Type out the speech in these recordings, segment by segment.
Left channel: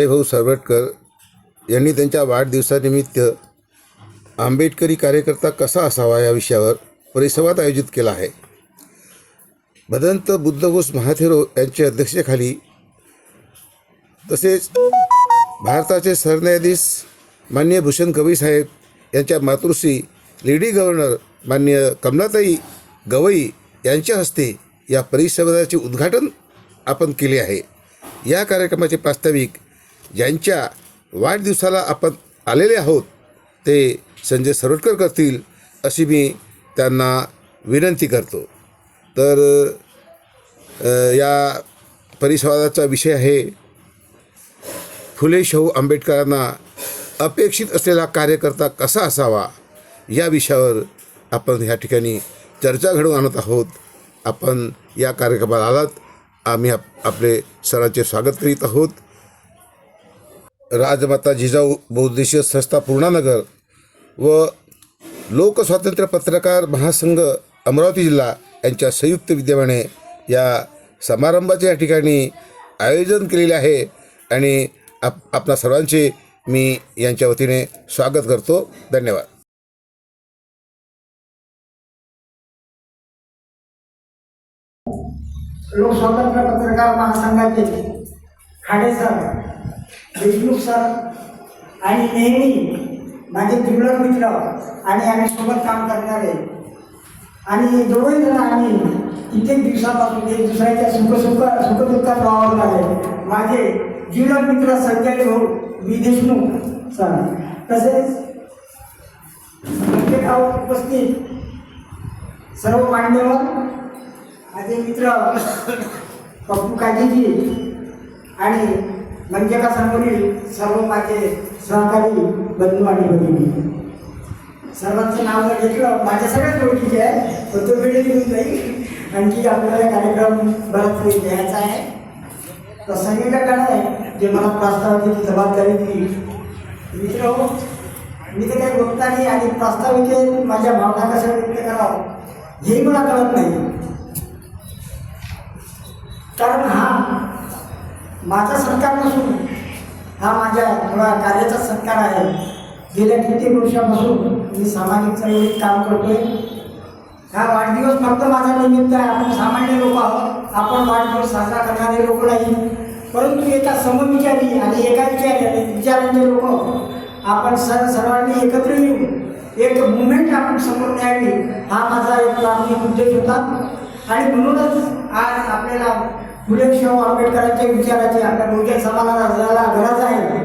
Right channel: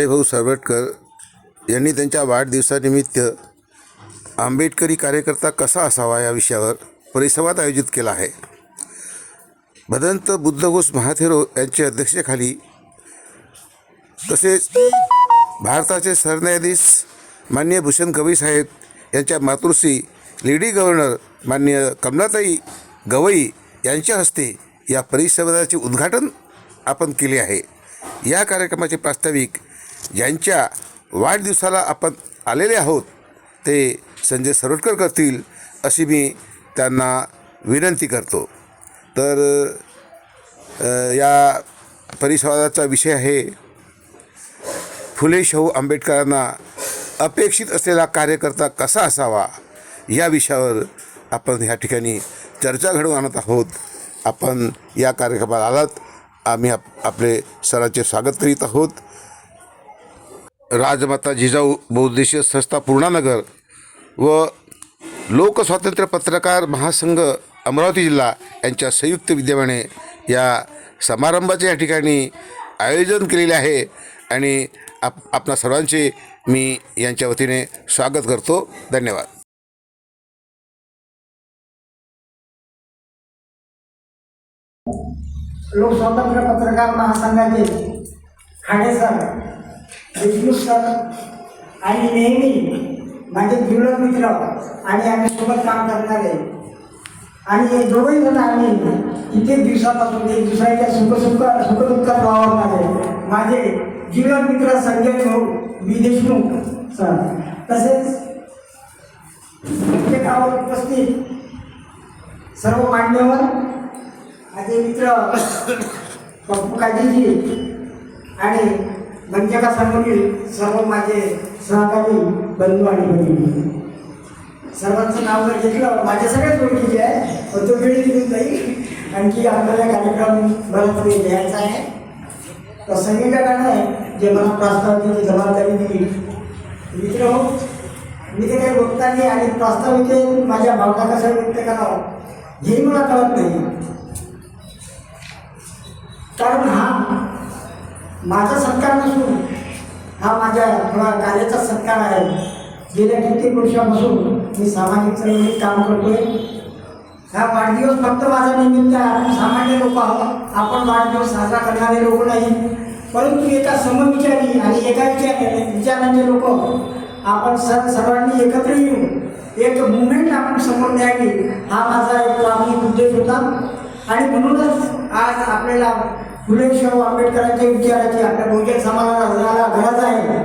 संजय भाऊ सरवटकर यांनी त्यांच्या वाढदिवसानिमित्त आंबेडकरी कार्यकर्ता कसा असावा या विषयावर परिसंवाद आयोजित केला आहे. भदंत बुद्धघोष महाथेरो यांच्या अध्यक्षतेखाली तसेच भारताचे सरन्यायाधीश माननीय भूषण गवई साहेब यांच्या मातृश्री लेडी गव्हर्नर माननीय कमलाताई गवई यांच्या हस्ते या परिसंवादाचे उद्घाटन आपण केले आहे. या कार्यक्रमाचे प्रास्ताविक ज्यांच्या वाढदिवसाला आपण आलेले आहोत ते संजय सरवटकर करतील अशी मी त्यांना विनंती करतो. तर या परिसंवादाचा विषय आहे फुले शाहू आंबेडकरांना अपेक्षित असलेला कार्यकर्ता कसा असावा. या विषयावर आपण ह्या ठिकाणी चर्चा घडवून आणत आहोत. आपण या कार्यक्रमाला आलात, आम्ही आपले सरांचे स्वागत करीत आहोत. राजमाता जिजाऊ बहुउद्देशीय संस्था पूर्णानगर व लोकस्वातंत्र्य पत्रकार महासंघ अमरावती जिल्हा यांच्या संयुक्त विद्यमाने या समारंभाचे या ठिकाणी आयोजन केलेले आहे आणि आपणा सर्वांचे मी यांच्या वतीने स्वागत करतो. धन्यवाद. लोकस्वातंत्र्य पत्रकार महासंघाचे खाडे सर, देशमुख सर आणि नेहमी माझे जिवलग मित्र आणि आम्ही सोबत काम करणारे आणि दोघंही जण आम्ही कित्येक दिवसापासून एक दुसऱ्याच्या सुखदुःखात वावरणारे माझे जिवलग मित्र संजय भाऊ बी देशमुख सर, तसेच प्रत्येकावर उपस्थित सर्व मान्यवर माझे मित्र पप्पू काजीजी आणि मंजका सांगोली, सर्व माझे सहकारी बंधू आणि भगिनी, सर्वांचं नाव जर घेतलं माझ्या सगळ्याच ओळखीचे आहे, पण तो वेळ निघून जाईल. आणखी आपल्याला कार्यक्रम बराच वेळ घ्यायचा आहे. तर संगीतकाराने जे मला प्रास्ताविकेची जबाबदारी दिली, मित्र हो, मी ते काही वक्ता नाही आणि प्रास्ताविकेत माझ्या भावना कशा व्यक्त करावं हेही मला कळत नाही. कारण हा माझा सत्कार नसून हा माझ्या थोडा कार्याचा सत्कार आहे. गेल्या कित्येक वर्षापासून मी सामाजिक चळवळीत काम करतोय. हा वाढदिवस फक्त माझा निमित्त आहे. आपण सामान्य लोक आहोत, आपण वाढदिवस साजरा करणारे लोक नाही, परंतु एका समविचारी आणि एका विचारांचे लोक आपण सर्वांनी एकत्र येऊन एक मुवमेंट आपण समोर न्यावी हा माझा एक प्राथमिक उद्देश होता. आणि म्हणूनच आज आपल्याला फुले शाहू आंबेडकरांच्या विचाराची आपल्या बहुजन समाजाला गरज आहे.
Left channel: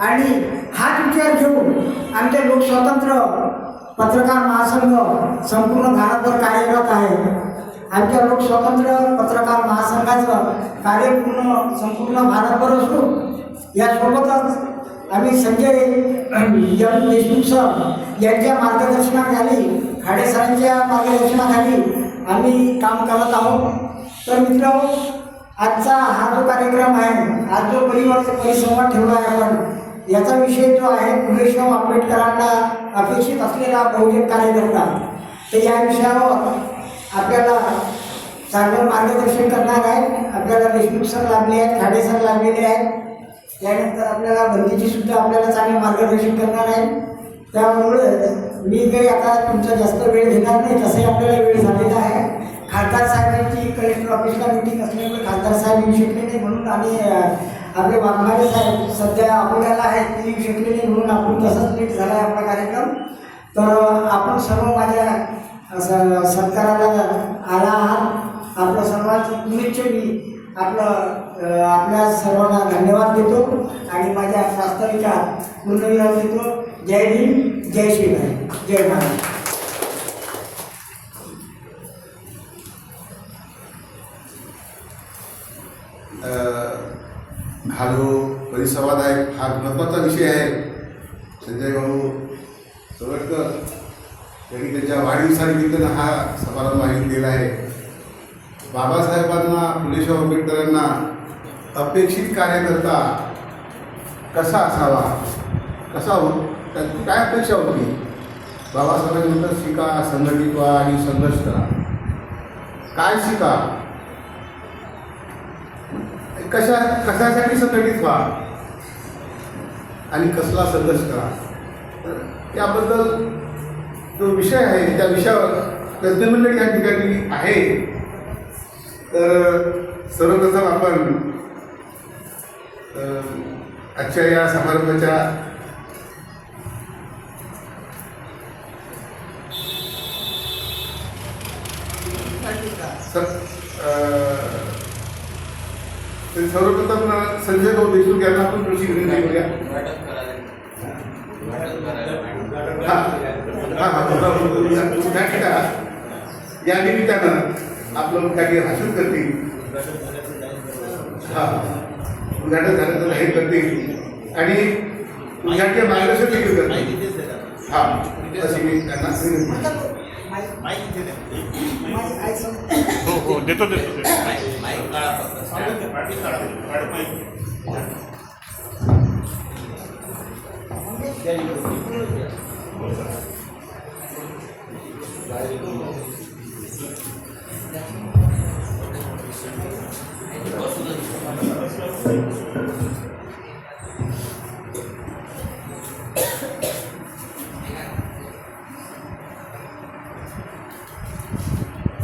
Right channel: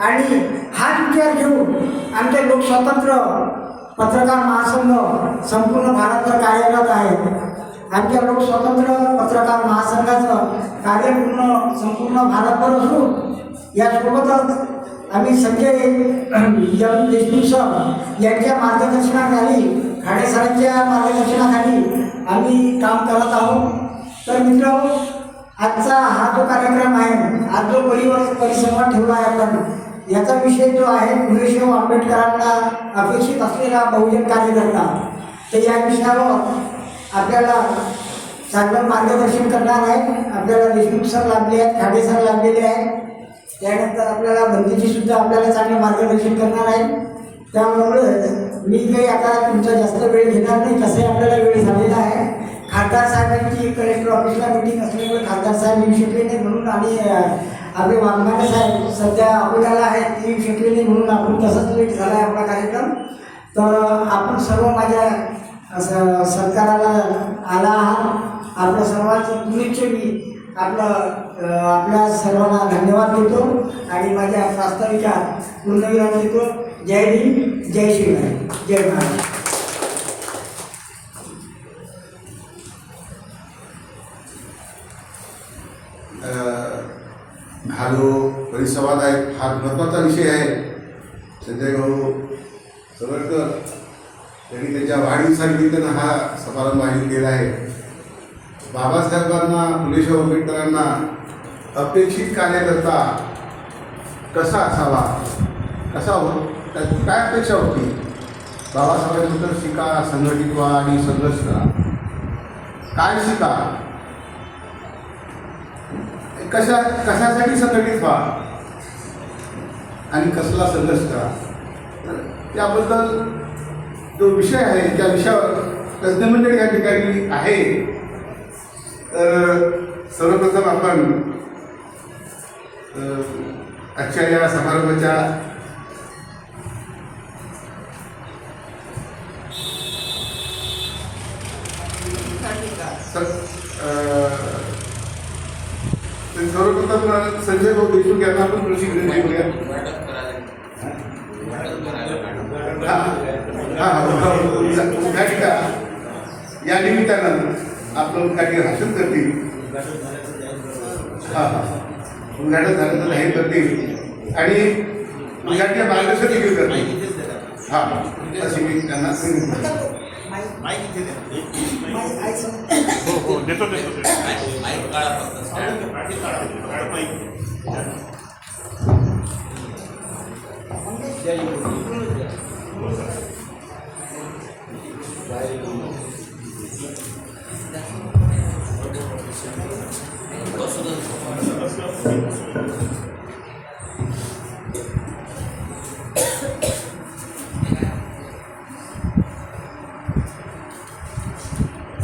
आणि हाच विचार घेऊन आमचे लोकस्वातंत्र्य पत्रकार महासंघ संपूर्ण भारतभर कार्यरत आहे. आमच्या लोकस्वातंत्र्य पत्रकार महासंघाचं कार्य संपूर्ण भारतभर असून यासोबतच आम्ही संजय देशमुख सर यांच्या मार्गदर्शनाखाली, खाडे सरांच्या मार्गदर्शनाखाली आम्ही काम करत आहोत. तर मित्र, आजचा हा जो कार्यक्रम आहे, आज जो परिसंवाद ठेवला आहे आपण, याचा विषय जो आहे फुले शाहू आंबेडकरांना अपेक्षित असलेला बहुजन कार्यकर्ता. तर या विषयावर आपल्याला चांगलं मार्गदर्शन करणार आहे. आपल्याला देशमुख सर लाभले आहेत, खाडे सर लाभलेले आहेत. त्यानंतर आपल्याला बंदीची सुद्धा आपल्याला चांगलं मार्गदर्शन करणार आहे. त्यामुळे मी काही आता तुमचा जास्त वेळ घेणार नाही, तसे आपल्याला वेळ झालेला आहे. खासदार साहेबांची कलेक्टर ऑफिसला मिटिंग असल्यामुळे खासदार साहेब येऊ शकले नाही, म्हणून आम्ही आपले वाघमारे साहेब सध्या अकोल्याला आहेत, ते येऊ शकले नाही, म्हणून आपण तसंच लेट झाला आहे आपला कार्यक्रम. तर आपण सर्व माझ्या सरकाराला आला आहात. आपल्या सर्वांचं पुणेचे मी आपल्या सर्वांना धन्यवाद देतो आणि माझ्या प्रास्ताविकात पूर्णविराम देतो. जय भीम, जय श्रीराम, जय महाराज. हा जो परिसंवाद आहे हा महत्त्वाचा विषय आहे. संजय भाऊ सरवटकर यांनी त्याच्या वाढदिवसानिमित्तानं हा समारंभ आयोजित केला आहे. बाबासाहेबांना, फुले शाहू आंबेडकरांना अपेक्षित कार्यकर्ता कसा असावा, कसा त्याची काय अपेक्षा होती. बाबासाहेबांनंतर शिका, संघटित व्हा आणि संघर्ष करा. काय शिका, कशासाठी संघटित व्हा, आणि कसला संघर्ष करा. तर याबद्दल जो विषय आहे त्या विषयावर तज्ज्ञमंडळी या ठिकाणी आहे. तर सर्वप्रथम आपण आजच्या या समारंभाच्या सर्वप्रथम संजय भाऊ देशमुख यांना आपण प्रशिक्षण देऊया. या निमित्तानं आपलं काही भाषण करतील. उद्घाटन झालं तर हे करतील आणि उद्घाटन मार्गदर्शन देखील करतील. अशी मी त्यांना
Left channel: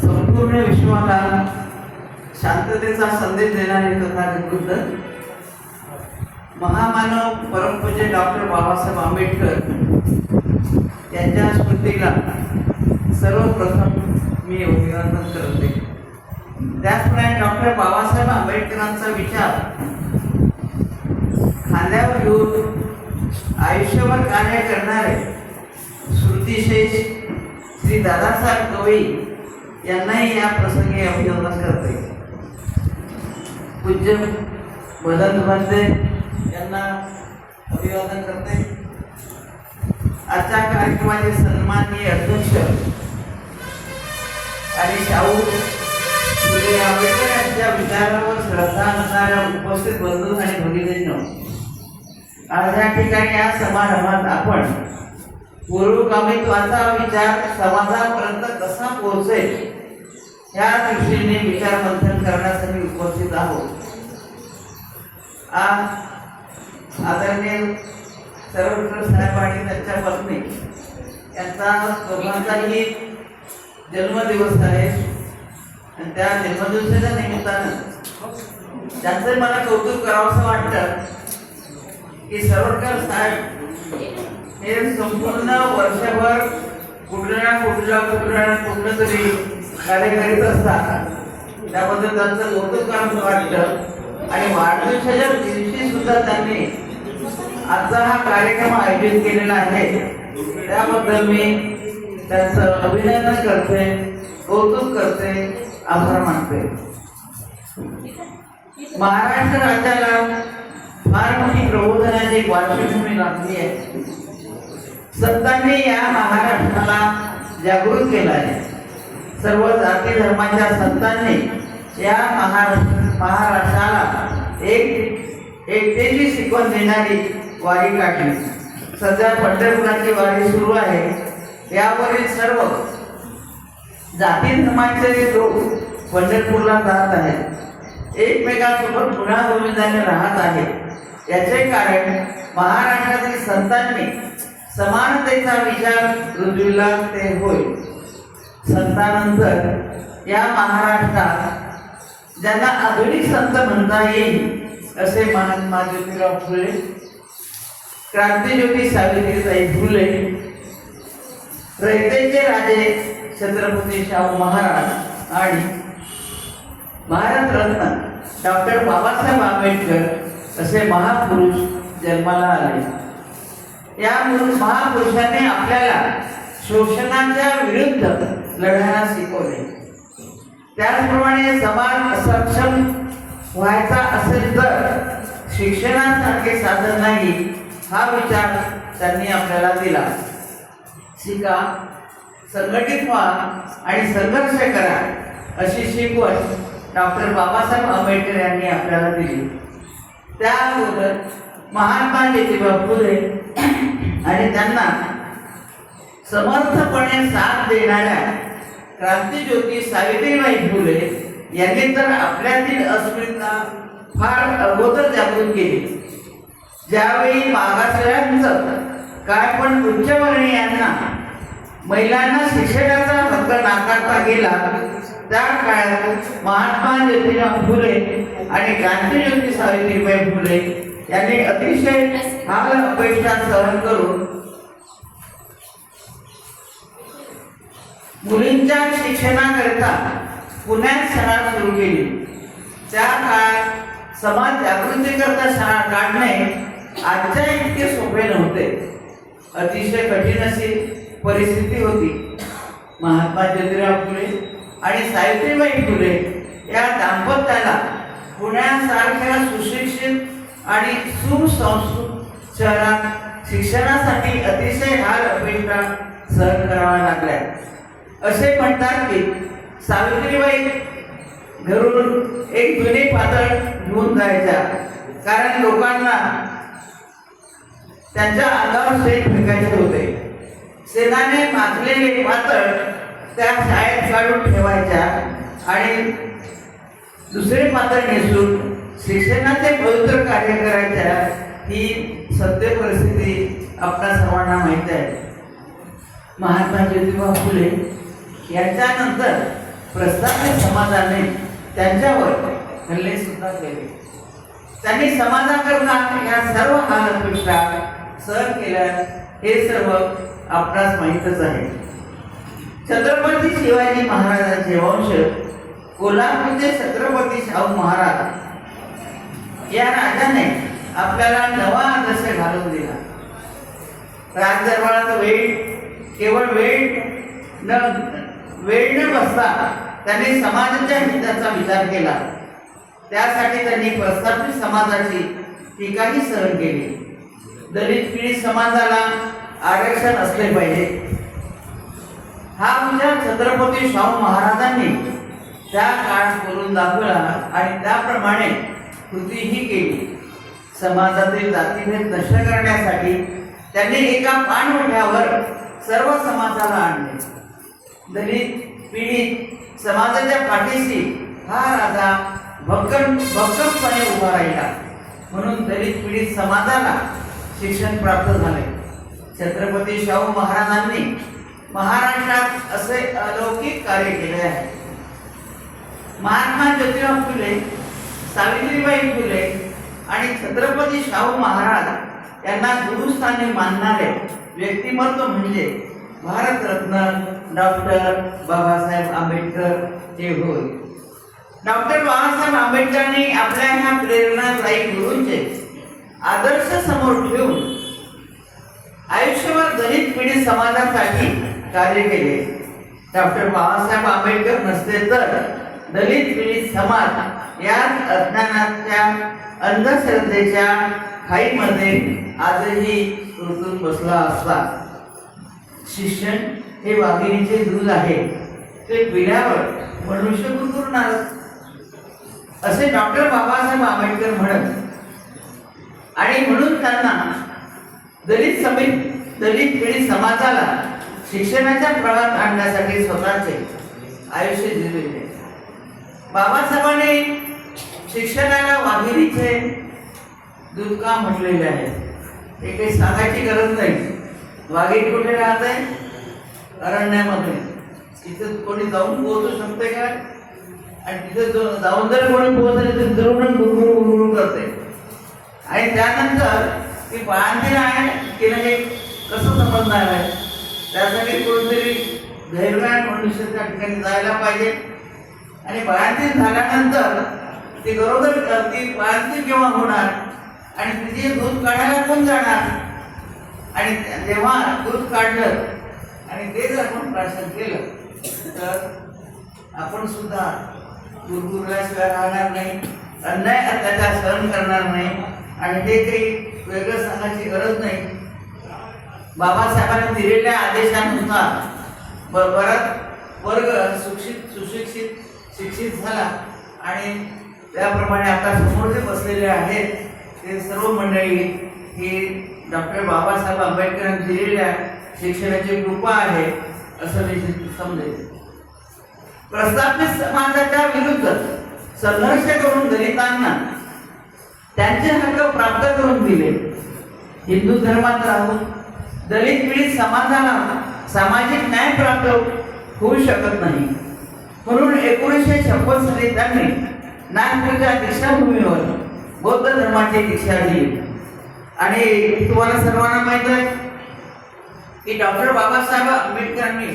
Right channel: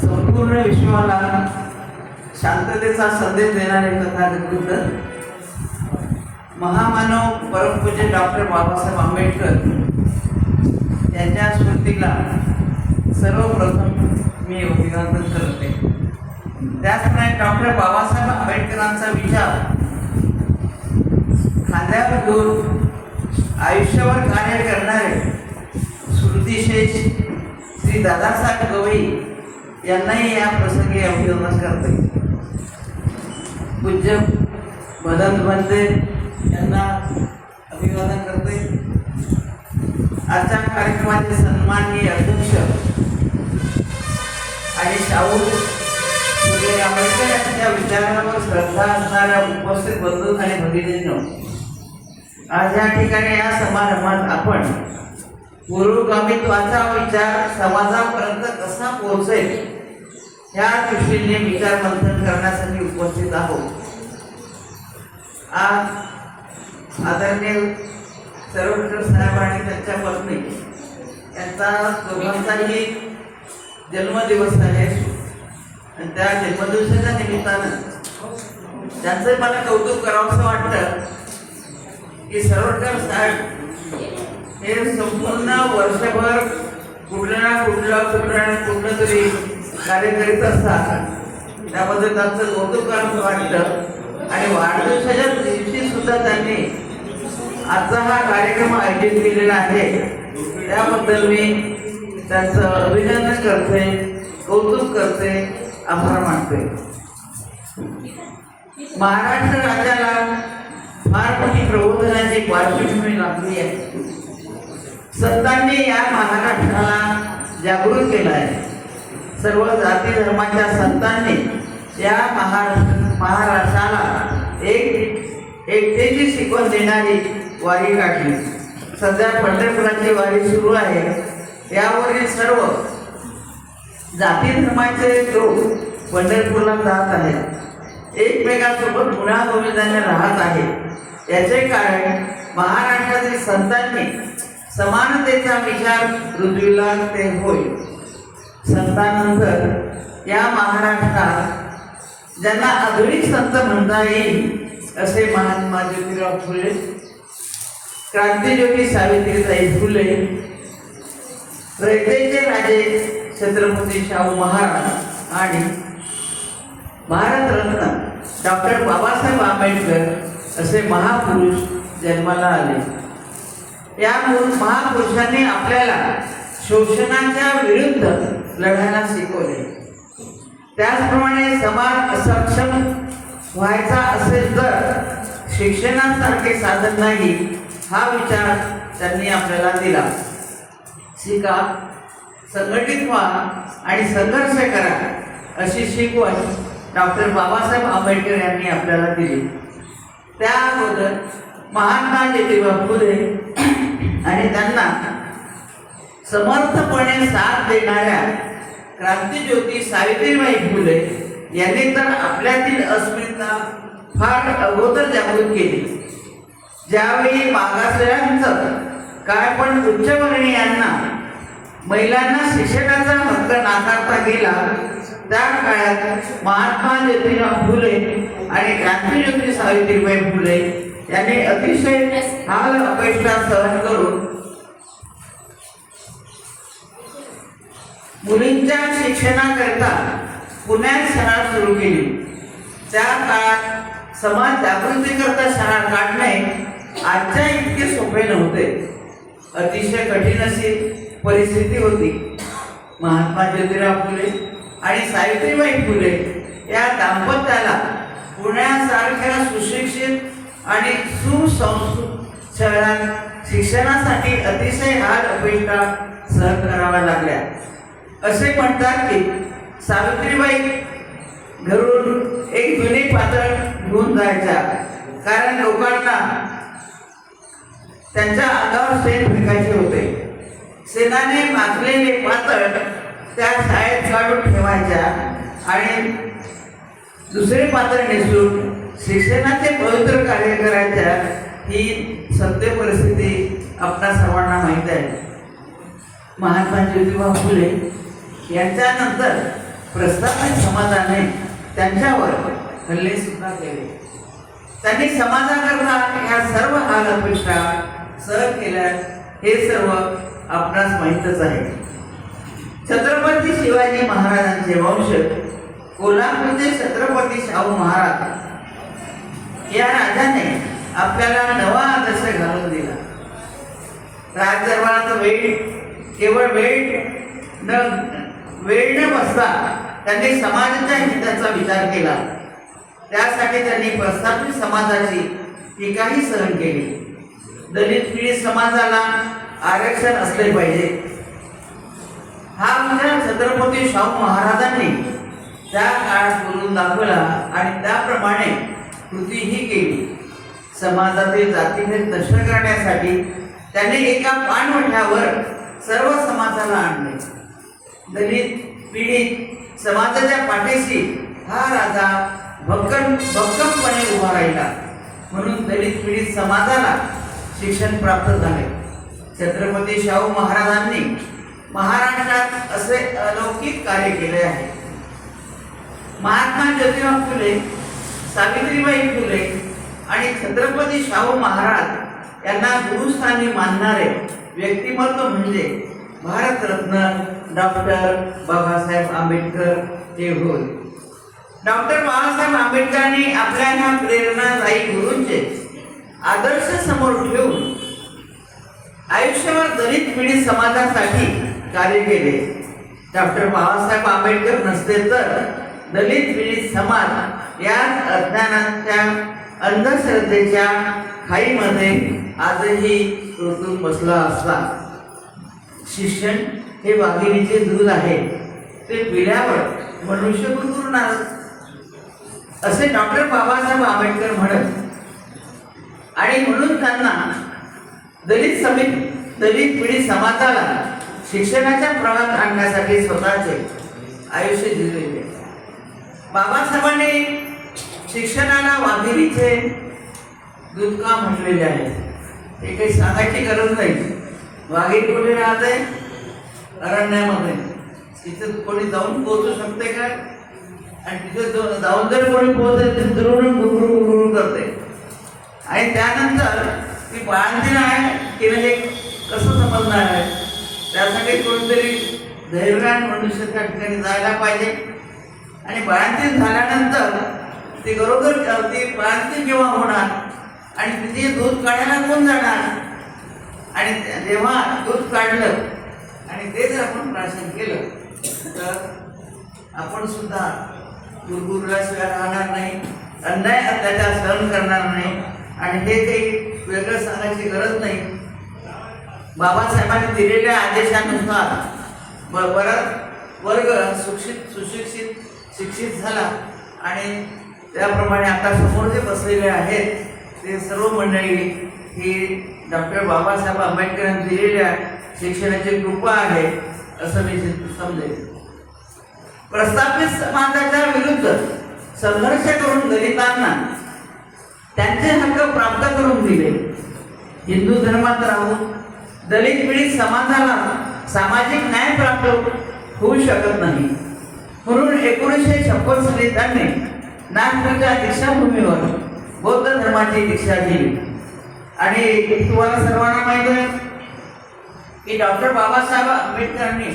संपूर्ण विश्वाला शांततेचा संदेश देणारे तथागत बुद्ध महामानव परमपूज्य डॉक्टर बाबासाहेब आंबेडकर यांच्या स्मृतीला सर्वप्रथम मी अभिवादन करते. त्याचप्रमाणे डॉक्टर बाबासाहेब आंबेडकरांचा विचार खांद्यावर घेऊन आयुष्यभर कार्य करणारे स्मृतिशेष श्री दादासाहेब गवई यांनाही या प्रसंगी अभिवादन करते. पूज्य मदन भंते यांना अभिवादन करते. आजच्या कार्यक्रमाचे सन्माननीय अध्यक्ष आणि शाहू फुले आंबेडकर यांच्या विचारावर श्रद्धा असणाऱ्या उपस्थित बंधू आणि भगिनींनो, आज या ठिकाणी या समारंभात आपण पूर्वगामित्वाचा विचार समाजापर्यंत कसा पोहोचेल या दृष्टीने विचार मंथन करण्यासाठी उपस्थित आहोत. आज आदरणीय सर्वोच्च साहेब आणि त्यांच्या पत्नी यांचा दोघांचाही जन्मदिवस आहे आणि त्या जन्मदिवसाच्या निमित्तानं त्यांचं मला कौतुक करावंसं वाटतं की सर्वोच्च साहेब हे संपूर्ण वर्षभर कुठलं तरी कार्य करीत असतात. त्याबद्दल त्यांचं कौतुक करावं वाटतं. आणि वाढदिवसाच्या दिवशी सुद्धा त्यांनी आजचा हा कार्यक्रम आयोजित केलेला आहे. त्याबद्दल मी त्यांचं अभिनंदन करते, कौतुक करते, आभार मानते. महाराष्ट्र राज्याला फार मोठी प्रबोधनाची एक पार्श्वभूमी लाभली आहे. संतांनी या महाराष्ट्राला जागृत केलं आहे. सर्व जाती धर्माच्या संतांनी या महाराष्ट्राला एकतेची शिकवण देणारी वारी काढली. सध्या पंढरपुराची वारी सुरू आहे. यावरील सर्व जाती धर्माचे लोक पंढरपूरला जात आहेत, एकमेकांसोबत गुण्यागोविंदाने राहत आहेत. याचे कारण महाराष्ट्रातील संतांनी समानतेचा विचार रुजविला ते होय. संतांनंतर या महाराष्ट्रात ज्यांना आधुनिक संत म्हणता येईल असे महात्मा ज्योतिराव फुले, क्रांतिज्योती सावित्रीबाई फुले, रयतेचे राजे छत्रपती शाहू महाराज आणि भारतरत्न डॉक्टर बाबासाहेब आंबेडकर असे महापुरुष जन्माला आले. या महापुरुषांनी आपल्याला शोषणाच्या विरुद्ध लढायला शिकवले. त्याचप्रमाणे समाज सक्षम व्हायचा असेल तर शिक्षणासारखे साधन नाही, हा विचार त्यांनी आपल्याला दिला. शिका, संघटित व्हा आणि संघर्ष करा अशी शिकवण डॉक्टर बाबासाहेब आंबेडकर यांनी आपल्याला दिली. त्याबद्दल महात्मा ज्योतिबा फुले आणि त्यांना समर्थपणे साथ देणाऱ्या क्रांतिज्योती सावित्रीबाई फुले यांनी तर आपल्यातील अस्मिता फार अगोदर जागृत केली. ज्यावेळी मागासलेल्यांचं काय पण उच्चवर्णीयांना महिलांना शिक्षणाचा हक्क नाकारता गेला, त्या काळात महात्मा ज्योतिराव फुले आणि क्रांतिज्योती सावित्रीबाई फुले यांनी अतिशय हाल अपेक्षा सहन करून मुलींच्या शिक्षणाकरिता पुण्यात शाळा सुरू केली. त्या काळात समाज जागृती करता शाळा काढणे आजच्या इतके सोपे नव्हते. अतिशय कठीण अशी परिस्थिती होती. महात्मा ज्योतिराव फुले आणि सावित्रीबाई फुले या दाम्पत्याला पुण्यासारख्या सुशिक्षित आणि सुसंस्कृत शहरात शिक्षणासाठी अतिशय हाल अपेक्षा सहन कराव्या लागल्या. असे म्हणतात की सावित्रीबाई घरून एक जुनी पातळ घेऊन जायच्या, कारण लोकांना त्यांच्या अंगावर शेण फेकायचे होते. शेणाने माखलेले पातळ त्या शाळेत काढून ठेवायच्या आणि दुसरे पातळ नेसून शिक्षणाचे पवित्र कार्य करायच्या. ही सत्य परिस्थिती आपल्या सर्वांना माहीत आहे. महात्मा ज्योतिबा फुले यांच्यानंतर प्रस्थापित समाजाने त्यांच्यावर हल्ले सुद्धा केले. त्यांनी समाजाकरता या सर्व हाल अपेक्षा सहन केल्या, हे सर्व आपणास माहीतच आहे. छत्रपती शिवाजी महाराजांचे वंश कोल्हापूरचे छत्रपती शाहू महाराज या राजाने आपल्याला नवा आदर्श घालून दिला. राजदरबाराचा केवळ वेळ न बसता त्यांनी समाजाच्या हिताचा विचार केला. त्यासाठी त्यांनी प्रस्थापित समाजाची टीकाही सहन केली. दलित पीडित समाजाला आरक्षण असले पाहिजे हा विचार छत्रपती शाहू महाराजांनी त्या काळात बोलून दाखवला आणि त्याप्रमाणे कृतीही केली. समाजातील जातीभेद नष्ट करण्यासाठी त्यांनी एका पाणवठ्यावर सर्व समाजाला आणले. दलित पीडित समाजाच्या पाठीशी हा राजा भक्कमपणे उभा राहिला. म्हणून दलित पीडित समाजाला शिक्षण प्राप्त झाले. छत्रपती शाहू महाराजांनी महाराष्ट्रात असे अलौकिक कार्य केले आहे. महात्मा ज्योतिराव फुले, सावित्रीबाई फुले आणि छत्रपती शाहू महाराज यांना गुरुस्थानी मानणारे व्यक्तिमत्व म्हणजे भारतरत्न डॉक्टर बाबासाहेब आंबेडकर हे होय. डॉक्टर बाबासाहेब आंबेडकरांनी आपल्या ह्या प्रेरणादायी गुरूंचे आदर्श समोर ठेवून आयुष्यभर दलित पीडित समाजासाठी कार्य केले. डॉक्टर बाबासाहेब आंबेडकर नसते तर दलित पीडित समाज या अज्ञानाच्या अंधश्रद्धेच्या खाईमध्ये आजही रुतून बसला असता. शिक्षण हे वाघिणीचे दूध आहे, ते पिढ्यावर मनुष्य गुरगुरणार असे डॉक्टर बाबासाहेब आंबेडकर म्हणत. आणि म्हणून त्यांना दलित पीडित समाजाला शिक्षणाच्या प्रवाहात आणण्यासाठी स्वतःचे आयुष्य दिलेले. बाबासाहेबांनी शिक्षणाला वाघिणीचे दूध का म्हटलेले आहे हे काही सांगायची गरज नाही. वाघीण कुठे राहते? अरण्यामध्ये. तिथे कोणी जाऊन पोहोचू शकते काय? आणि तिथे जाऊन जरी कोणी पोहोचले तर गुरगुर करते. आणि त्यानंतर ती बाळंतीण आहे की नाही कसं समजणार आहे? त्यासाठी कोणीतरी धैर्यवान मनुष्य त्या ठिकाणी जायला पाहिजे. आणि बाळंतीण झाल्यानंतर ती बाळंतीण जेव्हा होणार आणि तिथे दूध काढायला कोण जाणार? आणि जेव्हा दूध काढलं आणि ते जर आपण प्राशन केलं तर आपण सुद्धा गुरगुरल्याशिवाय राहणार नाही, अन्याय अत्याचार सहन करणार नाही. आणि हे काही वेगळं सांगायची गरज नाही. बाबासाहेबांनी दिलेल्या आदेशानुसार बराच वर्ग शिक्षित झाला. आणि त्याप्रमाणे आता समोर जे बसलेले आहेत ते सर्व मंडळी ही डॉक्टर बाबासाहेब आंबेडकरांनी दिलेल्या शिक्षणाची कृपा आहे असं मी समजेल. प्रस्थापित समाजाच्या विरुद्ध संघर्ष करून दलितांना त्यांचे हक्क प्राप्त करून दिले. हिंदू धर्मात राहून दलित पीडित समाजाला सामाजिक न्याय प्राप्त होऊ शकत नाही. म्हणून 1956 साली त्यांनी नागपूरच्या दीक्षाभूमीवर बौद्ध धर्माची दीक्षा दिली. आणि तुम्हाला सर्वांना माहिती आहे की डॉक्टर बाबासाहेब आंबेडकरांनी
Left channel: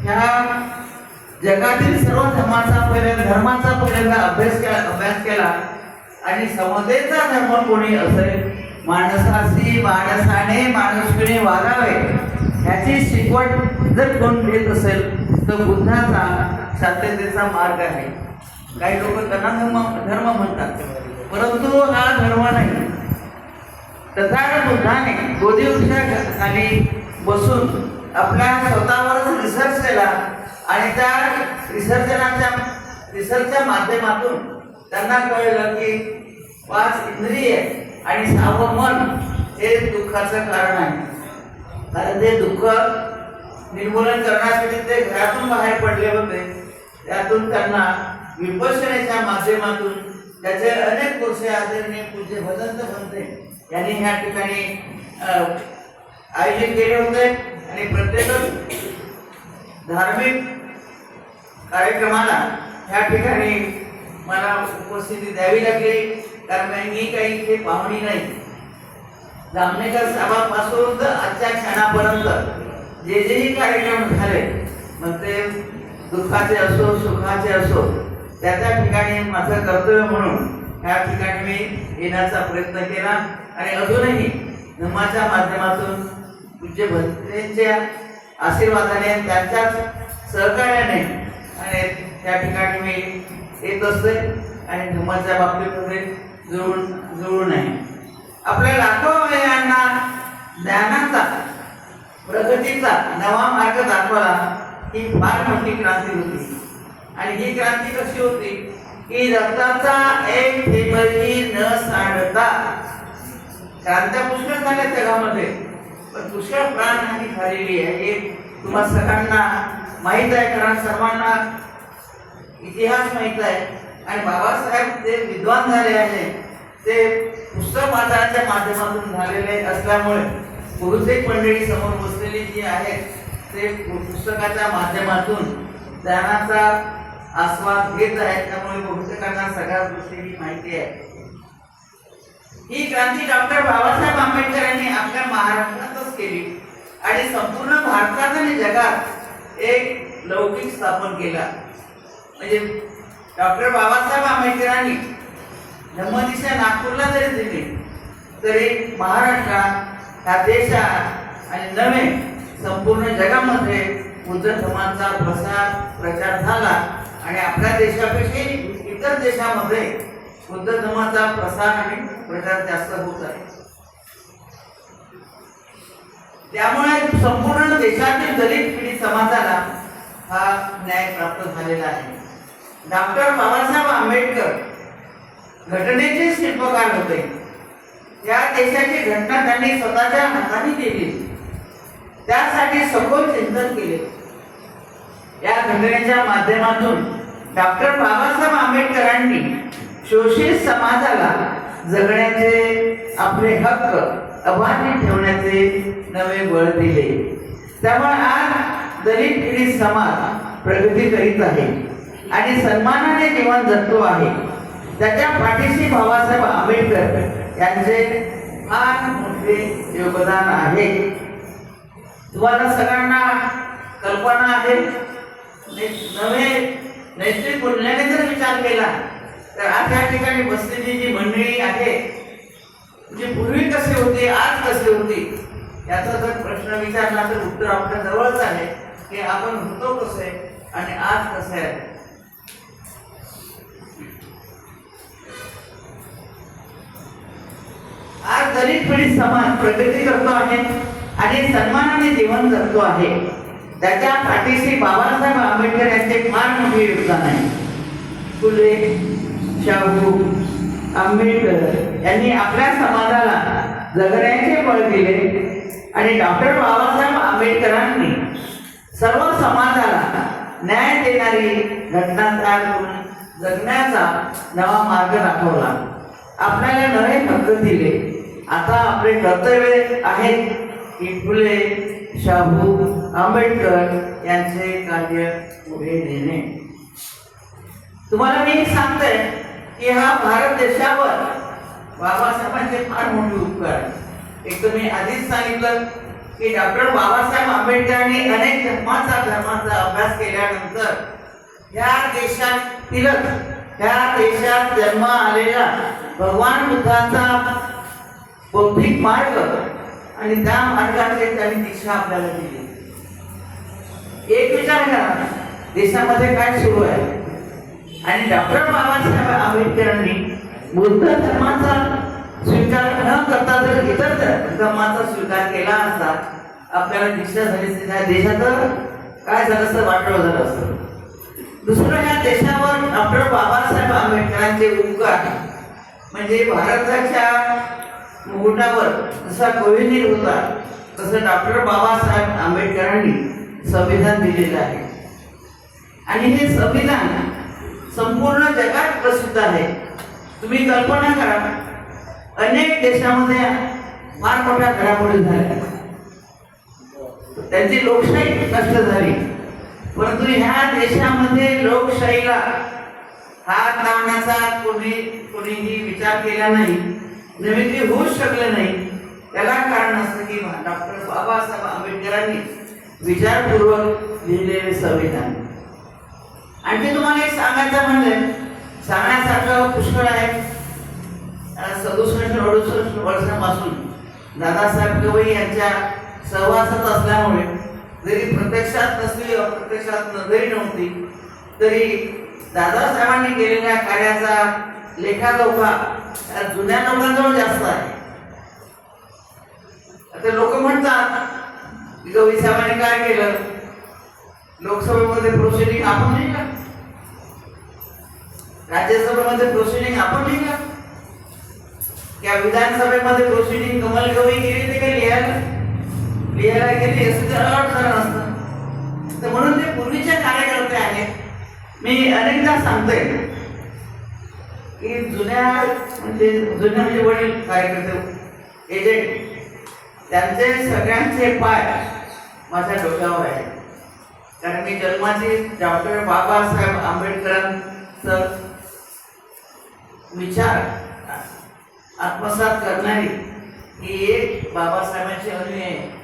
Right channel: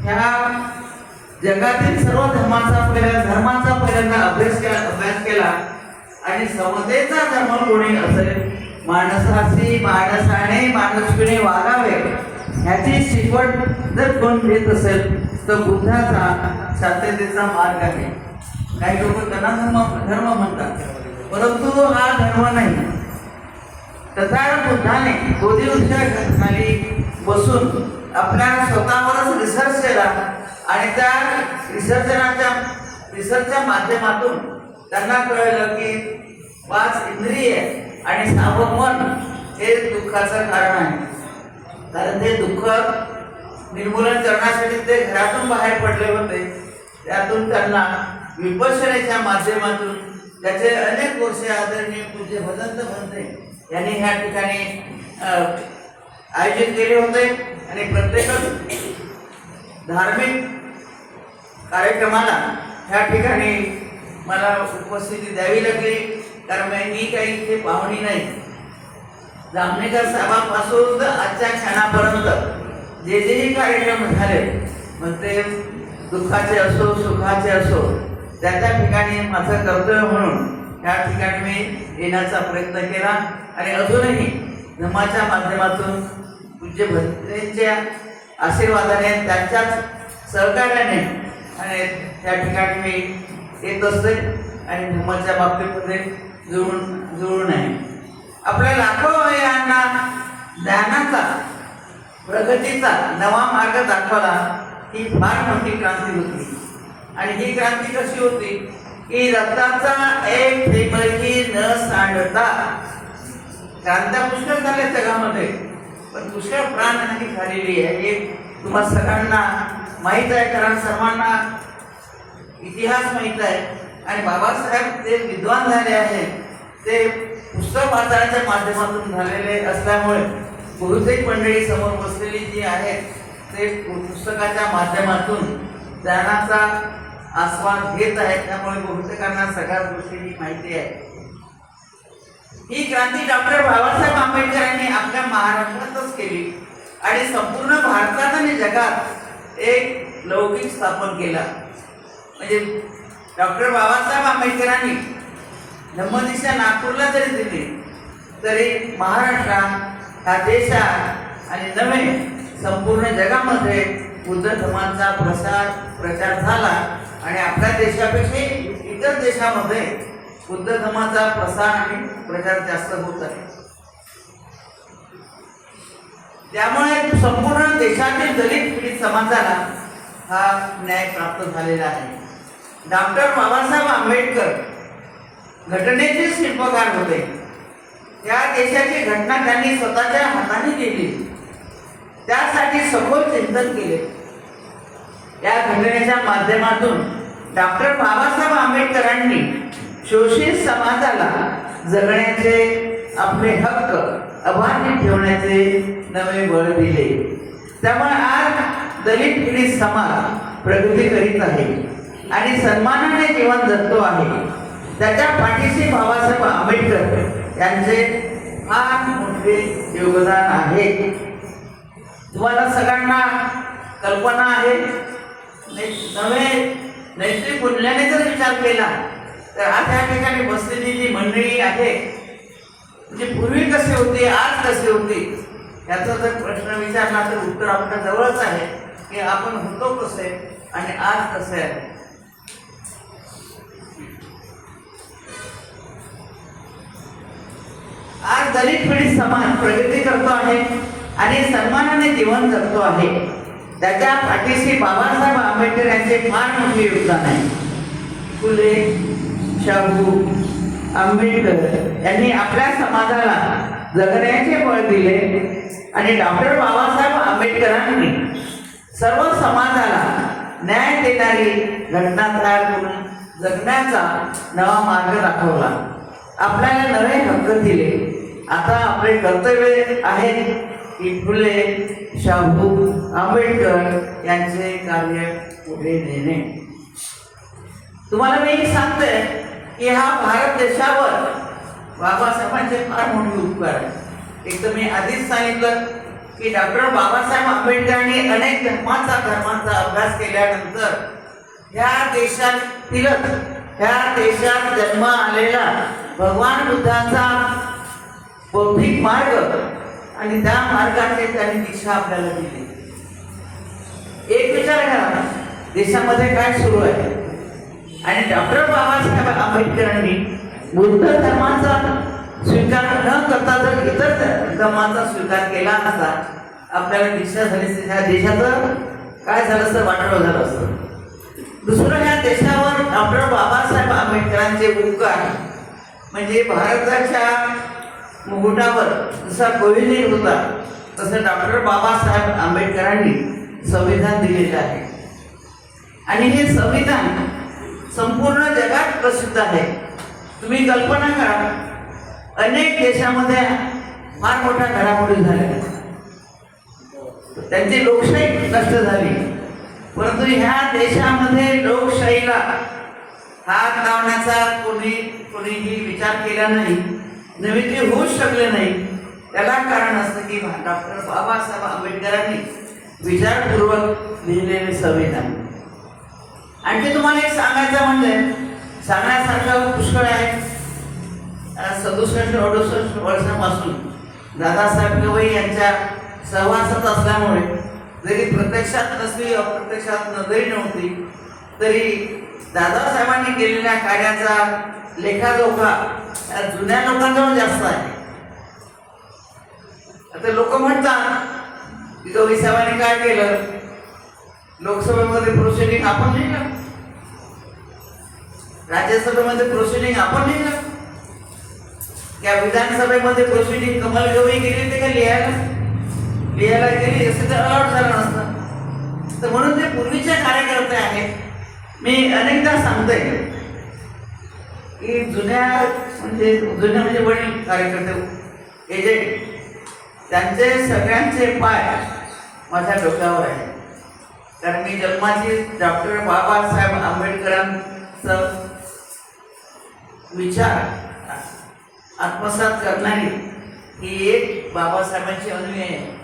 ह्या जगातील सर्व धर्माचा पहिल्यांदा अभ्यास केला आणि समतेचा धर्म कोणी असेल, माणसाशी माणसाने माणुसकीने वागावे ह्याची शिकवण जर कोण देत असेल तर बुद्धाचा शांततेचा मार्ग आहे. काही लोक त्यांना धर्म म्हणतात, परंतु हा धर्म नाही. तथागत बुद्धाने बोधी वृक्षाखाली बसून आपल्या स्वतःवरच रिसर्च केला आणि त्या रिसर्चच्या माध्यमातून त्यांना कळलं की 5 इंद्रिय आणि 6वं मन हे दुःखाचं कारण आहे. कारण ते दुःख निर्मूलन करण्यासाठी ते घरातून बाहेर पडले होते. त्यातून त्यांना विपश्यनेच्या माध्यमातून त्याचे अनेक वर्ष आदरणीय पूज्य भदंत भंते यांनी ह्या ठिकाणी आयोजित केले होते. आणि प्रत्येक धार्मिक कार्यक्रमाला ह्या ठिकाणी मला उपस्थिती द्यावी लागली, कारण मी काही इथे पाहुणी नाही. जामनेकर साहेबांपासून आजच्या क्षणापर्यंत जेही कार्यक्रम झाले, मग ते दुःखाचे असो सुखाचे असो, त्याच्या ठिकाणी माझं कर्तव्य म्हणून ह्या ठिकाणी मी येण्याचा प्रयत्न केला. आणि अजूनही धर्माच्या माध्यमातून पूज्य भंतेंच्या आशीर्वादाने त्यांच्याच सहकार्याने आणि त्या ठिकाणी मी येत असते आणि धर्माच्या बाबतीमध्ये जुळून आहे. आपल्या लाखो महिलांना ज्ञानाचा प्रगतीचा नवा मार्ग दाखवला ही फार मोठी क्रांती होती. आणि ही क्रांती कशी होती की रक्ताचा एक थेंबही न सांडता. क्रांत्या पुष्कळ झाल्या जगामध्ये, पण पुष्कळ प्राणहानी झालेली आहे हे तुम्हा सगळ्यांना माहीत आहे. कारण सर्वांना इतिहास माहीत आहे. आणि बाबासाहेब ते विद्वान झाले आहे, ते पुस्तक वाचनाच्या माध्यमातून झालेले असल्यामुळे बहुतेक मंडळी समोर बसलेली जी आहेत ते पुस्तकाच्या माध्यमातून ज्ञानाचा आस्वाद घेत आहेत. त्यामुळे बहुतेकांना सगळ्या गोष्टीची माहिती आहे. ही क्रांती डॉक्टर बाबासाहेब आंबेडकर यांनी आपल्या महाराष्ट्रातच केली आणि संपूर्ण भारतात आणि जगात एक लौकिक स्थापन केला. म्हणजे डॉक्टर बाबासाहेब आंबेडकरांनी धम्मदिशा नागपूरला जरी दिली तरी महाराष्ट्रात ह्या देशात आणि नव्हे संपूर्ण जगामध्ये बुद्ध धर्माचा प्रचार झाला. आणि आपल्या देशापेक्षा इतर देशामध्ये बुद्ध धर्माचा प्रसार आणि प्रचार जास्त होत आहे. त्यामुळे संपूर्ण देशातील दलित पीडित समाजाला हा न्याय प्राप्त झालेला आहे. डॉक्टर बाबासाहेब आंबेडकर घटनेचे शिल्पकार होते. त्या देशाची घटना त्यांनी स्वतःच्या हाताने केली, त्यासाठी सखोल चिंतन केले. या घटनेच्या माध्यमातून डॉक्टर बाबासाहेब आंबेडकरांनी शोषित समाजाला जगण्याचे आपले हक्क अबाधित ठेवण्याचे नवे बळ दिले. त्यामुळे आज दलित पीडित समाज प्रगती करीत आहे आणि सन्मानाने जीवन जगतो आहे. त्याच्या पाठीशी बाबासाहेब आंबेडकर यांचे फार मोठे योगदान आहे. तुम्हाला सगळ्यांना कल्पना आहे, नवे नैतिक मूल्याने जर विचार केला तर आज या ठिकाणी बसलेली जी मंडळी आहे, जी पूर्वी कशी होती आज कशी होती याचा जर प्रश्न विचारला तर उत्तर आपल्या जवळच आहे की आपण होतो कसे आणि आज कसे आहे. आज दलित पीडित समाज प्रगती करतो आहे आणि सन्मानाने जीवन जगतो आहे. त्याच्या पाठीशी बाबासाहेब आंबेडकर यांचे फार मोठे योगदान आहे. फुले, शाहू, आंबेडकर यांनी आपल्या समाजाला जगण्याचे बळ दिले आणि डॉक्टर बाबासाहेब आंबेडकरांनी सर्व समाजाला न्याय देणारी घटना तयार करून जगण्याचा नवा मार्ग दाखवला. आपल्याला नवे हक्क दिले आता आपले कर्तव्य आहे की फुले शाहू आंबेडकर यांचे कार्य पुढे नेणे. तुम्हाला मी सांगते की हा भारत देशावर बाबासाहेबांचे फार मोठे उपकार आहे. एक तर मी आधीच सांगितलं की डॉक्टर बाबासाहेब आंबेडकरांनी अनेक धर्मांचा अभ्यास केल्यानंतर या देशात जन्म आलेला भगवान बुद्धाचा बौद्धिक मार्ग आणि त्या मार्गाचे त्यांनी दीक्षा आपल्याला दिली. एक विचार करा देशामध्ये काय सुरू आहे. आणि डॉक्टर बाबासाहेब आंबेडकरांनी बुद्ध धर्माचा स्वीकार न करता जर इतर धर्माचा स्वीकार केला असता आपल्याला दीक्षा झाली त्या देशाचं काय झालं असतं, वाटोळं झालं असतं. दुसरं ह्या देशावर डॉक्टर बाबासाहेब आंबेडकरांचे उपकार म्हणजे भारताच्या मुकुटावर जसा कोहिनूर होता तसं डॉक्टर बाबासाहेब आंबेडकरांनी संविधान दिलेलं आहे. आणि हे संविधान संपूर्ण जगात प्रसिद्ध आहे. तुम्ही कल्पना करा अनेक देशामध्ये फार मोठ्या घडामोडी झाल्या, त्यांची लोकशाही नष्ट झाली, परंतु ह्या देशामध्ये लोकशाहीला हात लावण्याचा कोणीही विचार केला नाही, नवीन ते होऊच शकले नाही. त्याला कारण असतं की डॉक्टर बाबासाहेब आंबेडकरांनी विचारपूर्वक लिहिलेले संविधान. आणखी तुम्हाला एक सांगायचं म्हणजे सांगण्यासारखं पुष्कळ आहे. 67-68 वर्षापासून दादासाहेब गवई यांच्या सहवासात असल्यामुळे जरी प्रत्यक्षात नसली अप्रत्यक्षात नजरी नव्हती तरी दादासाहेबांनी केलेल्या कार्याचा लेखाजोखा जुन्या लोकांजवळ जास्त आहे. आता लोक म्हणतात की गवई साहेबांनी काय केलं, लोकसभेमध्ये प्रोसिडिंग आपण नाही का, राज्यसभेमध्ये प्रोसिडिंग आपण नाही का, त्या विधानसभेमध्ये प्रोसिडिंग कमल गवई केली ते का लिहायला गेली असं अलर्ट झालं नसतं. तर म्हणून ते पूर्वीचे कार्यकर्ते आहेत. मी अनेकदा सांगते की जुन्या म्हणजे वडील कार्यकर्ते एजेंट त्यांचे सगळ्यांचे पाय माझ्या डोक्यावर आहे. कारण मी जन्माची डॉक्टर बाबासाहेब आंबेडकरांचं विचार आत्मसात करणारी ही एक बाबासाहेबांची अनुयायी आहे.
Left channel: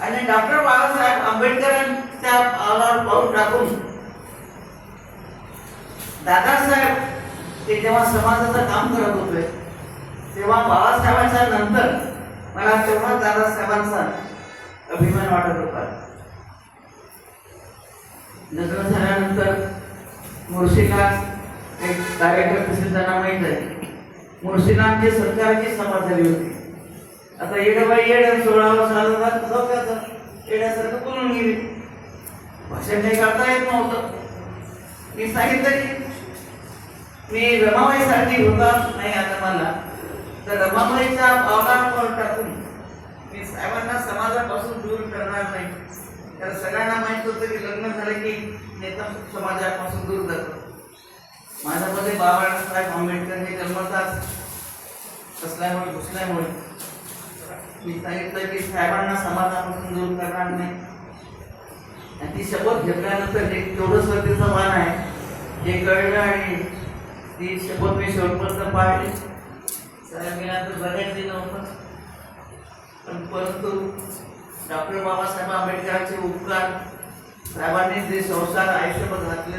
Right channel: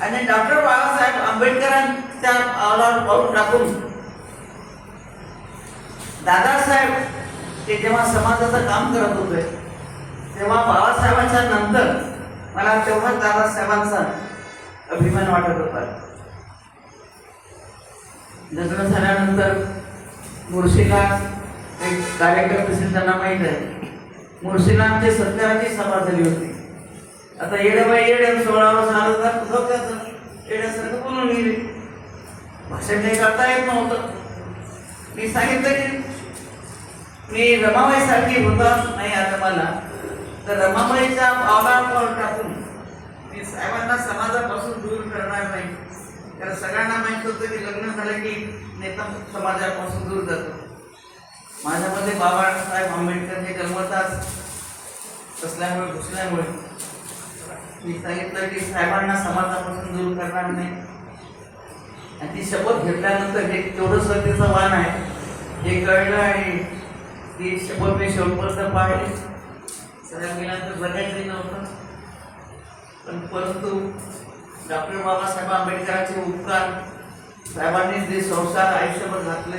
आणि डॉक्टर बाबासाहेब आंबेडकरांच्या पावलावर पाऊल टाकून दादासाहेब ते जेव्हा समाजाचं काम करत होते तेव्हा बाबासाहेबांच्या नंतर मला तेव्हा दादासाहेबांचा अभिमान वाटत होता. लग्न झाल्यानंतर मुळशीला एक कार्यक्रम त्यांना माहीत आहे, मुळशीला आमची सत्काराची सभा झाली होती. आता येडेबाई येड्या 16 वर्ष येड्यासारखं बोलून गेली, भाषण काही करता येत नव्हतं. मी सांगितलं की मी रमाबाईसारखी होता नाही आता मला, तर रमाबाईच्या पावलावर टाकून मी साहेबांना समाजापासून दूर करणार नाही. कारण सगळ्यांना माहीत होतं की लग्न झालं की नेता समाजापासून दूर जातो. माझ्यामध्ये बाबासाहेब आंबेडकर हे जन्मताच असल्यामुळे घुसल्यामुळे मी सांगितलं की साहेबांना समाजापासून दूर करणार नाही. आणि ती शपथ घेतल्यानंतर हे तेवढं श्रद्धेचं वाण आहे हे कळलं आणि ती शपथ मी शेवटपर्यंत पाहिली. साहेब गेल्यानंतर जगायचं नव्हतं, पण परंतु डॉक्टर बाबासाहेब आंबेडकरांचे उपकार साहेबांनी जे संसार आयुष्यभर घातले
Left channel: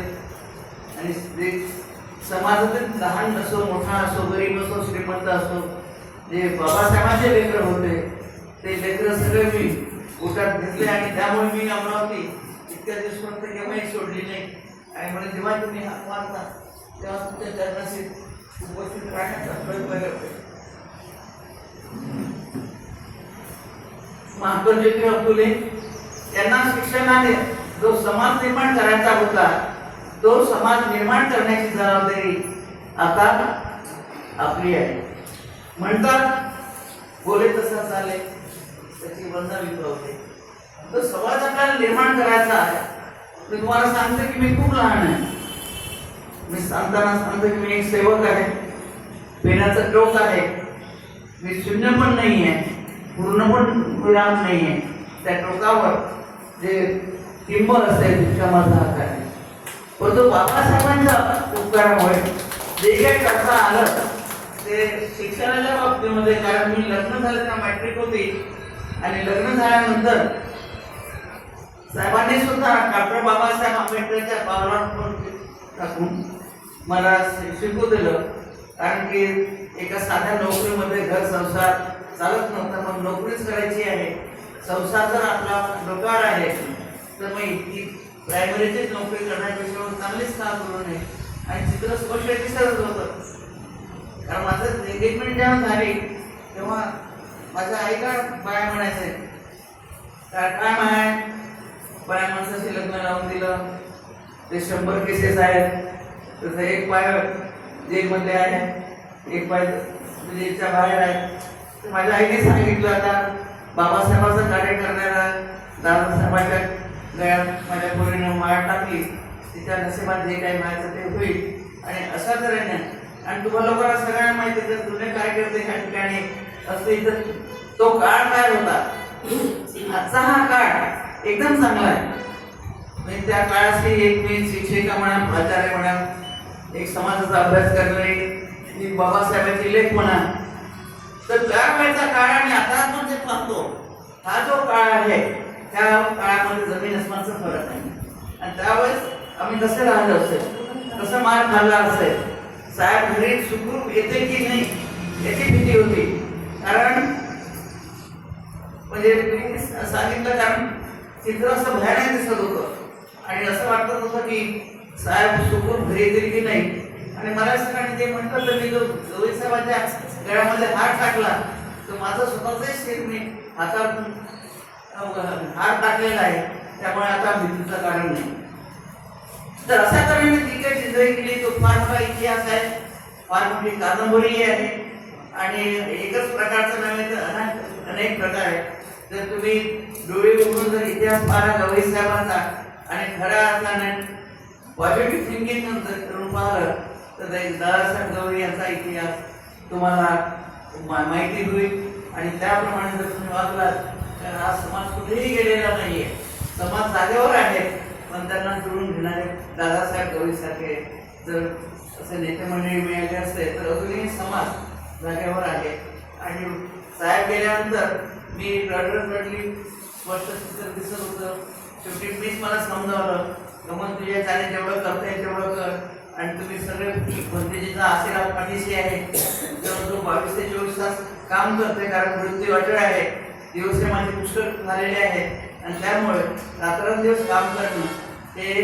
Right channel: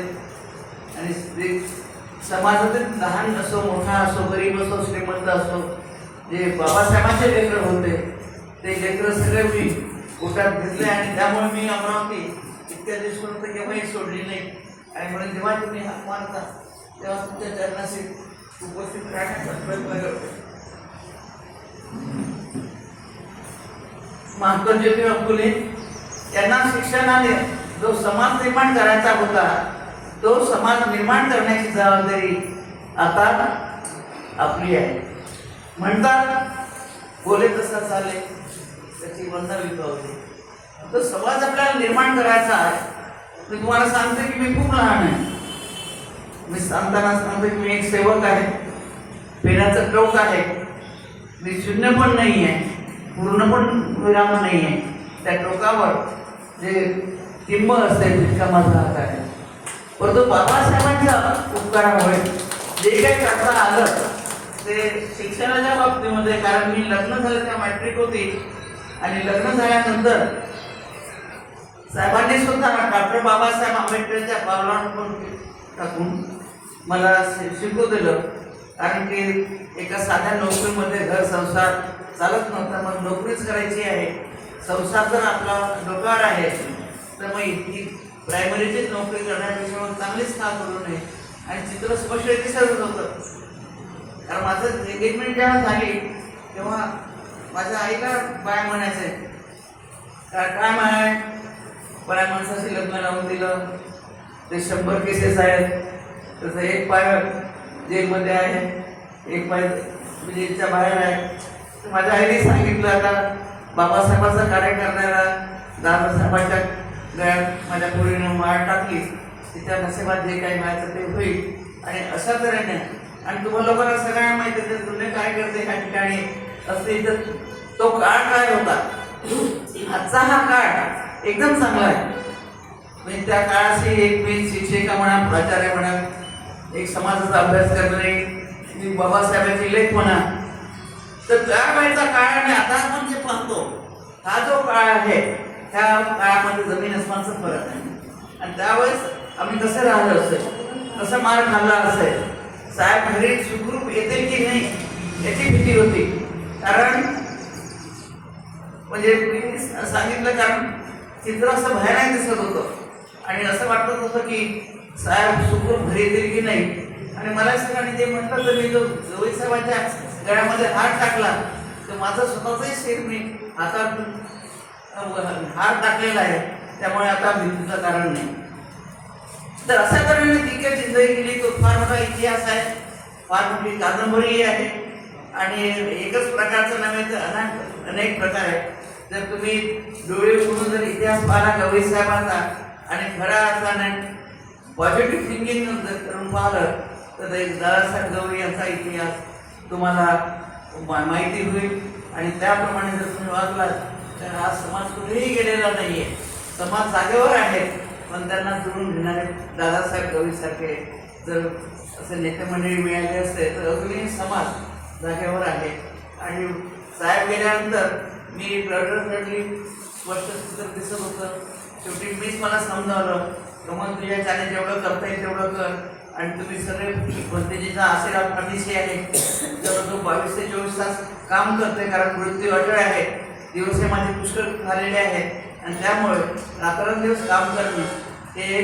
आणि जे समाजातील लहान असो मोठा असो गरीब असो श्रीमंत असो जे बाबासाहेबांचे लेकर होते ते लेकर सगळे मी पोटात घेतले. आणि त्यामुळे मी अमरावती इतक्या दिवसापर्यंत केव्हाही सोडली नाही. आणि म्हणून जेव्हा तुम्ही हात मारता तेव्हा तुमच्या चरणाशी उपस्थित राहण्याचा प्रयत्न करते. महात्मा ज्योतिराव फुले यांना शिक्षणाने जो समाज निर्माण करायचा होता तो समाज निर्माण करण्याची जबाबदारी आता आपली आहे. म्हणतात बोले तसा चाले त्याची वंदा विकवते. तो समाज आपल्याला निर्माण करायचा आहे. मी तुम्हाला सांगते की मी खूप लहान आहे. मी सांगताना सांगते की मी एक सेवक आहे, पेनाचं टोक आहे. मी शून्य पण नाही आहे, पूर्ण पण विराम नाही आहे. त्या टोकावर जे टिंब असते तितका माझा हात आहे. परंतु बाबासाहेबांच्या उपकारामुळे जे काही करता आलं ते शिक्षणाच्या बाबतीमध्ये, कारण मी लग्न झालं त्या मॅट्रिक होती आणि लग्न झाल्यानंतर साहेबांनी सुद्धा डॉक्टर बाबासाहेब आंबेडकरच्या पावलावर टाकून मला शिकू दिलं. कारण की एका साध्या नोकरीमध्ये घर संसार चालत नव्हता, मग नोकरीच करायची आहे. संसार जर आपला डोकार आहे तर मग ही प्रायमरीचीच नोकरी करण्यापेक्षा चांगलीच काम करू नये. आणि चित्र स्पष्ट दिसत होतं. कारण माझं एंगेजमेंट जेव्हा झाली तेव्हा माझ्या आईला बाय म्हणायचंय, काय म्हणाय, बाय माणसाशी लग्न लावून दिलं, ते 100 केसेस आहेत, तसं एक पाय जेलमध्ये आहे, एक पाय जेलच्या बाहेर आहे. माझ्या आईने सांगितलं, आता बाबासाहेबांचा कार्य करणारा दादासाहेबांच्या गळ्यात माझ्या पोरीनं माळ टाकली, तिच्या नशिबात जे काही मिळायचं ते होईल. आणि अशा तऱ्हेने, आणि तुम्हाला लोकांना सगळ्यांना माहिती आहे जुने कार्यकर्ते ह्या ठिकाणी असते, तर तो काळ काय होता. आजचा हा काळ एकदम चांगला आहे. म्हणजे त्या काळाशी एक मी शिक्षिका म्हणा, प्राचार्य म्हणा, एक समाजाचा अभ्यास करणे, मी बाबासाहेबांची लेख म्हणा, तर त्या वेळेचा काळ आणि आता आपण जे पाहतो हा जो काळ आहे त्या काळामध्ये जमीन अस्मानचा फरक आहे. आणि त्यावेळेस आम्ही कसे राहिलो असेल, कसं मार खाल्ला असेल, साहेब घरी सुखरूप येते की नाही याची भीती होती. कारण म्हणजे मी सांगितलं, कारण चित्र असं भयानक दिसत होतं आणि असं वाटत होतं की साहेब सुखरूप घरी येतील की नाही. आणि मला सगळ्यांनी जे म्हटलं, तर मी जो गवई साहेबांच्या गळ्यामध्ये हात टाकला तर माझं स्वतःचंही शिर मी हातात हात टाकलेला आहे, त्यामुळे आता भीतीचं कारण नाही. तर अशा तऱ्हेने जी काही जिंदगी केली तो फार मोठा इतिहास आहे, फार मोठी कादंबरी आहे. आणि एकच प्रकारचं नव्हे तर अनेक प्रकार आहेत. जर तुम्ही डोळे उघडून जर इतिहास पाहिला गवई साहेबांचा आणि खऱ्या अर्थाने पॉझिटिव्ह थिंकिंग करून पाहिलं तर दादासाहेब गवई यांचा इतिहास तुम्हाला माहिती होईल. आणि त्याप्रमाणे जर तुम्ही वागलात तर आज समाज कुठेही गेलेला नाहीये, समाज जागेवर आहे. पण त्यांना जुळून घेणारे दादासाहेब गवईसारखे जर असे नेते मंडळी मिळाले असते तर अजूनही समाज जागेवर आहे. आणि साहेब गेल्यानंतर मी रडली स्पष्ट चित्र दिसत होतं. शेवटी मीच मला समजावलं, मग तुझ्या चाले जेवढं करता येईल तेवढं कर. आणि तुम्ही सगळे भंतेजीचा आशीर्वाद पाठीशी आहे. जवळजवळ 22 ते 24 तास काम करते, कारण मृत्यू अटळ आहे. दिवस माझे पुष्कळ झालेले आहेत आणि त्यामुळे रात्रंदिवस काम करणे हे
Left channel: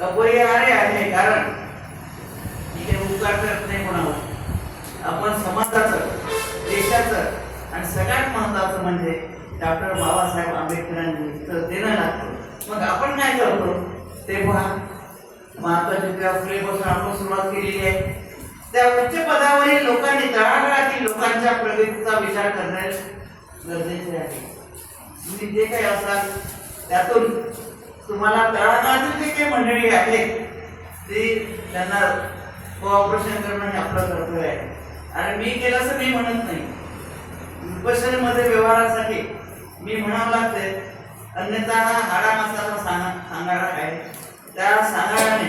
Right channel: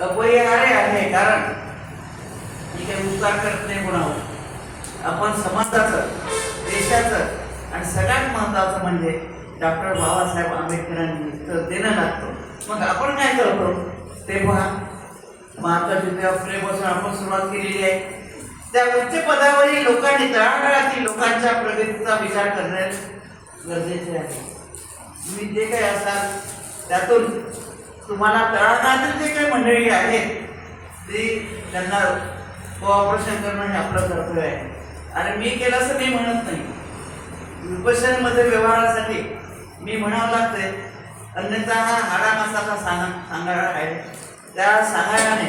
अपरिहार्य आहे. कारण मी काही उपकार करत नाही म्हणावं, आपण समाजाचं, देशाचं आणि सगळ्यात महत्त्वाचं म्हणजे डॉक्टर बाबासाहेब आंबेडकरांनी तर देणं लागतं. मग आपण काय करतो ते पहा. महात्मा ज्योतिराव फुलेपासून आपण सुरुवात केलेली आहे. त्या उच्च पदावरील लोकांनी, तळागाळातील लोकांच्या प्रगतीचा विचार करणे गरजेचे आहे. तुम्ही जे काही असाल त्यातून तुम्हाला तळागाळातील जे काही मंडळी आहेत ती त्यांना कोऑपरेशन करणं हे आपलं कर्तव्य आहे. आणि मी केलं असं मी म्हणत नाही. विपश्यनमध्ये व्यवहारासाठी मी म्हणावं लागते, अन्यथा हा हाडा मसाला सांगाडा आहे. त्या सांगाड्याने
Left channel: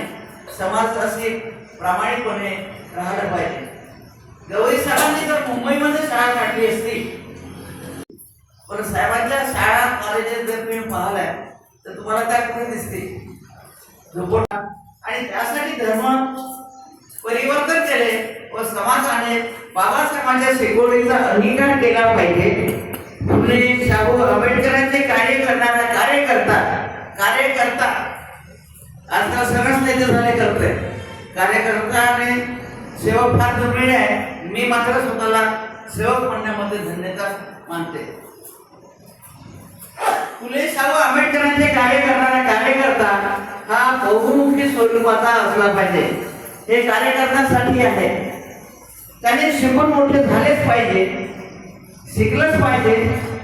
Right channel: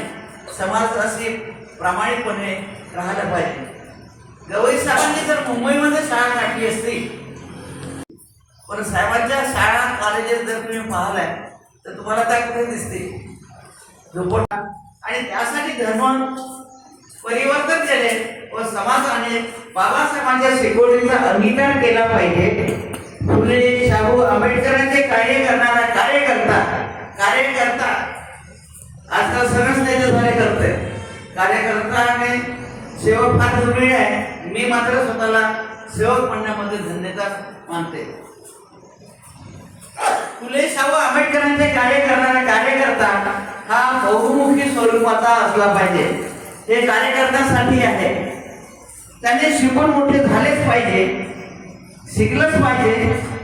समाजाशी प्रामाणिकपणे राहायला पाहिजे. गवई साहेबांनी जर मुंबईमध्ये शाळा काढली असती, पण साहेबांच्या शाळा कॉलेजेस जर तुम्ही पाहिलाय तर तुम्हाला त्या कुठे दिसते झोपडा. आणि त्यासाठी धर्म परिवर्तन केले व समाजाने बाबासाहेबांच्या शिकवणीचा अंगीकार केला पाहिजे. फुले शाहू आंबेडकरांचे कार्य करणारा कार्यकर्ता आजकाल सगळंच त्याचे झाले करते. कार्यकर्ता आणि सेवक फार दुर्मिळ आहे. मी मात्र स्वतःला सेवक म्हणण्यामध्ये धन्यता मानते. फुले शाहू आंबेडकरांचे कार्य करणारा कार्यकर्ता हा बहुमुखी स्वरूपाचा असला पाहिजे. हे कार्यकर्त्यासाठी आहे. त्याने शिकून मोठे झालेच पाहिजे, शिकलंच पाहिजे,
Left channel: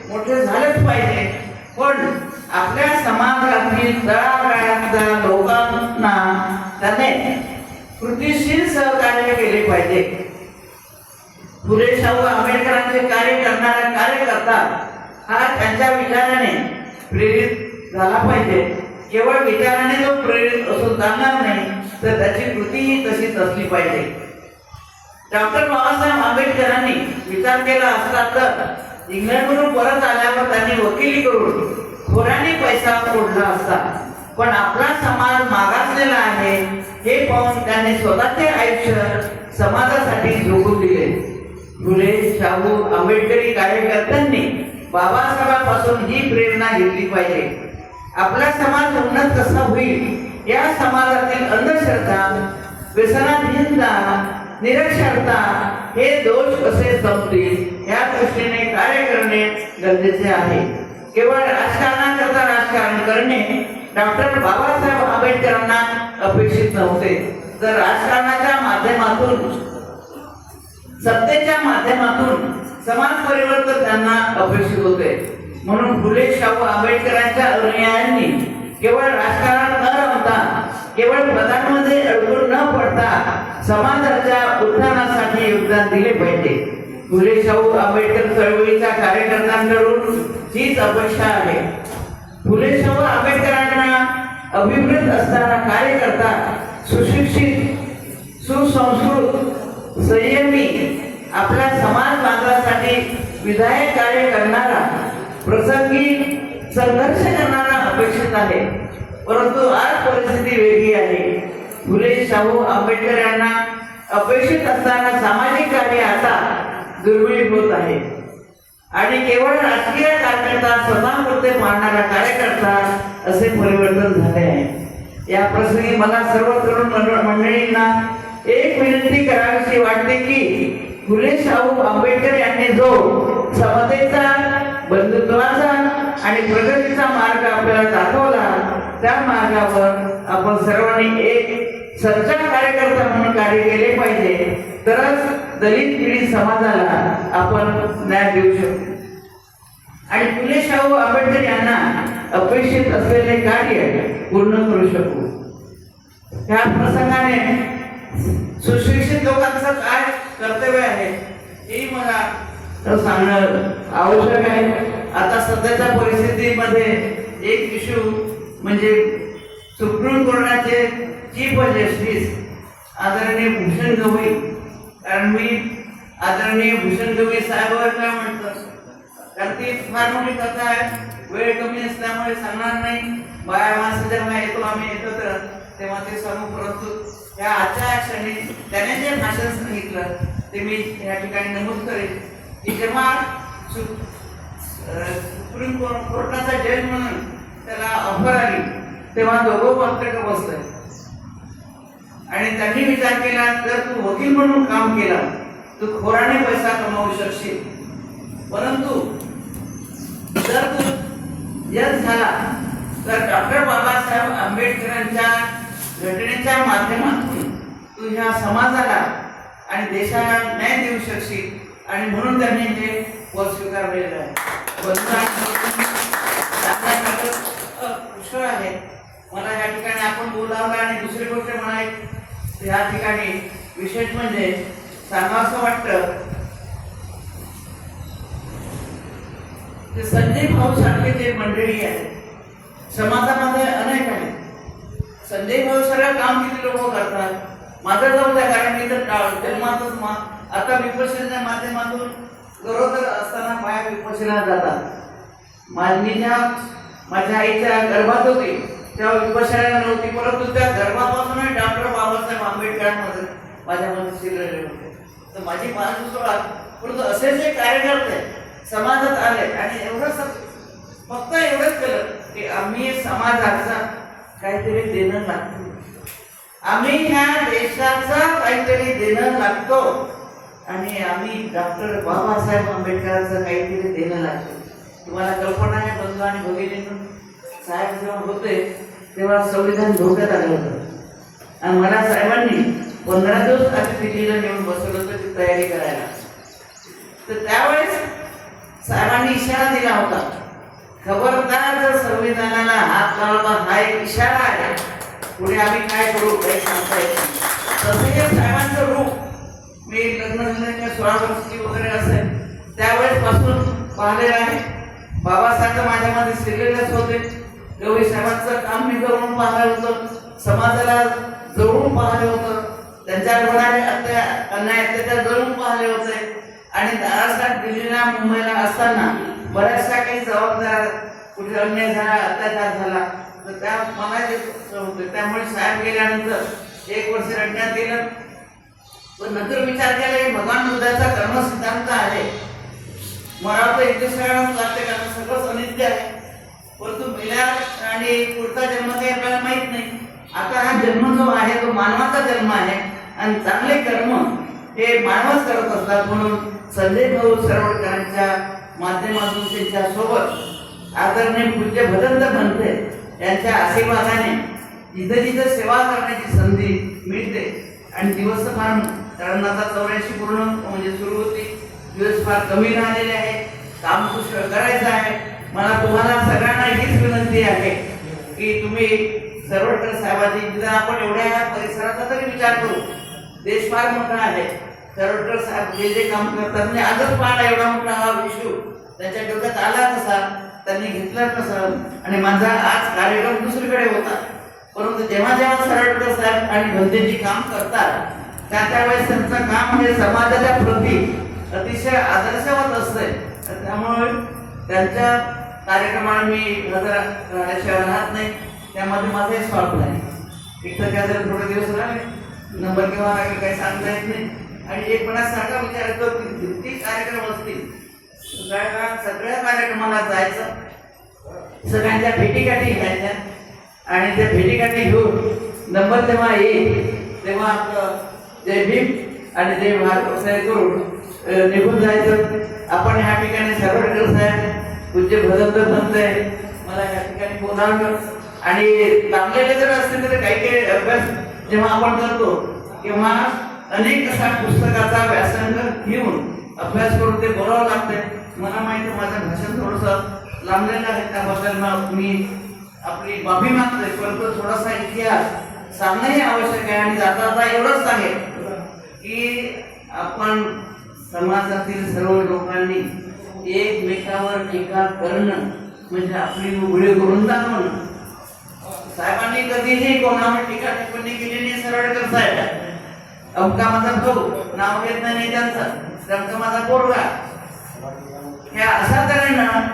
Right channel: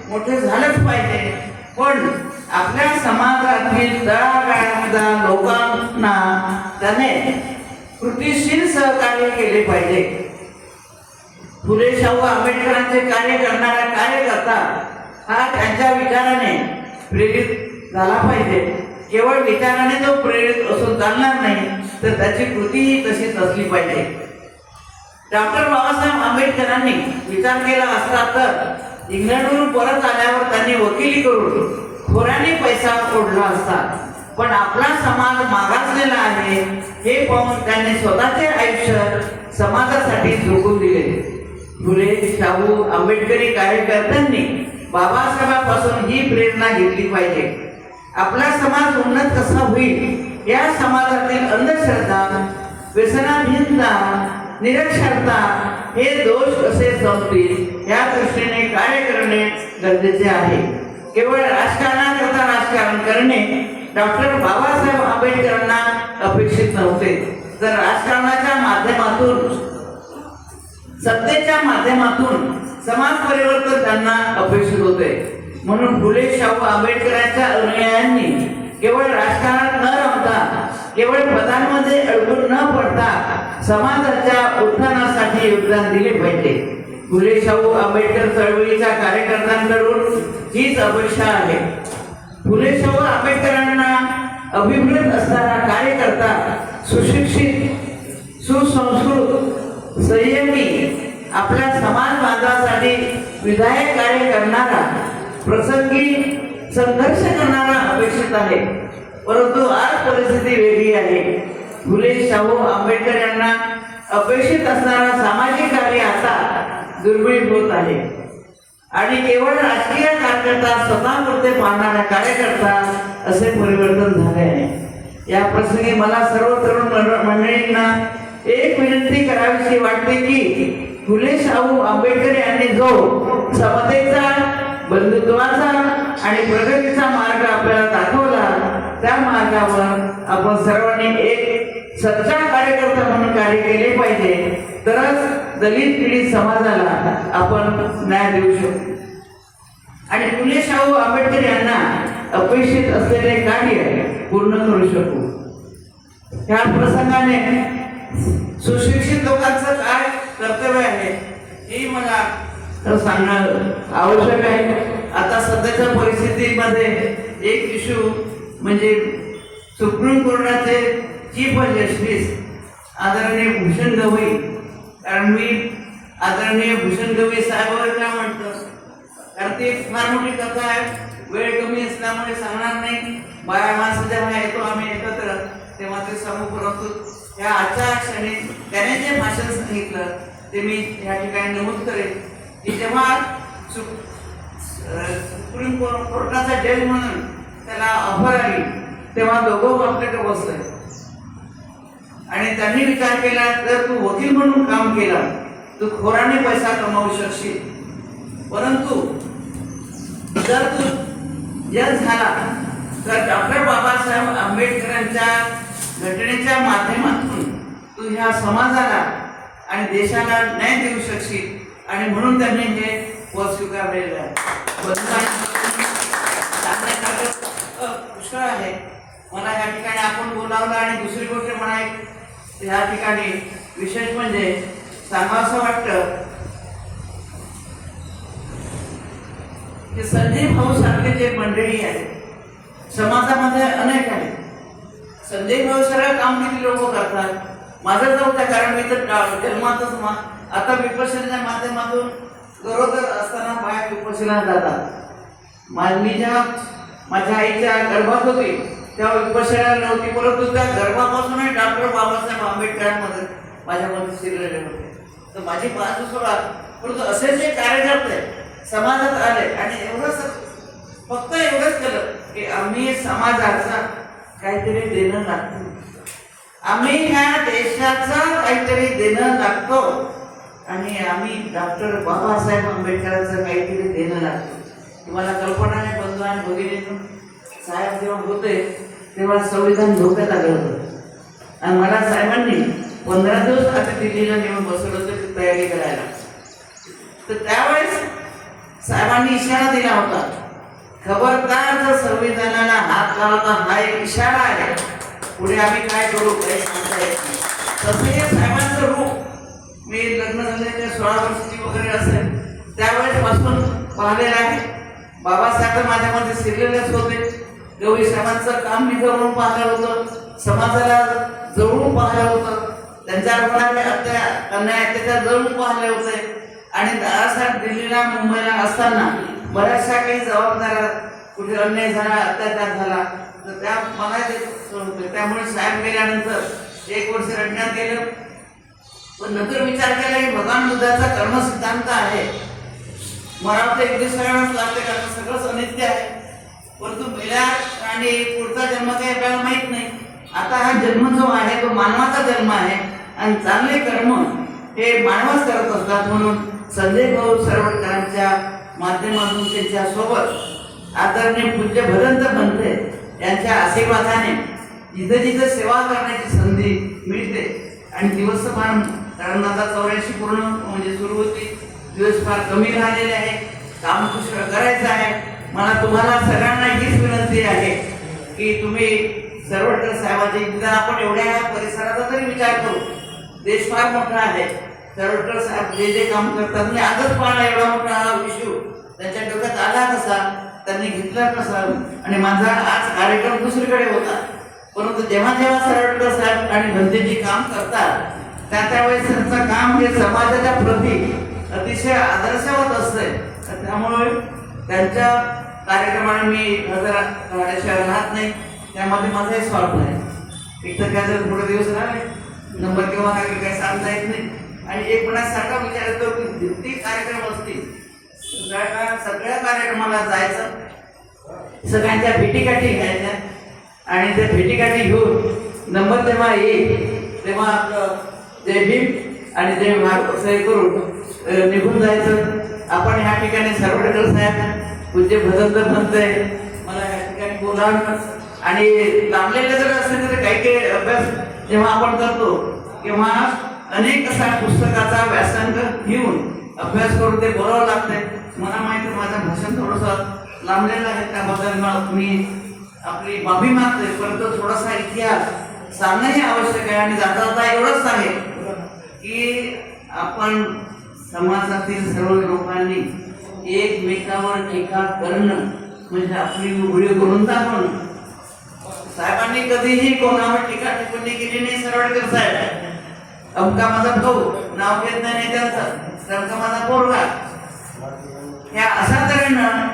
मोठे झालेच पाहिजे. पण आपल्या समाजातील तळागाळातल्या लोकांना त्याने कृतीशील सहकार्य केले पाहिजे. फुले शाहू आंबेडकरांचे कार्य करणारा कार्यकर्ता हा त्यांच्या विचाराने प्रेरित झाला पाहिजे. केवळ विचाराने तो प्रेरित असून चालणार नाही, तर त्याची कृतीही तशीच असली पाहिजे. डॉक्टर बाबासाहेब आंबेडकरांनी विचार केला असता तर इंग्लंडवरून परत आल्यावर त्यांनी वकिली करून खोऱ्याने पैसा फोडला असता. पण आपला समाज मागासलेला आहे हे पाहून त्यांनी स्वतःचे आयुष्य समाजासाठी झोकून दिले. फुले शाहू आंबेडकरी कार्यकर्त्यांनी बाबासाहेबांपासून ही प्रेरणा घेतली पाहिजे. आपला समाज उन्नत कसा होईल, या समाजातील अंधश्रद्धा, व्यसनाधीनता, निरक्षरता हे दोष कसे संपतील या दृष्टीने कार्य करणे गरजेचे आहे. केवळ राजकारणाकरता राजकारण करणे डॉक्टर बाबासाहेब आंबेडकरांना अपेक्षित नव्हते, तर राजकारणाच्या माध्यमातून, सत्तेच्या माध्यमातून समाज परिवर्तन त्यांना अपेक्षित होते. म्हणून फुले शाहू आंबेडकरांच्या अनुयायांनी केवळ राजकारण न रमता, केवळ पदांमध्ये अडकून न पडता समाजाच्या उत्थानासाठी योगदान दिले पाहिजे. फुले शाहू आंबेडकर चळवळीच्या कार्यकर्त्यांकडून हीच अपेक्षा आहे. फुले शाहू आंबेडकरांना अभिप्रेत असताना कार्यकर्ता सुशिक्षित, सुसंस्कृत, संयमी, आपल्या समाज बांधवासाठी विधायक कार्य करणारा, प्रसंगी संघर्ष करणारा अपेक्षित आहे. परंतु आज परिस्थिती वेगळी आहे. फुले शाहू आंबेडकर यांना अपेक्षित असणारा सामाजिक कार्य आता दुर्मिळ होत आहे आणि केवळ राजकीय कार्यकर्ता, स्वतःपुरते पाहणारा कार्यकर्ता असे परिवर्तन झाले आहे. या प्रसंगी मला सर्व तरुण मंडळींना एक विनंती करावीशी वाटते की फुले शाहू आंबेडकर यांनी जो समतेचा, बंधुत्वाचा आणि प्रगतीचा मार्ग आपल्याला दाखवला, त्या मार्गावर आपण सर्वांनी एक सच्चा कार्यकर्ता म्हणून कार्य केले पाहिजे. तरच दलित पीडित समाजाला आपण न्याय देऊ शकतो आणि फुले शाहू आंबेडकर यांना अपेक्षित असलेले कार्य पूर्ण करू शकू. ह्या प्रसंगाने सुशिक्षित लोकांचं काय कर्तव्य आहे हे मला सांगणं आवश्यक आहे. आता सध्याच्या परिस्थितीमध्ये एक इश्यू म्हणजे सुप्रीम कोर्टाचे चीफ जस्टिस आदरणीय भूषण गवई, कारण मी आदरणीय भूषण गवई साहेबांवर काय म्हणतो, कारण ती फार मोठी कथा आहे, वेळ कमी असल्यामुळे सांगणार नाही. बाया माणसं जेव्हा येतो आम्ही एकत्र तेव्हा ते सांगू. परंतु त्या आजच्या क्षणी त्याने जे भाषण सांगितलं ते मी या ठिकाणी नमूद करेन की जेव्हा सुप्रीम कोर्टाचा जज म्हणून त्याला ऑफर आली तेव्हा दोघं आपल्याकडे बसले आणि त्यांनी विचार केला, जर तू वकील म्हणून काम केला तू खोराने पैसा कमावू शकशील, परंतु जर तू जज झाला तर डॉक्टर बाबासाहेब आंबेडकरांच्या घटनेच्या माध्यमातून तू ह्या समाजाला आणि देशाला न्याय देऊ शकशील आणि म्हणून त्यांनी हे पद स्वीकारलेलं आहे. पुष्कळ आहे. मला या ठिकाणी आपण बोलावलं आणि दुसरी गोष्ट म्हणाय या ठिकाणी विशेष म्हणजे सांगावं वाटतं की संजय भाऊ सारखे जे मंडळी आहेत समाजामध्ये अनेक आहेत. संजय भाऊ सगळं काम किती लोक करतात. माझं जाऊ द्या, कारण मी तर जन्मातच आता विपश्यनेच्या माध्यमातून गरोदर असताना बाया विपश्यनेला जातात. मी जेव्हा माझ्या आईच्या गर्भात होती तेव्हा विपश्यना नव्हती, परंतु त्या गर्भापासूनच डॉक्टर बाबासाहेब आंबेडकरांमध्ये माझ्यामध्ये शिरलेले होते. तर माझी बाजू सोडा, परंतु असे जे कार्यकर्ते समाजात आले आणि एवढंच फक्त एवढंच केलं की आम्ही समाजाचा काहीतरी देणं लागतो, आम्ही ह्या देशाचा काहीतरी देणं लागतो आणि आम्ही डॉक्टर बाबासाहेब आंबेडकरांचं काहीतरी देणं लागतो. तुम्हाला कल्पना आहे बंधू आणि भगिनी, साहेब जेव्हा होते तेव्हा संविधान धोक्यात आलं होतं आणि मला साहेबांनी 15 दिवस आधी दिल्लीला नेऊन बसवलं होतं तयारी करायला. तर त्यावेळेस साहेबांनी इशारा दिला होता, खबरदार जर संविधानाला हात लावला हा एक इशारा आहे, पुढे आम्ही काय करू काही सांगता येत नाही. तसं हे साहेबांचं रूप मी लग्न झाल्याच्या 16 वर्षाची वगैरे असेल त्यावेळेसपासून पाहिलेलं आहे. बाबासाहेब माझ्यामध्ये सिरियलच होते. गवई साहेबांचं काम मी जवळून पाहिलं होतं, समाजाला जवळून पाहिलं होतं, त्यांच्या अन्याय अत्याचार जवळून पाहिले होते. आणि दादासाहेब दिल्लीला मुंबईला असताना बऱ्याचशा काही जबाबदाऱ्या, कुठे अन्याय झाला, अत्याचार झाला तर त्या मला होते. त्यामुळे साहेब गेल्यानंतर 1 वर्ष रडण्यात गेलं. पण नंतर विचार केला की भगवान बुद्धाचा कर्मसिद्धांत आहे, मला तर एक दिवसालाच लागते कारण सगळंच अनित्य आहे. परंतु गेल्या आणि पुढचा जन्म काही आपल्याला माहित नाही. आता हा जन्म जो आहे तो मानवाचा जन्म आहे आणि चांगले कर्म हे मानवच करत असतात. म्हणून संजय भाऊ सरवटकरांच्या माध्यमातून त्यांच्या सोबत आदरणीय पूज्य भदंत बनते यांच्या आशीर्वादाने जिथे जिथे सेवा करण्याची संधी मिळते आणि दिवस फार, कारण आता 84 पूर्ण म्हणजे सुरू होती, दिवस फार कमी राहिलेले आहे, काम पुष्कळ करायचं आहे. मला तुम्हाला सगळ्यांना हीच विनंती आहे की तुम्ही सरवटकर साहेबांची, निदान आपण एवढ्या परिसराचा तरी विचार करू. देश फार मोठा आहे. सरवटकर साहेब जे जे काम करतात, म्हणजे आजच पाहिला एवढा मोठा हा इश्यू त्यांच्या डोक्यात आला कसा, त्यांनी घेतला कसा. आणि माझा आज कार्यक्रम दुसरीकडे होता, परंतु जेव्हा जेव्हा सरवटकर साहेब आणि भंतेजी काम करतात त्यावेळेस त्यांचं काम हे समाजाच्या प्रती अतिशय आदर्शवत असते. त्यामुळे त्यांच्या कार्यक्रमाला मी हजर राहत नाही, त्यामध्ये माझाही स्वार्थ नाही. इथं त्या जर थोडे दिवस राहिले नंबर किंवा काही सांगता येत नाही. आणि एक सारखा विचार येतो की किती कार्यक्रम असतील, सगळ्या कार्यक्रमाला जायचं, सगळ्यांच्या भेटीगाठी घ्यायच्या आणि त्या भेटीगाठी घेऊन नंबर जेव्हा येईल तेव्हा आपलं जय भीम आणि जय भारत सही करून निघून जायचं. आपण ह्या ठिकाणी सरवटकर साहेब पूज्य भदंत म्हणतोय मला ह्या ठिकाणी बोलावलं. आणि लांबलेले जर असेल तर काही काही अभ्यास जेव्हा आपण करतो तेव्हा अनेक असा पुस्तकाचा व्यासंग घेऊन अभ्यास करून ते बोलावं लागते. मला माहिती माझं भाषण थोडंसं लांबलेलं आहे, त्याबद्दल मी आपली माफी मागतोय. परंतु थोडासा इतिहास सांगणंही आवश्यक आहे. आणि जाता जाता एवढंच सांगेल की आपण समाजातील सर्व लोकांनी एकमेकावर टीका करणं म्हणजे आपली उघडी करून दाखवणं. साहेबांनी कधीही कोणावर टीका टिप्पणी केली नाही. सरवटकर साहेब अमका माझा भाऊ, नाव घेत नाही त्यांचा माझा पोरगा, या अशा तऱ्हेनं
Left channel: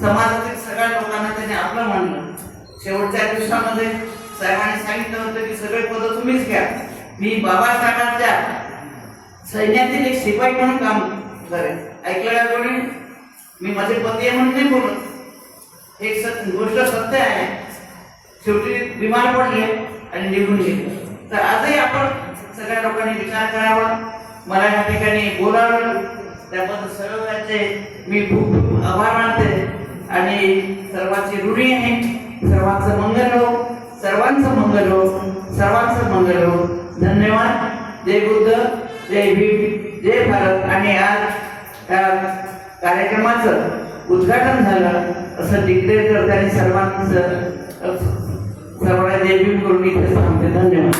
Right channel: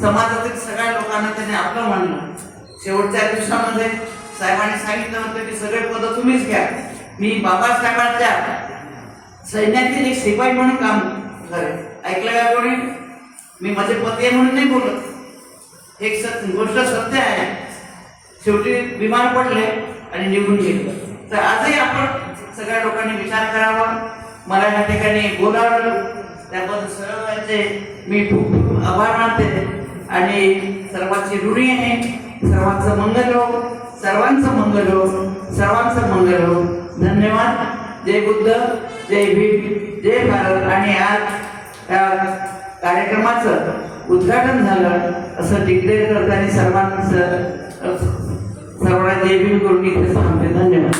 समाजातील सगळ्या लोकांना त्याने आपलं मानलं. शेवटच्या दिवसामध्ये साहेबांनी सांगितलं होतं की सगळे पद तुम्हीच घ्या. मी बाबासाहेबांच्या सैन्यातील एक शिपाई म्हणून काम करेन. ऐकलं का कोणी? मी माझे पती आहे म्हणून नाही बोलत, एक गोष्ट सत्य आहे. शेवटी बिमार पडले आणि निघून गेले. तर आजही आपण सगळ्या लोकांनी विचार करावा. मला या ठिकाणी बोलावलं त्याबद्दल सर्वांचे मी खूप खूप आभार मानते आणि सर्वांची ऋणी आहे. सर्वांचं मंगल हो, सर्वांचं मंगल हो, सर्वांचं मंगल हो. धन्यवाद. जय बुद्ध, जय भीम, जय भारत. आणि आज या कार्यक्रमाचं उद्घाटन झालं असं डिक्लेअर करते आणि सर्वांना जय भीम करून इथे सांगते. धन्यवाद.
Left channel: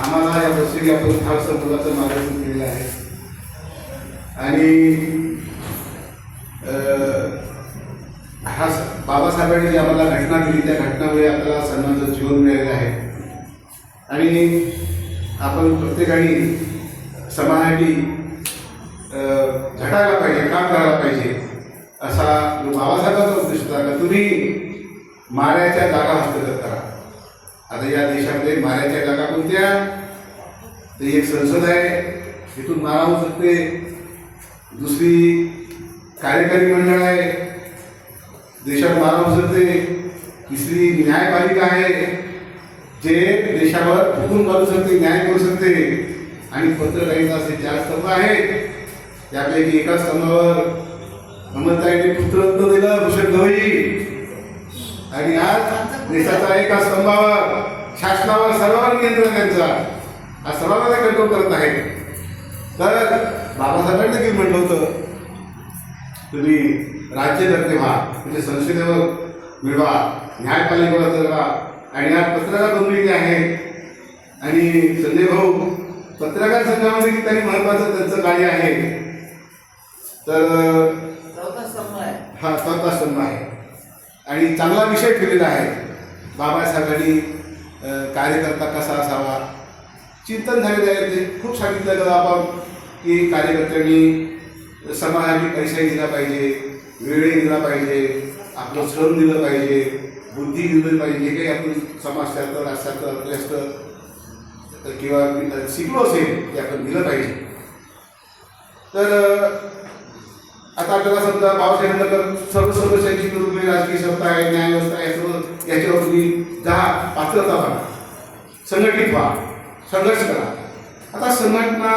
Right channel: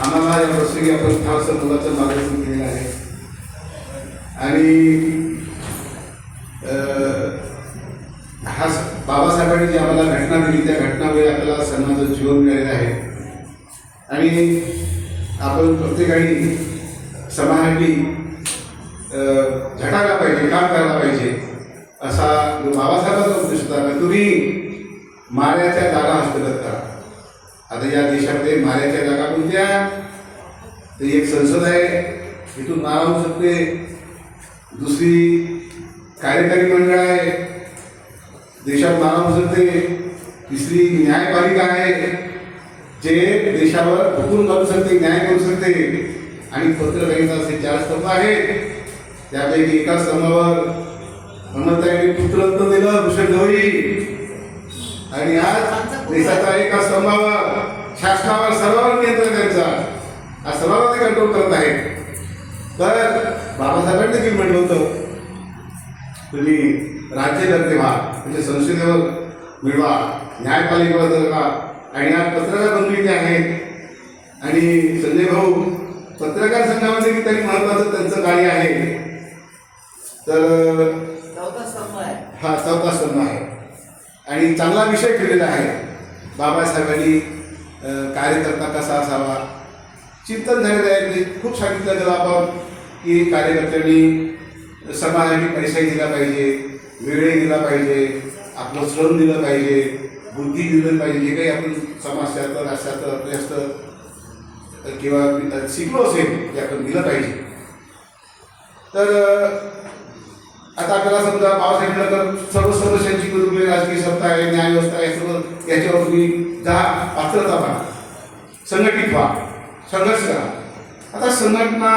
आम्हाला या प्रसंगी आपण फारसं मुलाचं मार्गदर्शन केलेलं आहे. आणि हा बाबासाहेबांनी जी आम्हाला घटना दिली त्या घटनामुळे आपल्याला सन्मानाचं जीवन मिळालेलं आहे. आणि आपण प्रत्येकाने समाजासाठी झटायला पाहिजे, काम करायला पाहिजे असा जो बाबासाहेबांचा उद्देश होता की तुम्ही माऱ्याच्या जागा हस्तगत करा. आता या देशामध्ये माऱ्याच्या जागा कोणत्या? तर एक संसद आहे, इथून मारा होऊ शकते. दुसरी कार्यकारी मंडळ आहे, देशात मारा होऊ शकते. तिसरी न्यायपालिका आहे, जे देशावर हुकूम करू शकते, न्याय करू शकते. आणि पत्रकारिता असे 4 स्तंभ आहेत. त्यापैकी एका स्तंभावर अमरताईने पुत्ररत्न दिलं भूषण गवई. आणि आज देशाचा एका स्तंभावर शासनावर सर्वांवर नियंत्रण त्यांचा, हा सर्वांना ते कंट्रोल करत आहे. तर बाबासाहेबांनी जे म्हटलं होतं तुम्ही राज्यकर्ते व्हा, म्हणजे संसदेवर मिळवा, न्यायपालिकेवर जगवा. आणि आज पत्रकार बंधू जे आहेत आणि संजय भाऊ पत्रकार संघामध्ये किती महत्वाचं त्यांचं कार्य आहे. तर चौथा स्तंभ आहे. हा चौथा स्तंभ आहे आणि चांगला विषय ठेवलेला आहे. बाबासाहेबांनी कार्यकर्ता कसा असावा चिंतन झालेलं आहे. ते खूप सांगितलं गेलं आपण की कार्यकर्त्यांनी समाजाने पैसा दिला पाहिजे, वेळ दिला पाहिजे, आपलं श्रम दिलं पाहिजे, बुद्धी दिलं पाहिजे. जे काही आपण समाजशास्त्र राजशास्त्र अर्थशास्त्र किंवा शिकलो असेल ते आपण दिलं पाहिजे. तर आता आपल्याला समजा बाबासाहेबांनगर सर्व सदस्यांची वेगवेगळी राजकीय सत्ता आहे, न्यायव्यवस्था आहे, सर्व याच्यावर तुम्ही पात्रता व्हा, संघटित व्हा, संघर्ष करा. आता संघटना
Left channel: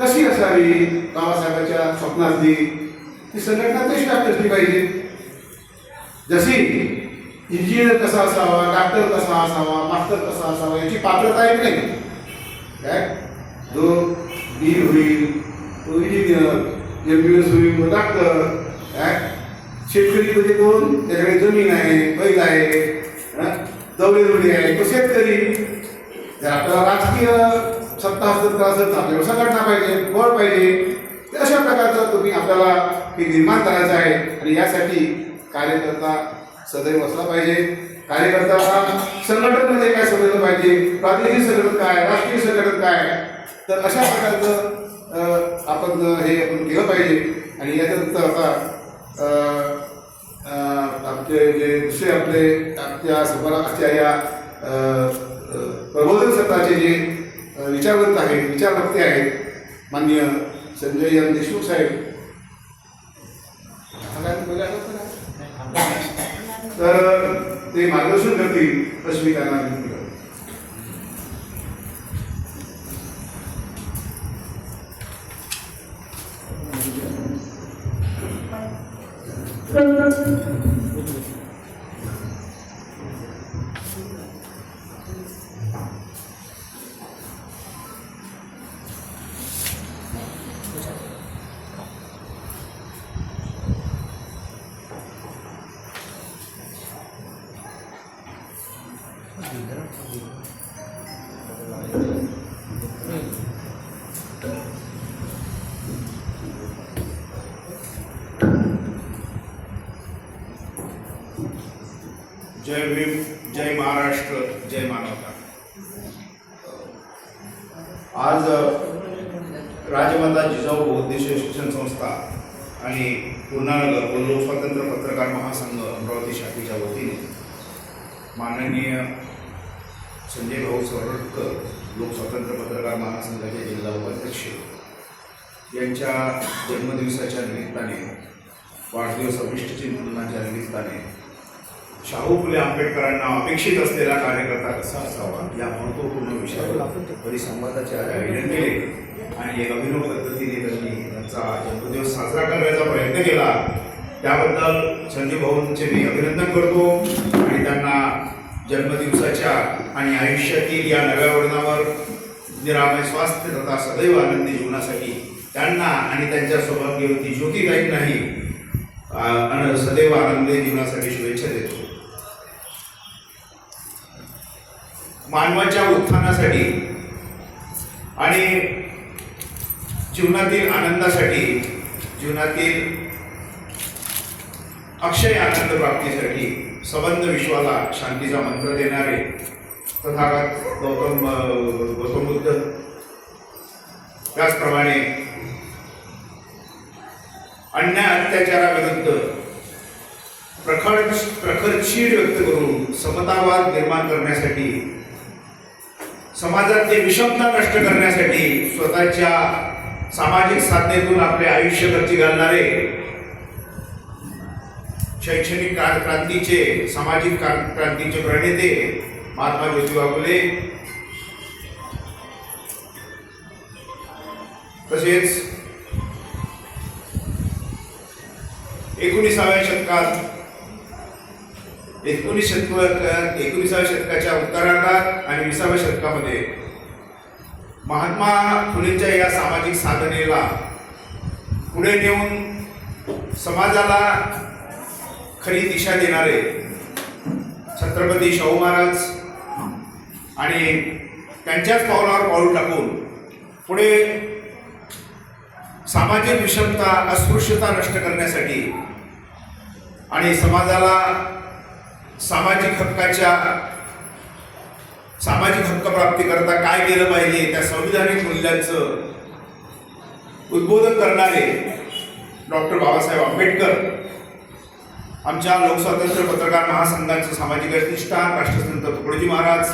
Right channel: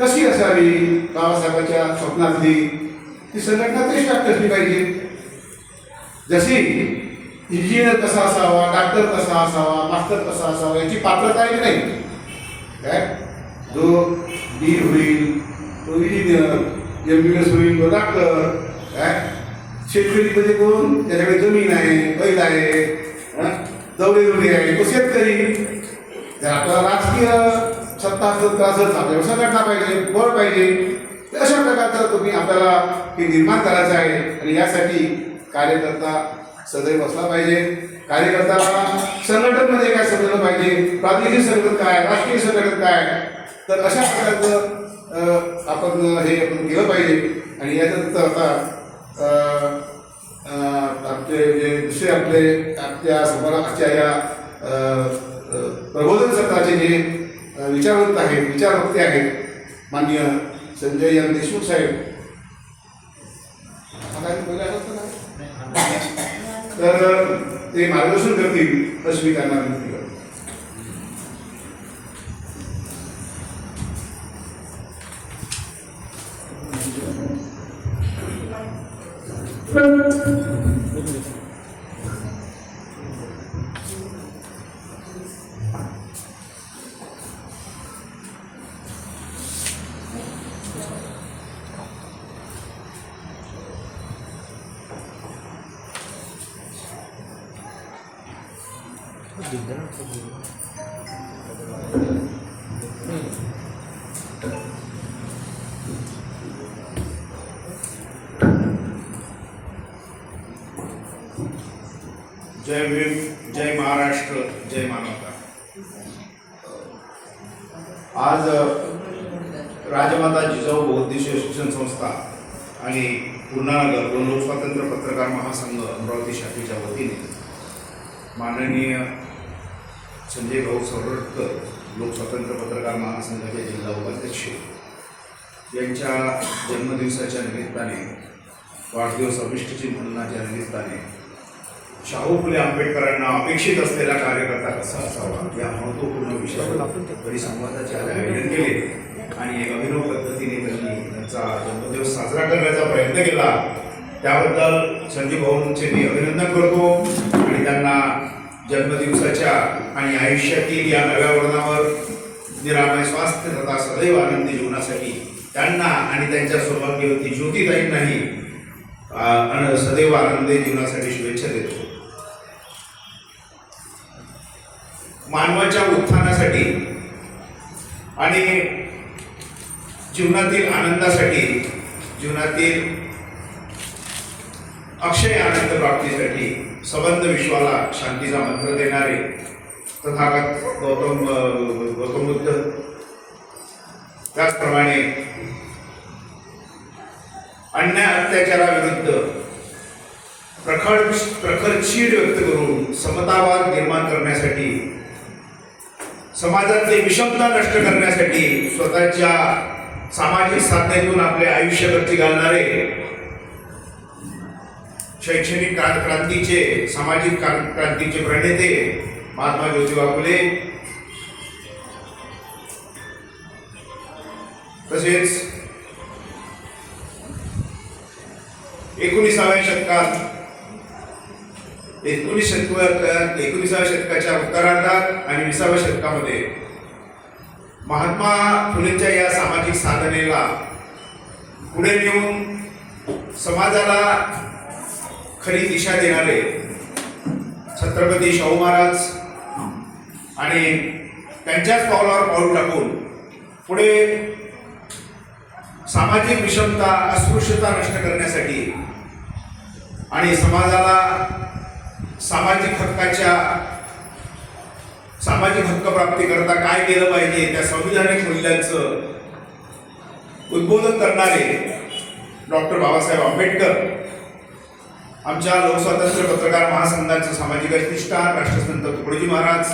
कशी असावी बाबासाहेबांच्या स्वप्नातली ती संघटना कशी असली पाहिजे. जशी इंजिनियर कसा असावा, डॉक्टर कसा असावा, मास्टर कसा असावा याची पात्रता आहे की नाही. काय जो बी होईल तो इंजिनियर, MBBS होईल तो डॉक्टर. काय शेतकरी कोण त्याच्याकडे जमीन आहे, बैल आहे, दौडे आहे तो शेतकरी. जर आपल्याला राजकीय सत्ता असेल आपल्याला संघटना पाहिजे, बळ पाहिजे. तर अशा प्रकारचं तुम्ही आपल्याला ते निर्माण करायचं आहे आणि यासाठी कार्यकर्ता सदैव असला पाहिजे. कार्यकर्ता संघटनेमध्ये काय समजलं पाहिजे, प्रादेशिक संघटन काय, राष्ट्रीय संघटन काय. तर अशा प्रकारचं आपण केलं पाहिजे. आणि याच्यानंतर आता आपले जे दुसरे आपल्या समाजाच्या या प्रबोधन सत्राचे जे विचारवंत आहेत, विचारवक्ते आहेत माननीय संजय एम देशमुख साहेब. तर ते मार्गदर्शन करतील असं मी त्यांना विनंती करतो. जय भीम, जय महाराष्ट्र, जय मानवता. आज राजमाता जिजाऊ बहुउद्देशीय शिक्षण संस्था आणि पूर्णानगर व लोकस्वातंत्र्य पत्रकार महासंघ अमरावती शाखेच्या वतीने माननीय संजय भाऊ सवरटकर लोकस्वातंत्र्य पत्रकार महासंघाचे जिल्हा उपाध्यक्ष यांच्या जन्मदिवसाच्या निमित्ताने, वाढदिवस अभिष्टचिंतनाच्या निमित्ताने शाहू फुले आंबेडकरांना अपेक्षित असलेला कार्यकर्ता कसा असावा या महत्त्वपूर्ण विषयावर परिसंवादाचे आयोजन केले आणि एक अभिनव पद्धतीने त्यांनी त्यांचा जन्मदिवस साजरा करण्याचा प्रयत्न केला. त्याबद्दल संजय भाऊंचे मी अभिनंदन करतो आणि त्यांना जन्मदिवसाच्या आणि आयुष्यातील या नव्या वर्णावर निरामय स्वास्थ्य तथा सदैव आनंदी जीवनासाठी त्यांना आणि त्यांच्या सौभाग्यवती ज्योतिताईंनाही सदैव आनंदी जीवनासाठी शुभेच्छा देतो. मानवाच्या उत्थानासाठी आणि जीवनातील आनंदासाठी, जीवनातील अक्षय आनंद प्राप्तीसाठी संबंध विश्वाला शांतीचा मंत्र देणारे तथागत गौतम बुद्ध, त्याचप्रमाणे अन्याय अत्याचाराविरुद्ध प्रखर चीड व्यक्त करून समतावाद निर्माण करण्यासाठी, समाजातली विषमता नष्ट करण्यासाठी स्वतःच्या सामाजिक साधनेतून आपले आयुष्य खर्ची घालणारे शैक्षणिक क्रांतीचे, सामाजिक क्रांतीचे प्रणेते महात्मा ज्योतिबा फुले, तसेच 19व्या शतकाच्या उत्तरार्धात आणि 20व्या शतकामध्ये महात्मा फुलेंच्या या सामाजिक साधनेला पुढे नेऊन समाजाला खरी दिशा देणारे छत्रपती शाहू महाराज आणि त्यांच्याच पावलावर पाऊल टाकून पुढे सामाजिक विषमता अस्पृश्यता नष्ट करण्यासाठी आणि समाजाला सामाजिक हक्क प्राप्ती करता काय केलं पाहिजे त्या संविधानिक मूल्यांचं उद्बोधन करणारे डॉक्टर बाबासाहेब आंबेडकर आमच्या लोकस्वातंत्र्य पत्रकार महासंघाचं सामाजिक अधिष्ठान राष्ट्रसंत तुकडोजी महाराज,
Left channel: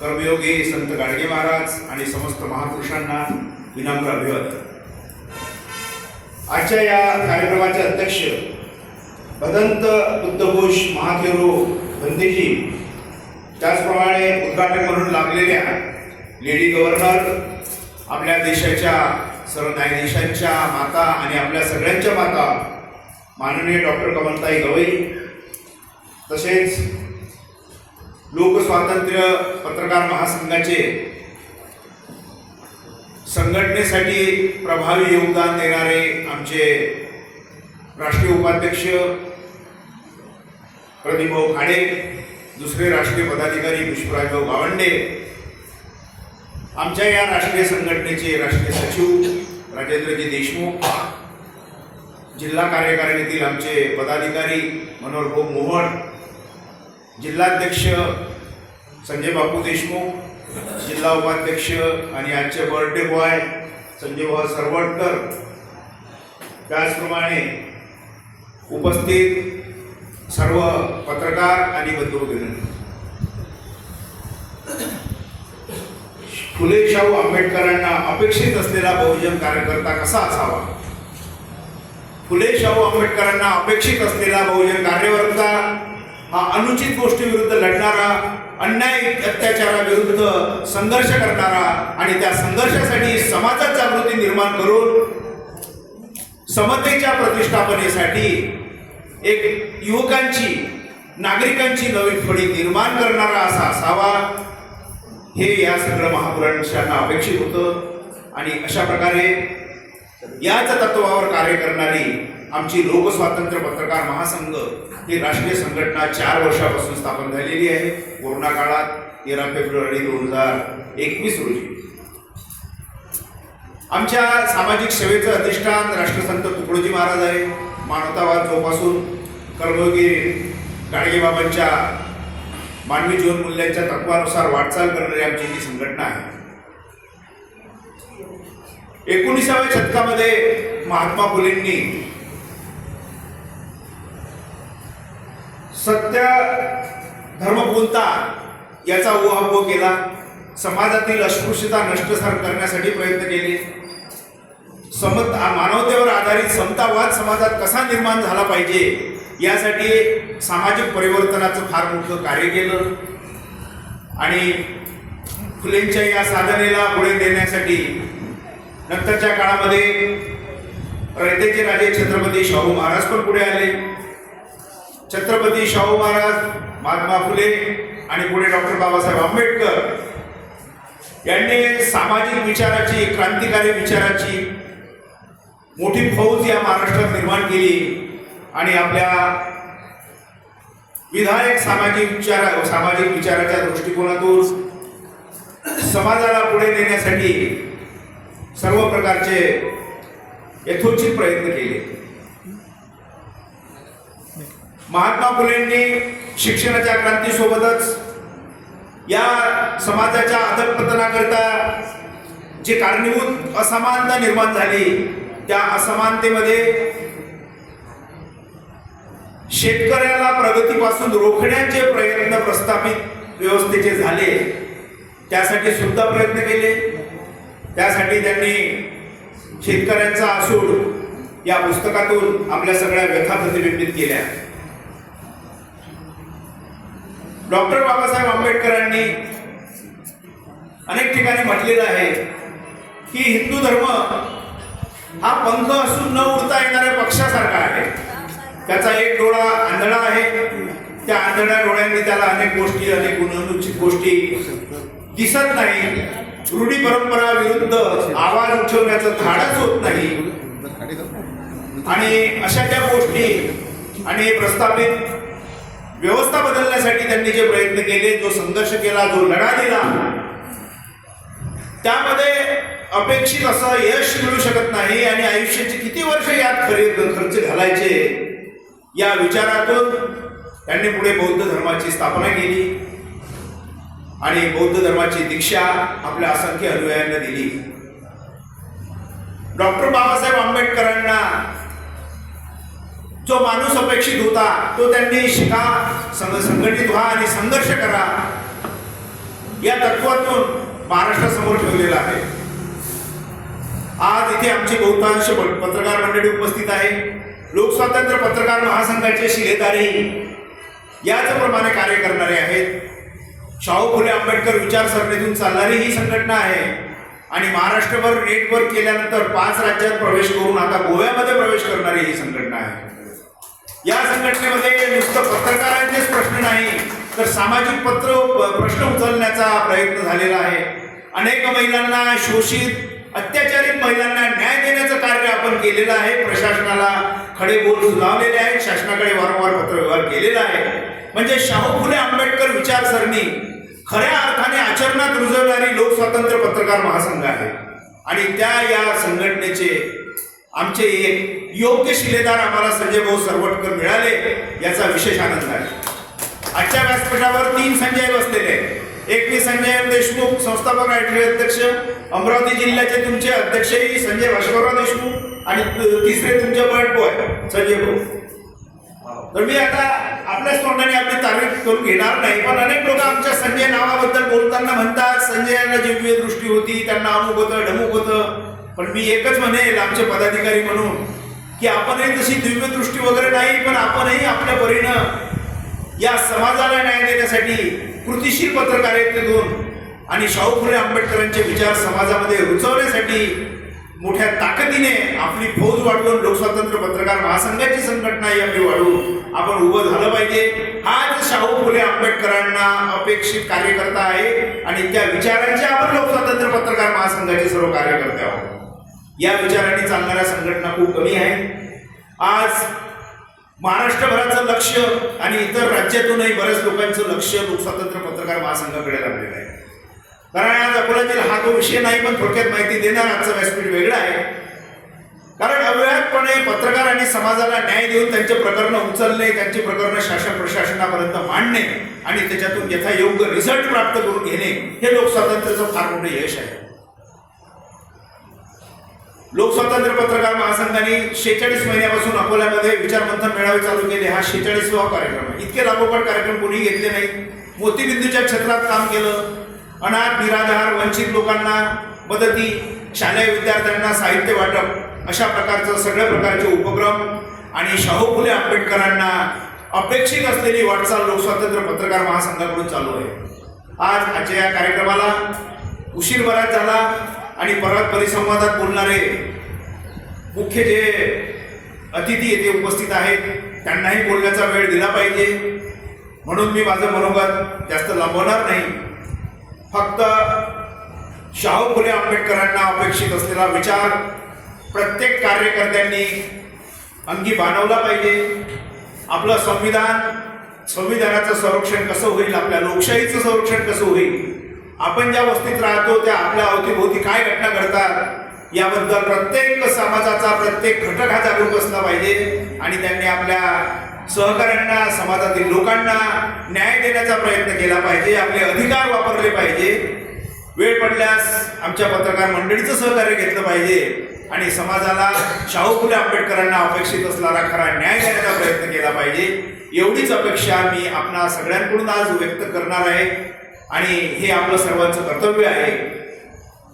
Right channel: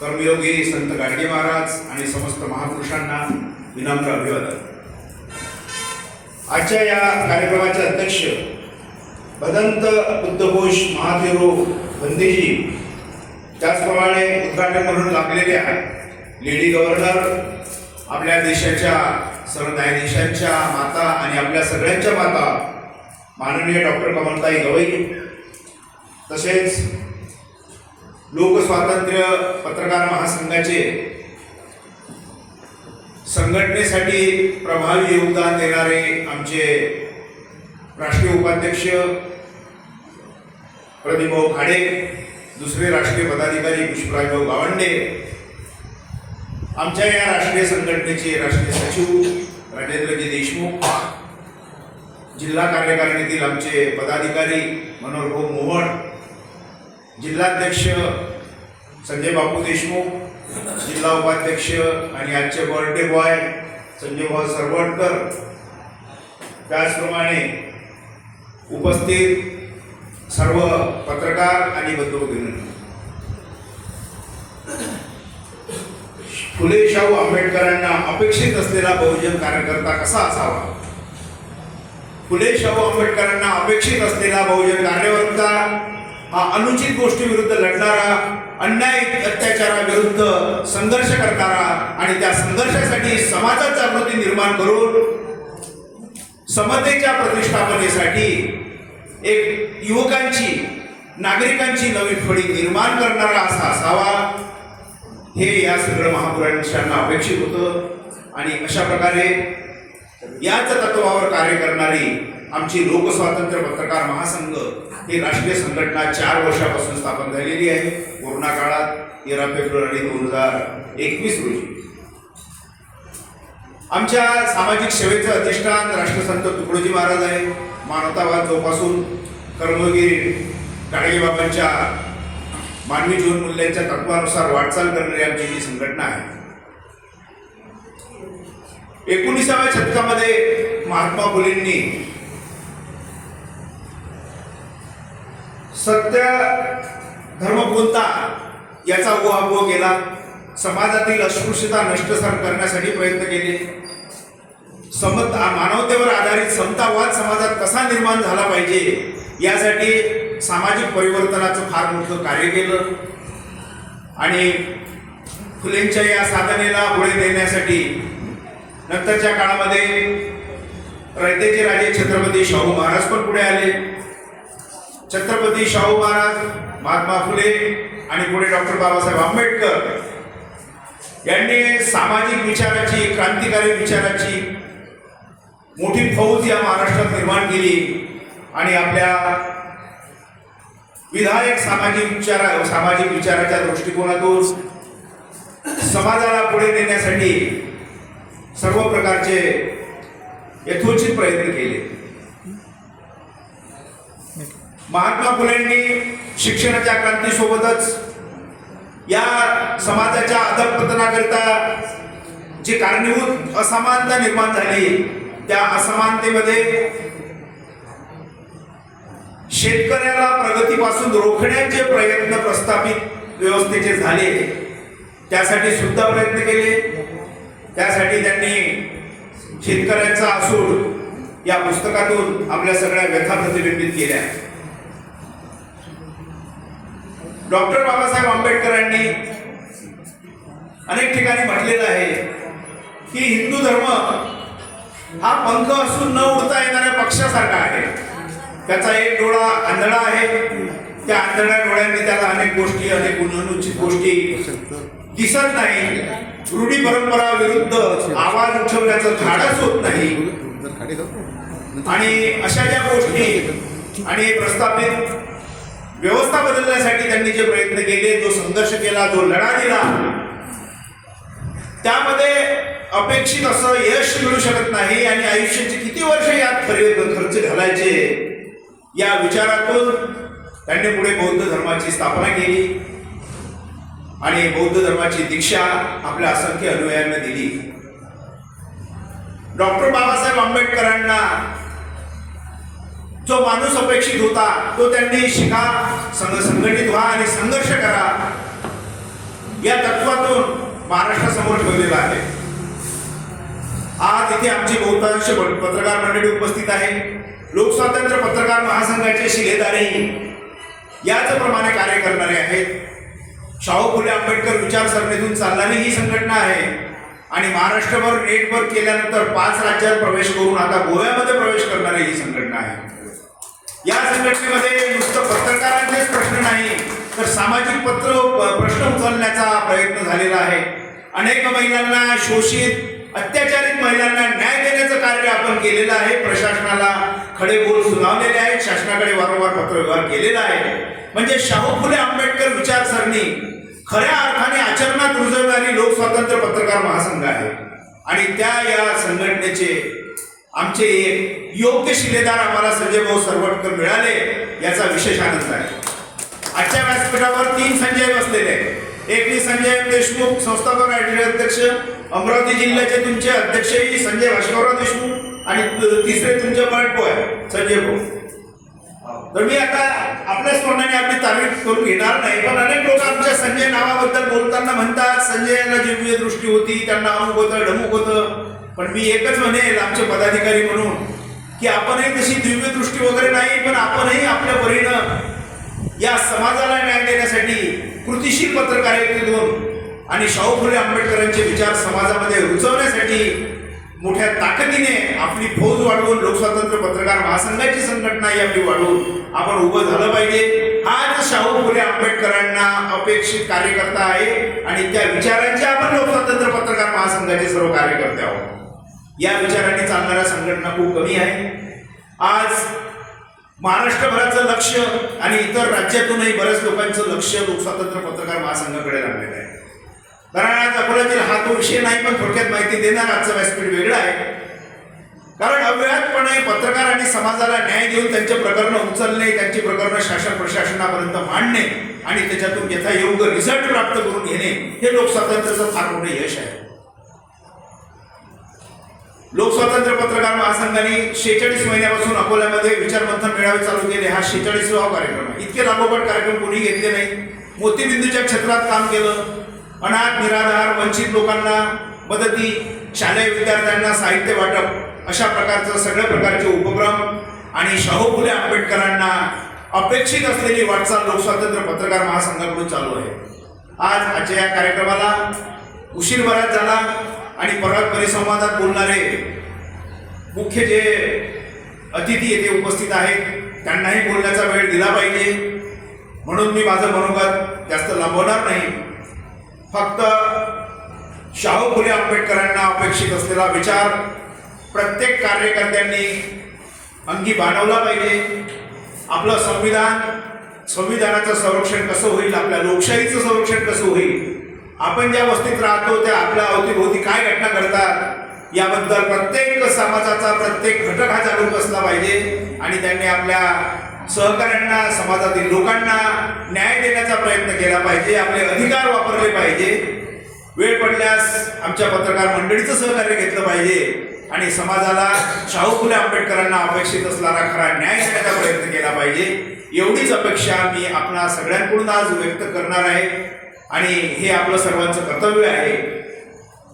कर्मयोगी संत गाडगे महाराज आणि समस्त महापुरुषांना विनम्र अभिवादन. आजच्या या कार्यक्रमाचे अध्यक्ष भदंत बुद्धघोष महाथेरो बंदेजी, त्याचप्रमाणे उद्घाटन म्हणून लागलेल्या लेडी गव्हर्नर, आपल्या देशाच्या सर्व न्यायाधीशांच्या माता आणि आपल्या सगळ्यांच्या माता माननीय डॉक्टर कमलताई गवई, तसेच लोकस्वातंत्र्य पत्रकार महासंघाचे संघटनेसाठी प्रभावी योगदान देणारे आमचे राष्ट्रीय उपाध्यक्ष प्रदीपभाऊ खाडे, दुसरे राष्ट्रीय पदाधिकारी पुष्पराजभाऊ गावंडे, आमच्या या राष्ट्रीय संघटनेचे राष्ट्रीय सचिव राजेंद्रजी देशमुख, जिल्हा कार्यकारिणीतील आमचे पदाधिकारी मनोहरभाऊ मोहन, जिल्हाध्यक्ष संजय बापू देशमुख, जिल्हा उपाध्यक्ष आणि आजचे बर्थडे बॉय संजयभाऊ सरवटकर, त्याचप्रमाणे उपस्थित सर्व पत्रकार आणि बंधू-भगिनी, फुले शाहू आंबेडकरांना अपेक्षित असलेला बहुजन कार्यकर्ता कसा असावा? फुले शाहू आंबेडकरांना अपेक्षित असलेला बहुजन कार्यकर्ता हा अनुचित गोष्टीविरुद्ध लढणारा, अन्याय अत्याचाराविरुद्ध संघर्ष करणारा आणि त्या संघर्षासाठी समाजात जागृती निर्माण करून समतेच्या प्रतिष्ठापनेसाठी एक युवकांची, नागरिकांची नवी फळी निर्माण करणारा असा असावा, हे या सगळ्या महापुरुषांना अपेक्षित होतं. आणि अशा प्रकारे याच तत्वावर कार्य करणारी आमची लोकस्वातंत्र्य पत्रकार महासंघ ही राष्ट्रीय संघटना 4 वर्षापासून स्थापन झालेली आहे. कोरोना काळात 13 फेब्रुवारी 2021 रोजी आमच्या सामाजिक सेवेचं अधिष्ठान राष्ट्रसंत तुकडोजी महाराज आहे. मानवतावाद जोपासून कर्मयोगी गाडगेबाबांच्या मानवी जीवन मूल्यांच्या तत्वानुसार वाटचाल करणारी आमची ही संघटना आहे. 19व्या शतकामध्ये महात्मा फुलेंनी सत्य धर्मपूर्णता याचा उहापोह केला, समाजातील अस्पृश्यता नष्ट करण्यासाठी प्रयत्न केले, मानवतेवर आधारित समतावाद समाजात कसा निर्माण झाला पाहिजे यासाठी सामाजिक परिवर्तनाचं फार मोठं कार्य केलं. आणि फुलेंच्या या साधनेला पुढे नेण्यासाठी नंतरच्या काळामध्ये रयतेचे राजे छत्रपती शाहू महाराज पण पुढे आले. छत्रपती शाहू महाराज, महात्मा फुले आणि पुढे डॉक्टर बाबासाहेब आंबेडकर यांनी सामाजिक विचाराची, क्रांतिकारी विचाराची मोठी फौज या महाराष्ट्रात निर्माण केली आणि आपल्या विधायक सामाजिक विचाराच्या दृष्टिकोनातून समाजाला पुढे नेण्यासाठी सर्व प्रकारचे यथोचित प्रयत्न केले. महात्मा फुलेंनी शिक्षणाच्या क्रांतीसोबतच या समाजाच्या अधःपतनाकरिता जी कारणीभूत असमानता निर्माण झाली त्या असमानतेमध्ये शेतकऱ्याला प्रगतीपासून रोखण्याचे प्रयत्न प्रस्थापित व्यवस्थेचे झाले, त्यासाठी सुद्धा प्रयत्न केले. त्यासाठी त्यांनी शेतकऱ्यांचा आसूड या पुस्तकातून आपल्या सगळ्या व्यथा प्रतिबिंबित केल्या. डॉक्टर बाबासाहेब आंबेडकरांनी अनेक ठिकाणी म्हटलेलं आहे की हिंदू धर्म हा पंख असून न उडता येणाऱ्या पक्षासारखा आहे. त्याचा एक डोळा आंधळा आहे, त्या आंधळ्या डोळ्यांनी त्याला अनेक गोष्टी, अनेक अनुचित गोष्टी दिसत नाही. रूढी परंपरा विरुद्ध आवाज उठवण्याचं धाडस होत नाही. आणि अशा ज्या गोष्टी आणि प्रस्थापित व्यवस्था बदलण्यासाठी त्यांनी जे प्रयत्न केले, जो संघर्ष केला, जो लढा दिला, त्यामध्ये अपेक्षित असं यश मिळू शकत नाही आणि आयुष्याचे किती वर्ष यात खर्च घालायचे या विचारातून त्यांनी पुढे बौद्ध धर्माची स्थापना केली आणि बौद्ध धर्माची दीक्षा आपल्या असंख्य अनुयायांना दिली. डॉक्टर बाबासाहेब आंबेडकरांना जो माणूस अपेक्षित होता तो त्यांनी शिका, संघटित व्हा आणि संघर्ष करा या तत्वातून महाराष्ट्रासमोर ठेवलेला आहे. आज इथे आमची बहुतांश पत्रकार मंडळी उपस्थित आहे. लोकस्वातंत्र्य पत्रकार महासंघाचे शिलेदारही याच प्रमाणे कार्य करणारे आहेत. शाहू फुले आंबेडकर विचारसरणीतून चालणारी ही संघटना आहे आणि महाराष्ट्रभर नेटवर केल्यानंतर 5 राज्यात प्रवेश करून आता गोव्यामध्ये प्रवेश करणारी ही संघटना आहे. या संघटनेमध्ये नुसतं पत्रकारांचेच प्रश्न नाही तर सामाजिक प्रश्न उचलण्याचा प्रयत्न झालेला आहे. अनेक महिलांना, शोषित अत्याचारित महिलांना न्याय देण्याचं कार्य आपण केलेलं आहे. प्रशासनाला खडे बोल सुनावलेले आहेत, शासनाकडे वारंवार पत्रव्यवहार केलेला आहे. म्हणजे शाहू फुले आंबेडकर विचारसरणी खऱ्या अर्थाने आचरणात रुजवणारी लोकस्वातंत्र्य पत्रकार महासंघ आहे आणि त्या या संघटनेचे आमचे एक योग्य शिलेदार आम्हाला संजय भाऊ सरवटकर मिळाले याचा विशेष आनंद आहे. आजच्या व्यासपीठावर 3 संजय बसलेले आहेत. एक मी संजय देशमुख, संस्थापक राष्ट्रीय अध्यक्ष, अमरावती जिल्ह्याचे तुमचे अध्यक्षही संजय भास्करराव देशमुख आणि तिसरे तुमचे पलटो आहे संजय भाऊ. तर मी आता आपल्याच तोंडाने आपली तारीफ करून घेणार नाही, पण अनेक लोक आमच्या संजय नावाबद्दल बोलताना म्हणतात संजयांना दिव्य दृष्टी होती, त्यांना अमुक होतं, ढमुक होतं. पण मी एकच म्हणेल आमचे पदाधिकारी म्हणून की आपणही तशी दिव्य दृष्टी वगैरे नाही, पण आपणही आपल्या परीनं या समाजाला न्याय देण्यासाठी कृतिशील पत्रकारितेतून आणि शाहू फुले आंबेडकरांचे विचार समाजामध्ये रुजवण्यासाठी मोठ्या ताकदीने आपली फौज वाढवून लोकस्वातंत्र्य पत्रकार महासंघाची संघटना ही आपली वाढवून आपण उभं झालं पाहिजे. हाच शाहू फुले आंबेडकरांना अपेक्षित कार्यकर्ता आहे आणि त्या विचारांचे आपण लोकस्वातंत्र्य पत्रकार महासंघाचे सर्व कार्यकर्ते आहोत. या विचारांनी चालणाऱ्या संघटना खूप कमी आहे. आज महाराष्ट्रभराचं लक्ष आणि इतर राज्यातूनही बऱ्याच लोकांचं लक्ष लोकस्वातंत्र्य पत्रकार महासंघाकडे लागलेलं आहे. कारण आज अकोल्यातील हा तो विषय नाही, पण थोडक्यात माहिती देणार आजचं व्यासपीठ वेगळं आहे. कारण अव्याहतपणे पत्रकार आणि समाजाला न्याय देऊन त्यांचे प्रकरण उचलणे, त्यांची प्रकरणं शासन प्रशासनापर्यंत मांडणे आणि त्याच्यातून याचा योग्य रिझल्ट प्राप्त करून घेणे हे लोकस्वातंत्र्याचं फार मोठं यश आहे. लोकस्वातंत्र्य पत्रकार महासंघाने 46 महिन्यापासून अकोल्यामध्ये विचारमंथन मेळावे चालू केले. हा 46वा कार्यक्रम आहे. इतके लागोपाठ कार्यक्रम कोणी घेतले नाही. मोतीबिंदूच्या क्षेत्रात काम केलं. अनाथ, निराधार, वंचित लोकांना मदती, शालेय विद्यार्थ्यांना साहित्य वाटप अशा प्रकारचं सगळ्या प्रकारचे उपक्रम आणि शाहू फुले आंबेडकरांना अपेक्षित असलेली वाटचाल लोकस्वातंत्र्य पत्रकार महासंघाकडून चालू आहे. आज आजच्या या कार्यक्रमाला उशीर बराच झाला आणि परत परिसंवादात बोलणारे मुख्य जे अतिथी येथे उपस्थित आहेत त्यांनाही बोलण्याचा वेळ दिला पाहिजे, म्हणून मी माझं मनोगत जास्त लांबवणार नाही. फक्त शाहू फुले आंबेडकरांना अपेक्षित असलेला विचार प्रत्येक कार्यकर्त्यांनी अंगी बाणवला पाहिजे. आपलं संविधानाचं संरक्षण कसं होईल, आपल्या लोकशाहीचं संरक्षण कसं होईल, आपण ज्या वस्तीत राहतो त्या आपल्या अवतीभोवती काय घटना घडतात याबद्दल प्रत्येक समाजाचा प्रत्येक घटक हा जागरूक असला पाहिजे आणि त्यांनी आपल्या सहकाऱ्यांना, समाजातील लोकांना न्याय देण्याचा प्रयत्न केला पाहिजे. आपले अधिकार वापरले पाहिजे. वेळ पडल्यास आमच्या पत्रकार मंडळीचं सहकार्य घेतलं पाहिजे आणि समाजाला शाहू फुले आंबेडकरांना अपेक्षित असणारा खरा न्याय देण्याचा प्रयत्न केला पाहिजे. एवढीच अपेक्षा मी आपणा सगळ्यांकडून आज व्यक्त करणार आहे आणि हे आपलं सर्वांचं कर्तव्य आहे.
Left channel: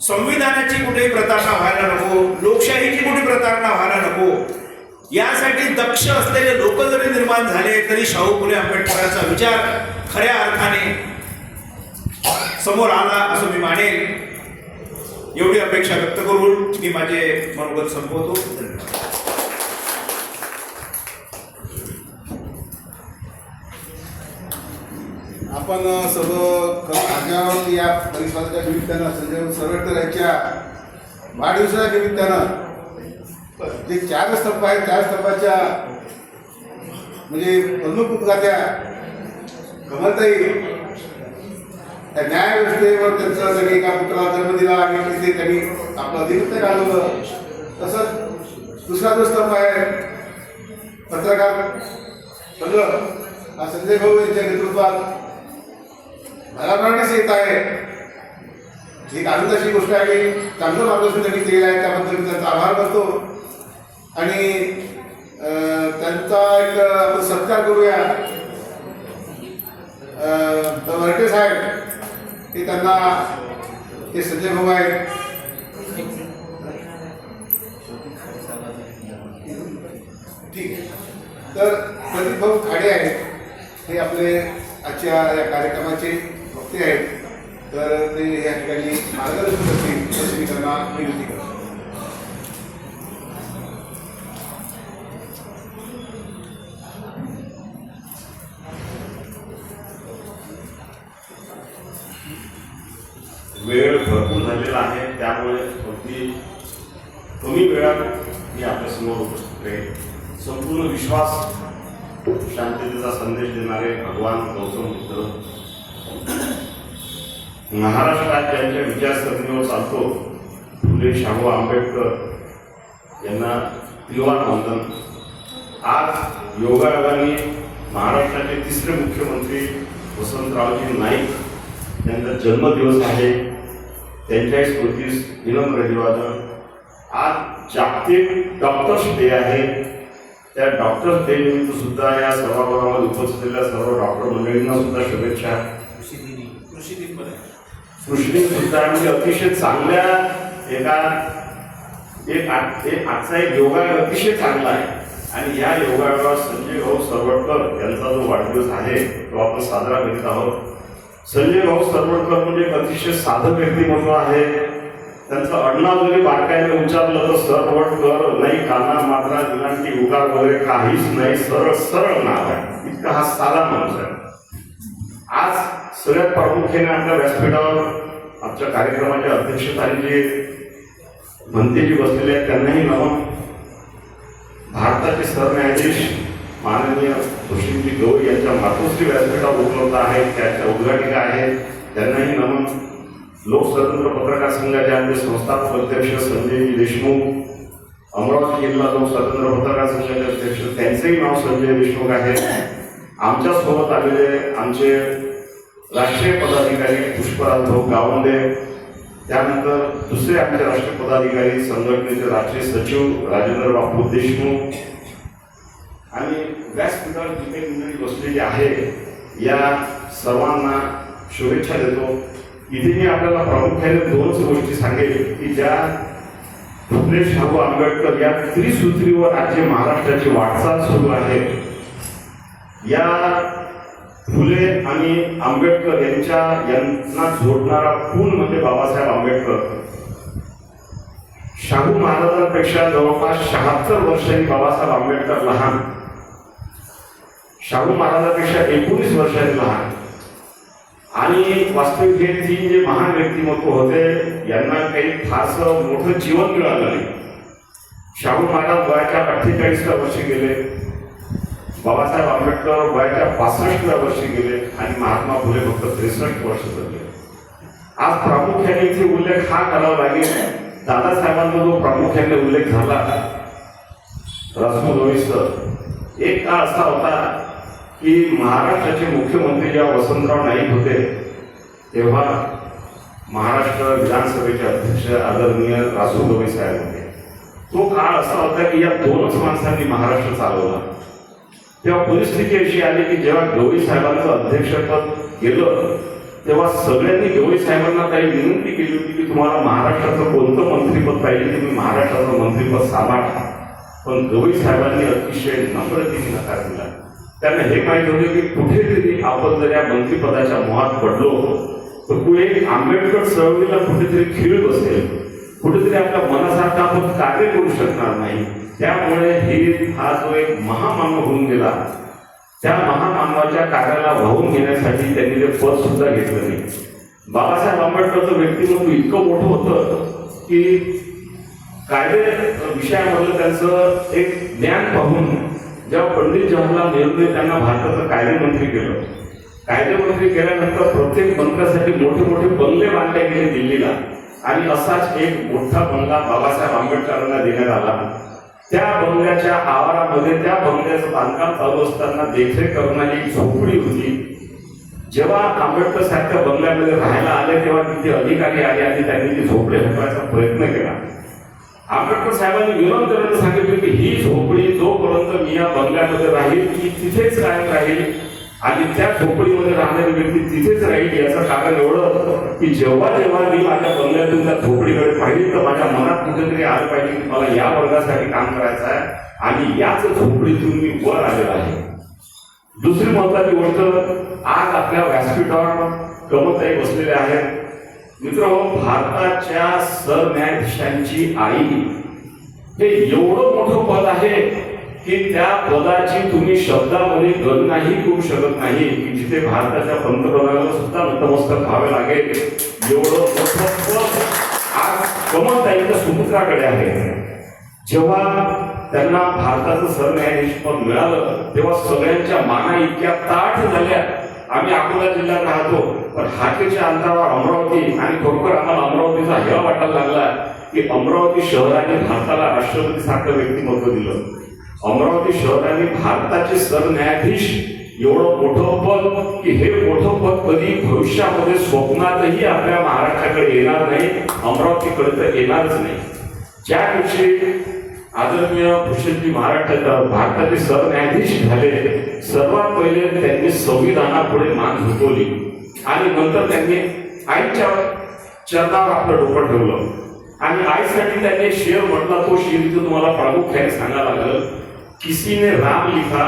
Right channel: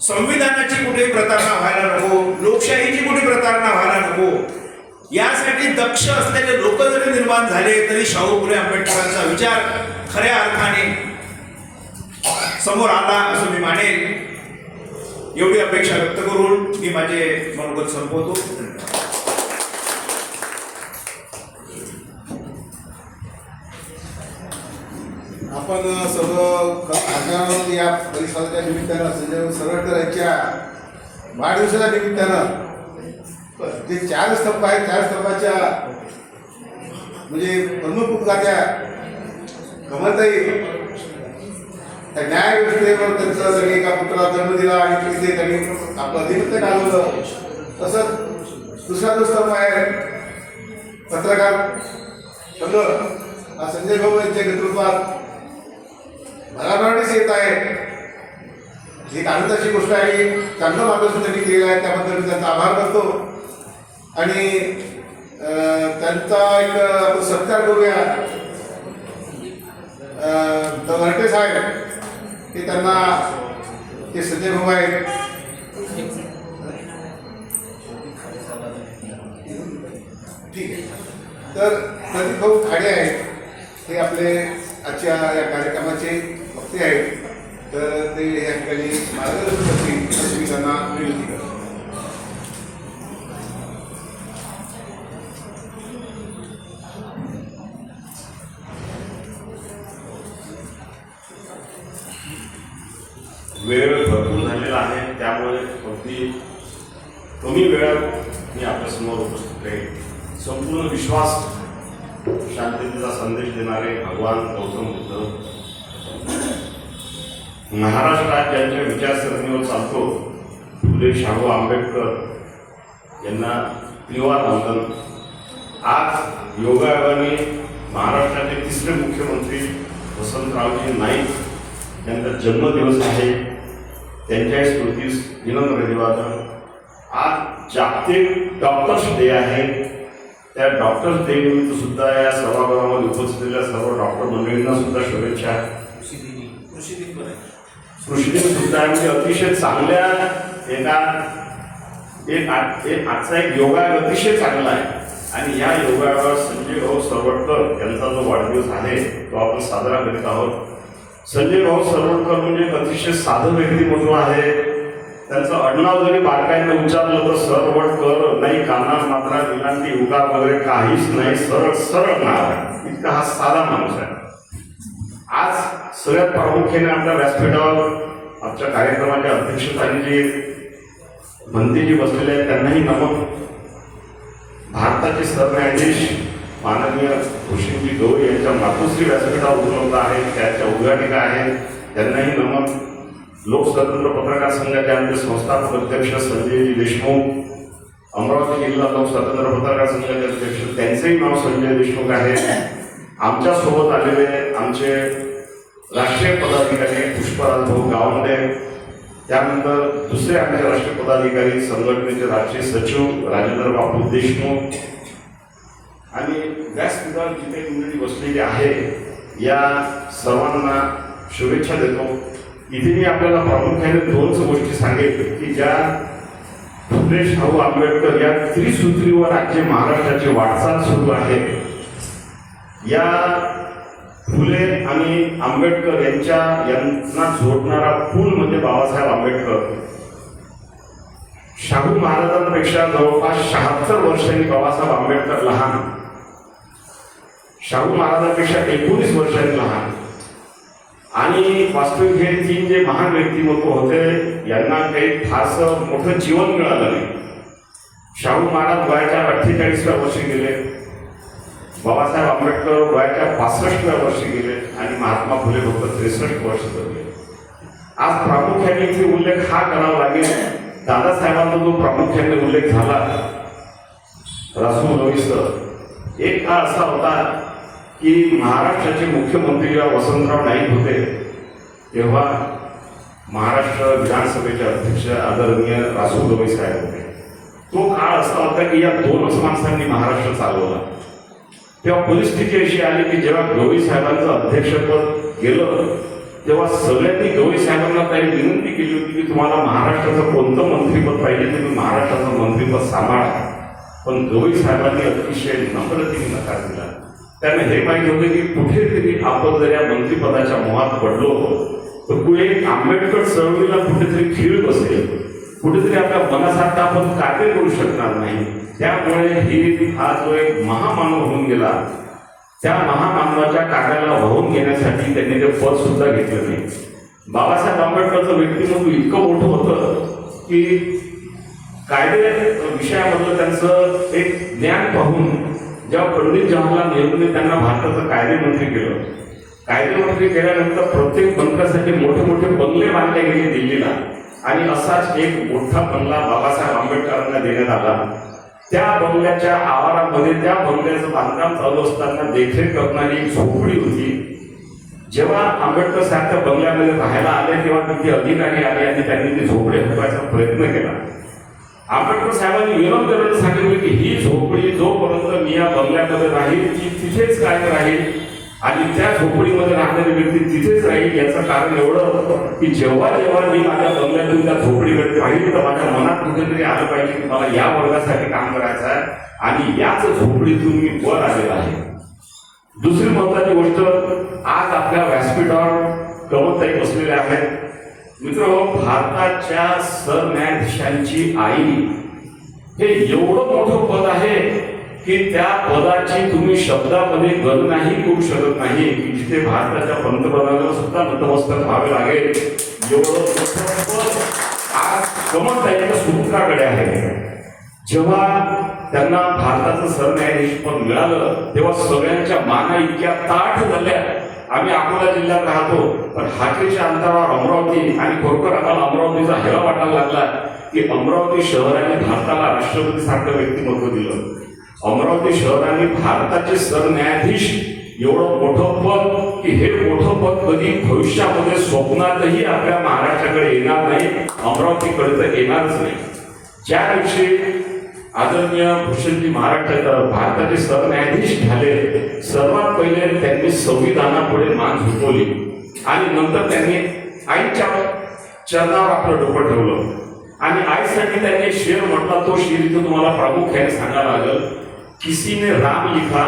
संविधानाची कुठेही प्रतारणा व्हायला नको, लोकशाहीची कुठे प्रतारणा व्हायला नको, यासाठी दक्ष असलेले लोक जरी निर्माण झाले तरी शाहू फुले आंबेडकरांचा विचार खऱ्या अर्थाने समोर आला असं मी मानेल. एवढी अपेक्षा व्यक्त करून मी माझे मनोगत संपवतो. आपण सर्व आज या परिसराच्या निमित्तानं संजय सरवटकर यांच्या वाढदिवसाच्या निमित्तानं जे 4 स्तंभ आहेत 4 स्तंभाच्या म्हणजे प्रमुख उपगात्या कमलताई त्या न्याय व्यवस्थेवर त्यांचं जरी एका पुत्राला जन्म दिला आणि ते त्यांनी आपलं दिनत्य घालवलं. तसंच दुसरा जो स्तंभ आहे पत्रकार संघ हा संजय भाऊ यांच्या नेतृत्वात भराभराटीच येत आहे. एक आनंदाची गोष्ट आहे. चांगलं मार्गदर्शन त्यांनी केलेलं आहे, त्याबद्दल मी त्यांचा आभार करतो. आणि त्यांचा एक आपण सत्कार करूया. वरटे साहेब ते त्यांना ते संजय भाऊ आहेत. ठीक आहे. तर प्रदीप भाऊ खाडे आहेत, हे आपले आजच्या या कार्यक्रमाचे वक्ते आहेत. तर ते या ठिकाणी मार्गदर्शन करतील असं मी त्यांना विनंती करतो. वेळ भरपूर झालेला आहे, त्यामुळे अगदी कमी वेळात मी आपल्यासमोर उपस्थित राहील. संपूर्ण विश्वास शांततेचा संदेश देणारे भगवान गौतम बुद्ध महाराष्ट्रात ज्यांच्या विचारसरणीवर चालतो, फुले शाहू आंबेडकर यांना त्रिवार वंदन. आज योगायोगाने महाराष्ट्राचे तिसरे मुख्यमंत्री वसंतरावजी नाईक यांचा जन्मदिवस आहे. त्यांच्या स्मृतीस विनम्र अभिवादन. आज जागतिक डॉक्टर्स डे आहे. त्या डॉक्टर्स डे निमित्त सुद्धा या सभागृहामध्ये उपस्थित सर्व डॉक्टर मंडळींना सुद्धा शुभेच्छा. कृषी दिन सुद्धा म्हणजे अतिशय चांगल्या आजचा एक योगा अतिशय चांगला आहे. आणि या योगावर संजय भाऊ सरवटकर यांचा जो वाढदिवस आहे तो आपण साजरा करीत आहोत. संजय भाऊ सरवटकर म्हणजे एक अतिशय साधं व्यक्तिमत्व आहे. त्यांचं आडनाव जरी बारकाईने उच्चारलं तर सरवटकर नाही, काना मात्रा विलांटी उकार वगैरे काहीच नाही, सरळ सरळ नाव आहे. इतका हा साधा माणूस आहे. आज सगळ्यात प्रामुख्याने आपल्या व्यासपीठावर आजच्या कार्यक्रमाच्या अध्यक्षस्थानी जे मंत्रीजी बसलेले आहेत त्यांनाही नमन. भारताचे सरन्यायाधीश माननीय भूषणजी गौरी यांच्या मातोश्री व्यासपीठावर उपलब्ध आहेत, त्याच्या उद्घाटिका आहेत, त्यांनाही नमन. लोकस्वतंत्र पत्रकार संघाचे आमचे संस्थापक अध्यक्ष संजयजी देशमुख, अमरावती जिल्हा लोकस्वतंत्र पत्रकार संघाचे अध्यक्ष त्यांचेही नाव संजय देशमुख आहे. आमच्यासोबत आलेले आमचे राष्ट्रीय पदाधिकारी पुष्पराज भाऊ गावंडे, त्यानंतर दुसरे आमचे राष्ट्रीय पदाधिकारी संघटनेचे राष्ट्रीय सचिव राजेंद्र बापू देशमुख आणि व्यासपीठावर जिथे मंडळी बसलेली आहे या सर्वांना शुभेच्छा देतो. इथे मी आपल्याला प्रामुख्याने दोनच गोष्टी सांगेल की ज्या फुले शाहू आंबेडकर या त्रिसूत्रीवर आज जे महाराष्ट्राची वाटचाल सुरू आहे, या फुले आणि आंबेडकर यांना जोडणारा पूल म्हणजे बाबासाहेब आंबेडकर. शाहू महाराजांपेक्षा जवळपास 76 वर्षांनी बाबासाहेब आंबेडकर लहान, शाहू महाराजांपेक्षा 19 वर्षांनी लहान. आणि वास्तविक हे तीन जे महान व्यक्तिमत्व होते यांना काही फारसं मोठं जीवन मिळालं नाही. शाहू महाराज वयाच्या 48व्या वर्षी गेले, बाबासाहेब आंबेडकर वयाच्या 65व्या वर्षी गेले आणि महात्मा फुले फक्त 63 वर्ष जगले. आज प्रामुख्याने इथे उल्लेख हा करावा लागेल, दादासाहेबांचा जो प्रामुख्याने उल्लेख झाला राष्ट्रभविष्य, एक काळ असा होता की महाराष्ट्राचे मुख्यमंत्री जेव्हा वसंतराव नाईक होते तेव्हा महाराष्ट्र विधानसभेचे अध्यक्ष आदरणीय रासूगवई साहेब होते. तो काळ असा होता की या दोनच माणसांनी महाराष्ट्र चालवला. तेव्हा परिस्थिती अशी आली की जेव्हा गवई साहेबांचं अध्यक्षपद गेलं तेव्हा सगळ्यांनी गवई साहेबांना काही विनंती केली होती की तुम्हाला महाराष्ट्राचं कोणतं मंत्रिपद पाहिजे तुम्ही महाराष्ट्राचं मंत्रिपद सांभाळा. पण गवई साहेबांनी अतिशय नम्रतेने नकार दिला. त्यांना हे माहिती होते की कुठेतरी आपण जर या मंत्रिपदाच्या मोहात पडलो तर पुढे आंबेडकर चळवळीला कुठेतरी खीळ बसेल, कुठेतरी आपल्या मनासारखं आपण कार्य करू शकणार नाही. त्यामुळे हा जो एक महामानव होऊन गेला त्या महामानवाच्या कार्याला वाहून घेण्यासाठी त्यांनी ते पद सुद्धा घेतलं नाही. बाबासाहेब आंबेडकरचं व्यक्तिमत्व इतकं मोठं होतं की कायदे विषयामधलं त्यांचं एक ज्ञान पाहून जेव्हा पंडित जवाहरलाल नेहरूने त्यांना भारताचं कायदेमंत्री केलं कायदेमंत्री केल्यानंतर प्रत्येक मंत्र्यासाठी मोठे मोठे बंगले बांधले गेले दिल्लीला, आणि असाच एक मोठा बंगला बाबासाहेब आंबेडकरांना देण्यात आला. त्या बंगल्याच्या आवारामध्ये त्या बंगल्याचं बांधकाम चालू असताना देखरेख करणारी एक झोपडी होती. जेव्हा आंबेडकर सारख्या बंगल्यामध्ये राहायला आले तेव्हा तिथे अधिकारी आले आणि त्यांनी ती झोपडी हटवायचा प्रयत्न केला. आंबेडकर साहेबांनी विरोध करायला सांगितले की ही झोपडी जोपर्यंत मी या बंगल्यामध्ये राहील ती तिथेच कायम राहील आणि त्या झोपडीमध्ये राहणारी व्यक्ती तिथेच राहील. याचं कारण एवढं की जेव्हा जेव्हा मी माझ्या बंगल्यातून त्या झोपडीकडे पाहिजे तर माझ्या मनात कुठेतरी आलं पाहिजे की मला या वर्गासाठी काम करायचं आहे आणि याच झोपडीतून मी वर आलेला आहे. दुसरी महत्वाची गोष्ट, आज आपल्या व्यासपीठावर कमलताई बसलेले आहेत. मित्रांनो, भारताच्या सरन्यायाधीशांची आई हे एवढं मोठं पद आहे की त्या पदाची तुम्ही शब्दामध्ये गणनाही करू शकत नाही की जिथे भारताच्या पंतप्रधानाला सुद्धा नतमस्तक व्हावे लागेल एवढं मोठं पद आज कमलताईच्या सुपुत्राकडे आहे. जेव्हा त्यांना भारताचं सरन्यायाधीश पद मिळालं तेव्हा सगळ्यांच्या माना इतक्या ताठ झाल्या. आम्ही अकोला जिल्ह्यात राहतो, पण हाकेच्या अंतरावर अमरावती, आणि खरोखर आम्हाला अमरावतीचा हेवा वाटायला लागला की अमरावती शहराने भारताला राष्ट्रपती सारखं व्यक्तिमत्व दिलं. अमरावती शहराने भारताचे सरन्यायाधीश एवढं मोठं पद की हे मोठं पद कधी भविष्यामध्ये स्वप्नातही आपल्या महाराष्ट्राकडे येणार नाही, अमरावतीकडे तर येणारच नाही. ज्या दिवशी आदरणीय भूषणजी भारताचे सरन्यायाधीश झाले, सर्वात पहिले त्यांनी संविधानापुढे मान झुकवली आणि नंतर त्यांनी आईच्या चरणावर आपलं डोकं ठेवलं आणि आईसाठी त्यांनी शेर म्हटला. तो शेर इथं तुम्हाला प्रामुख्याने सांगायला लागलं. किसी ने राम लिखा,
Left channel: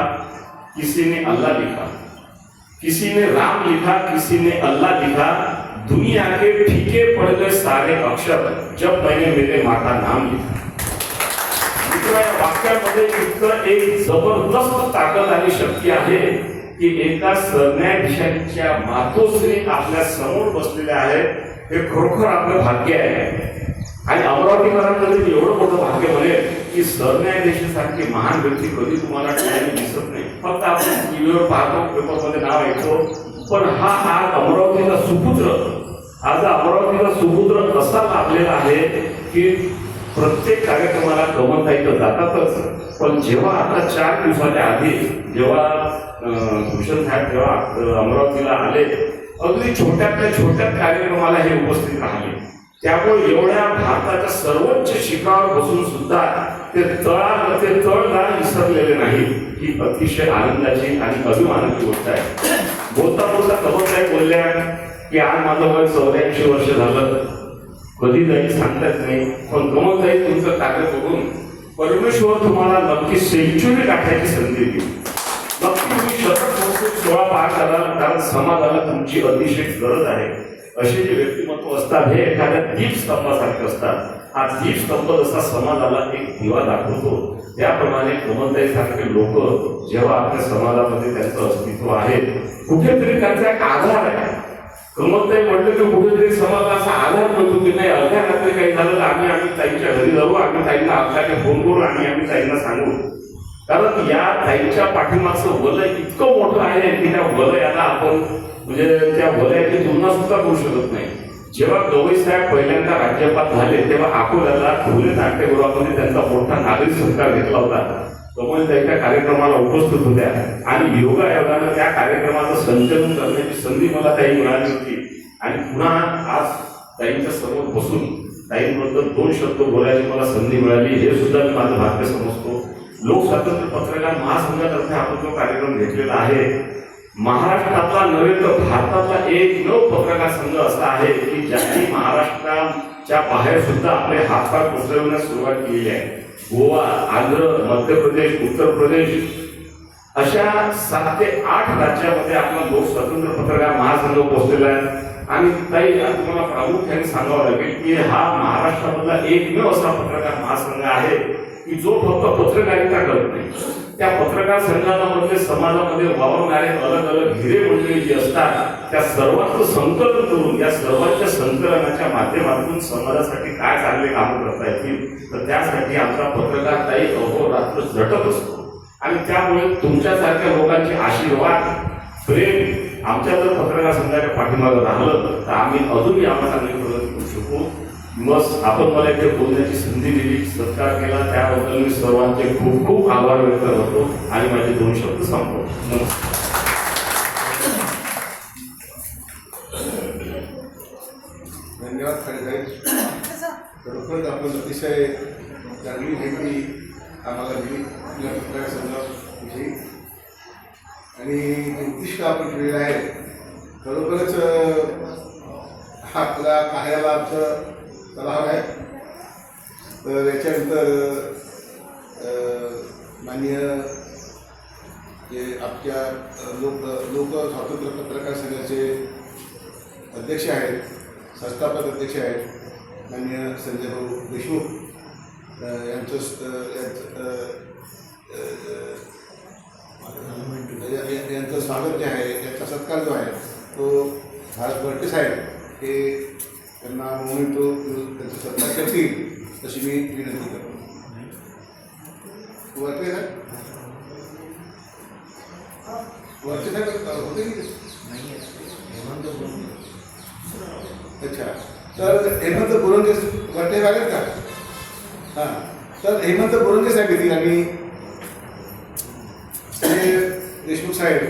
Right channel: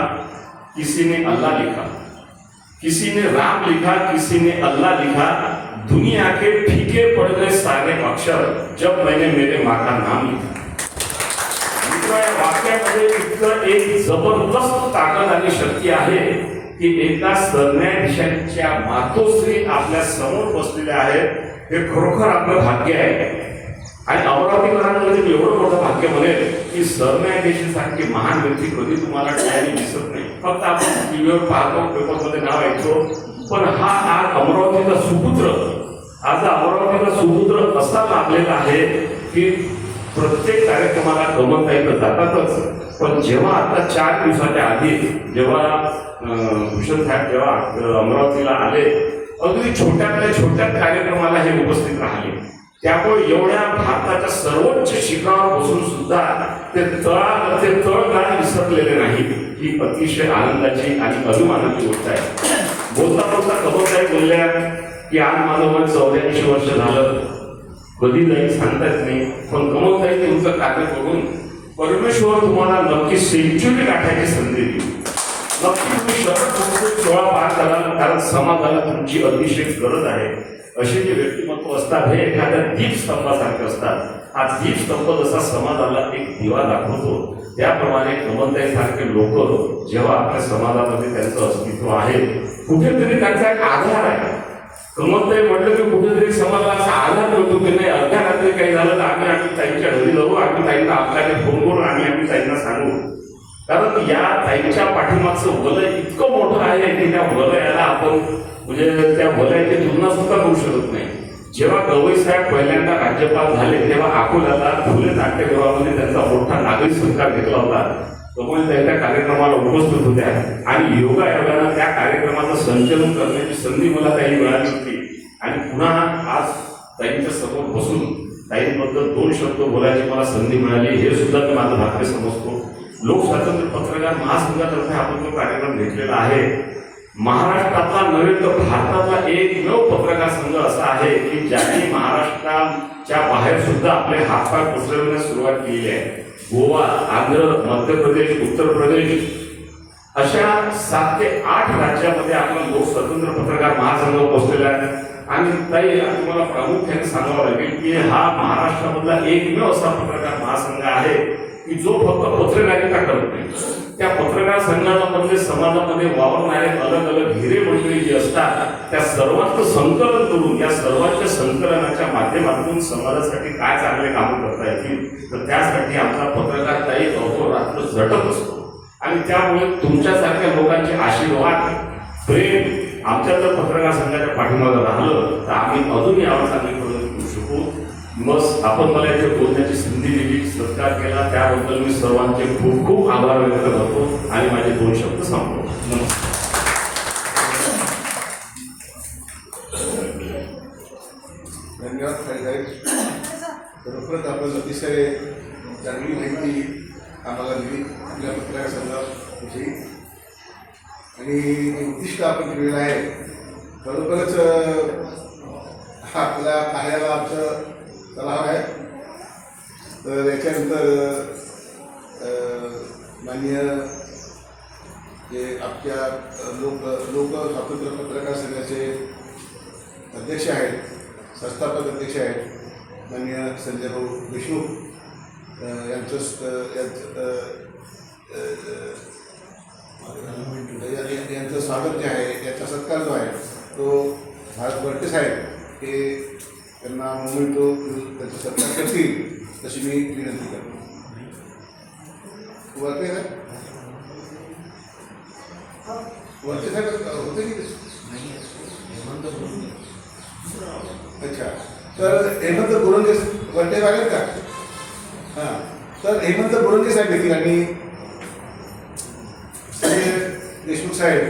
किसी ने अल्लाह लिखा, किसी ने राम लिखा, किसी ने अल्लाह लिखा, दुनिया के फीके पड़ गए सारे अक्षर जब मैंने मेरे माँ का नाम लिखा. वाक्यामध्ये इतकं एक जबरदस्त ताकद आणि शक्ती आहे की एकदा सरन्यायाधीशांच्या मातोश्री आपल्या समोर बसलेल्या आहेत. हे खरोखर आपलं भाग्य आहे आणि अमरावतीकरांमध्ये एवढं मोठं भाग्य बनेल की सरन्यायाधीशांसारखी महान व्यक्ती कधी तुम्हाला डोळ्यांनी दिसत नाही. फक्त आपण टीव्हीवर पाहतो, पेपरमध्ये नाव ऐकतो, पण हा आज अमरावतीचा सुपुत्र, आज अमरावतीचा सुपुत्र असा लाभलेला आहे की प्रत्येक कार्यक्रमाला कमलताई तर जातातच, पण जेव्हा आता 4 दिवसाच्या आधी जेव्हा भूषण साहेब जेव्हा अमरावतीला आले, अगदी छोट्यातल्या छोट्या कार्यक्रमाला हे उपस्थित राहिले. त्यामुळे एवढ्या भारताच्या सर्वोच्च शिखरावर बसून सुद्धा ते तळगाळ विसरलेले नाही. ही अतिशय आनंदाची आणि अभिमानाची गोष्ट आहे. बोलता बोलता कमलताई बोलल्या की आज माझं वय 84 वर्ष झालं, कधी जाईल सांगतात नाही, पण कमलताई तुमचं कार्य करून परमेश्वर तुम्हाला नक्की सेंच्युरी गाठायची संधी देईल. नक्की तुम्ही शरद सोळा पार कराल, कारण समाजाला तुमची अतिशय गरज आहे. असे जे व्यक्तिमत्व असतात हे एखाद्या दीपस्तंभासारखे असतात. हा दीपस्तंभ जसा समाजाला एक दिवा दाखवतो, त्याप्रमाणे कमलताई सारखे लोक जेव्हा आपल्या समाजामध्ये त्यांचं अस्तित्व आहे, कुठेतरी त्यांचा एक आधार आहे. कमलताई म्हटलं की कुठेतरी समाजाला असा आधार मिळतो की नाही, अर्ध्या रात्री काही झालं तर आम्ही ताईंच्या घरी जाऊ, आम्ही ताईंना आपल्याला फोन करून आम्ही ताईंना सांगू. कारण या ताईंच्या पाठीमागचं वलय इतकं मोठं आहे की त्या वलयाला आपण म्हणजे त्या वलयाची तुलना सुद्धा करू शकत नाही. जेव्हा गवई साहेब पहिल्यांदा राज्यपाल झाले तेव्हा अकोल्याला फुले नाट्यगृहामध्ये त्यांचा मोठा नागरिक सत्कार घेतला होता. कमल त्यांच्या कार्यक्रमाला उपस्थित होत्या आणि योगायोगानं त्या कार्यक्रमाचं संचलन करण्याची संधी मला ताई मिळाली होती. आणि पुन्हा आज ताईंच्या समोर बसून ताईंबद्दल 2 शब्द बोलायची मला संधी मिळाली, हे सुद्धा मी माझं भाग्य समजतो. लोकस्वातंत्र्य पत्रकार महासंघातर्फे आपण जो कार्यक्रम घेतलेला आहे, महाराष्ट्रातला नव्हे तर भारतातला एकमेव पत्रकार संघ असा आहे की ज्यांनी महाराष्ट्राच्या बाहेर सुद्धा आपले हातपाय पसरविण्यास सुरुवात केली आहे. गोवा, आंध्र, मध्य प्रदेश, उत्तर प्रदेश अशा 7 ते 8 राज्यामध्ये आपला लोकस्वातंत्र्य पत्रकार महासंघ पोहोचलेला आहे. आणि ताई तुम्हाला प्रामुख्याने सांगावं लागेल की हा महाराष्ट्रामधला एकमेव असा पत्रकार महासंघ आहे की जो फक्त पत्रकारिता करत नाही. त्या पत्रकार संघामध्ये समाजामध्ये वावरणारे अलग अलग हिरे मंडळी जी असतात त्या सर्वांचं संकलन करून या सर्वांच्या संकलनाच्या माध्यमातून समाजासाठी काय चांगले काम करता येतील तर त्यासाठी आमचा पत्रकार ताई अहोरात्र झटत असतो. आणि त्यामुळे तुमच्यासारख्या लोकांचे आशीर्वाद, प्रेम आमच्या जर पत्रकार संघाच्या पाठीमागे राहिलं तर आम्ही अजूनही आम्हाला चांगली प्रगती करू शकू. बस आपण मला इथे बोलण्याची संधी दिली, सत्कार केला, त्याबद्दल मी सर्वांचे खूप खूप आभार व्यक्त करतो आणि माझे 2 शब्द सांगतो. नमस्कार. धन्यवाद साहेब. खरोखरच आपण अतिशय चांगली माहिती आम्हाला दिली आपल्या पत्रकार संघाविषयी आणि जे उद्दिष्ट आपण ठेवलेलं आहे खरोखरच हा आपल्या कार्याला आमचं सलाह आहे. तर याच्यानंतर माननीय जे आपल्या लोक स्वातंत्र्य पत्रकार संघाचे अध्यक्ष आहेत, संस्थापक अध्यक्ष आहेत माननीय संजय भाऊ देशमुख यांचं स्वागत जे आहे, याचा सत्कार जो आहे तो भारत भरते साहेब ते त्यांना मोमेंटो त्यांचा सत्कार करतील तशी मी विनंती करतो. वरते ना वरते साहेब होते की अच्छा. तर हेमंत बोरंगे वरते लागेल का? हां. तर हेमंत बोरंगे साहेब येतील आणि संजय देशमुख साहेब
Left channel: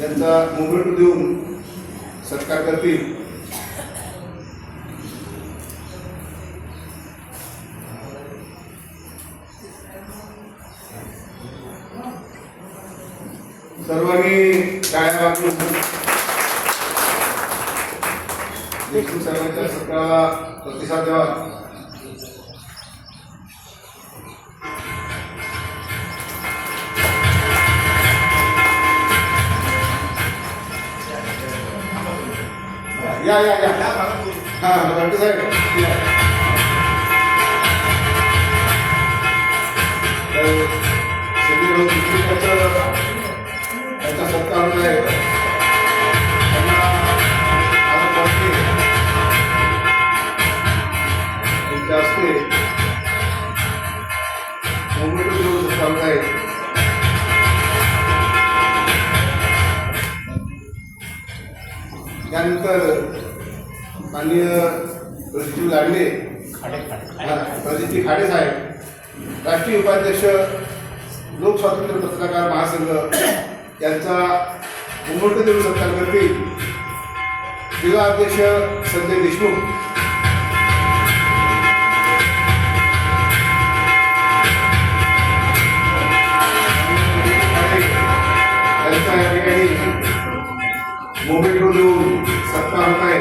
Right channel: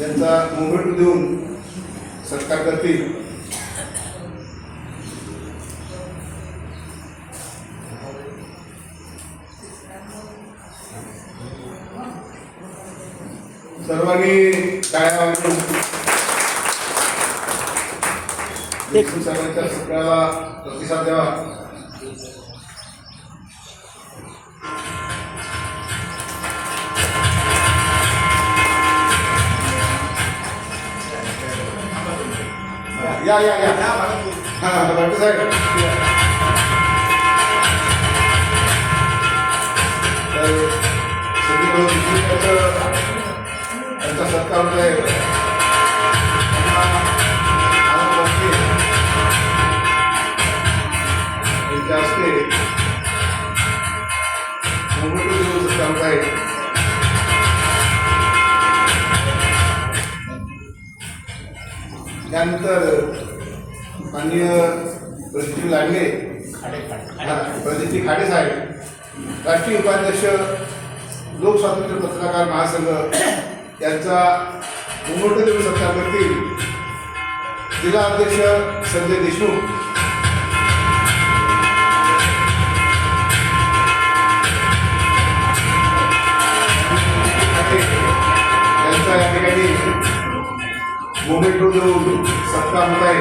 यांचा मोमेंटो देऊन सत्कार करतील. सर्वांनी टाळ्या वाजवून देशमुख साहेबांच्या सत्काराला प्रतिसाद द्यावा. या या या हां भरते साहेब त्यांचा सत्कार होत आहे. त्यांच्या हस्ते मोमेंटो देऊन सत्कार होत आहे. त्यानंतर माननीय प्रदीपजी लाडले प्रदीपजी खाडे साहेब राष्ट्रीय उपाध्यक्ष लोक स्वातंत्र्य पत्रकार महासंघ यांचा मोमेंटो देऊन सत्कार करतील. जिल्हा अध्यक्ष संजय देशमुख यांचा या ठिकाणी मोमेंटो देऊन सत्कार होत आहे.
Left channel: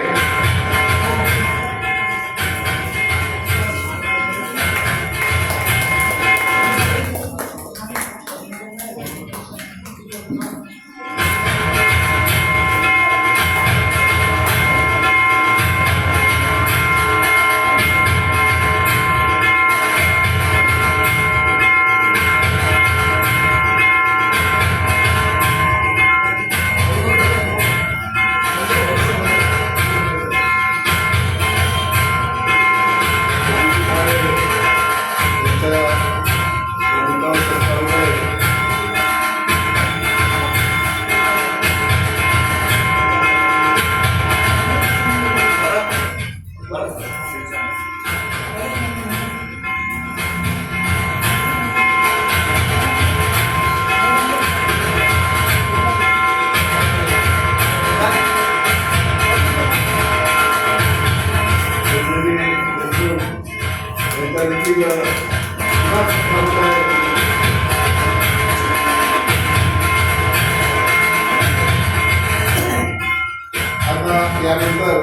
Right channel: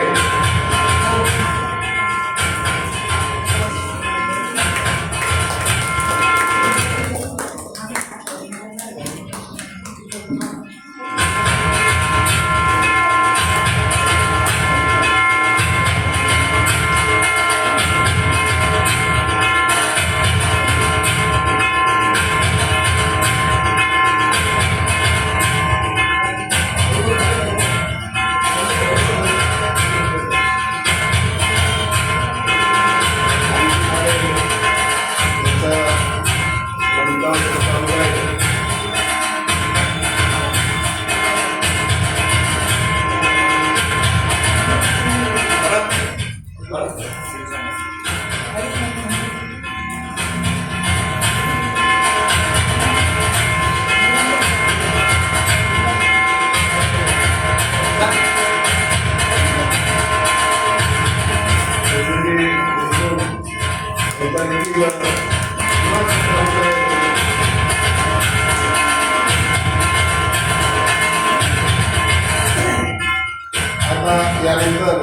आता यानंतर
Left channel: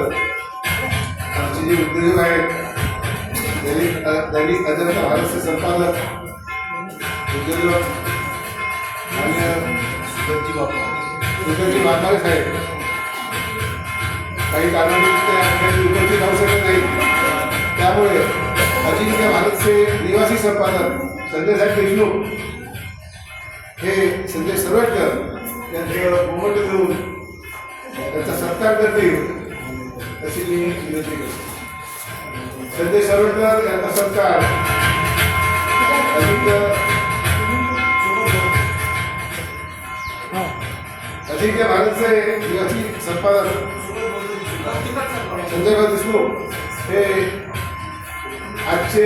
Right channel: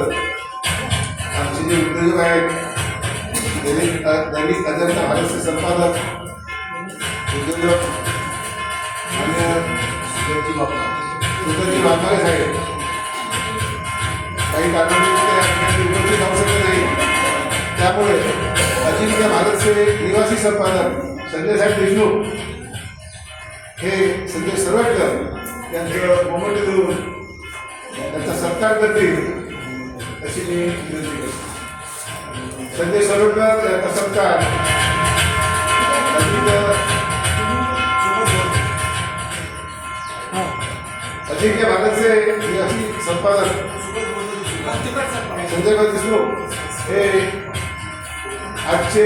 आमचे जे उद्योजक आहेत दैनिक अजंता भारतचे संपादक उद्योजक मान्य सुधरजी वाघमारे साहेब काही कारणांनी उपस्थित राहू शकत नाही. त्यामुळे अजिंक्य भारतचे निवासी संपादक संजय साहेब देशमुख हे संजय सरवटकर यांचं मोमेंटो देऊन त्यांचा सत्कार करतील अशी मी विनंती करतो. संजय सरवटकर यांचा सत्कार अजिंक्य भारतचे संपादक संजय देशमुख हे आजचे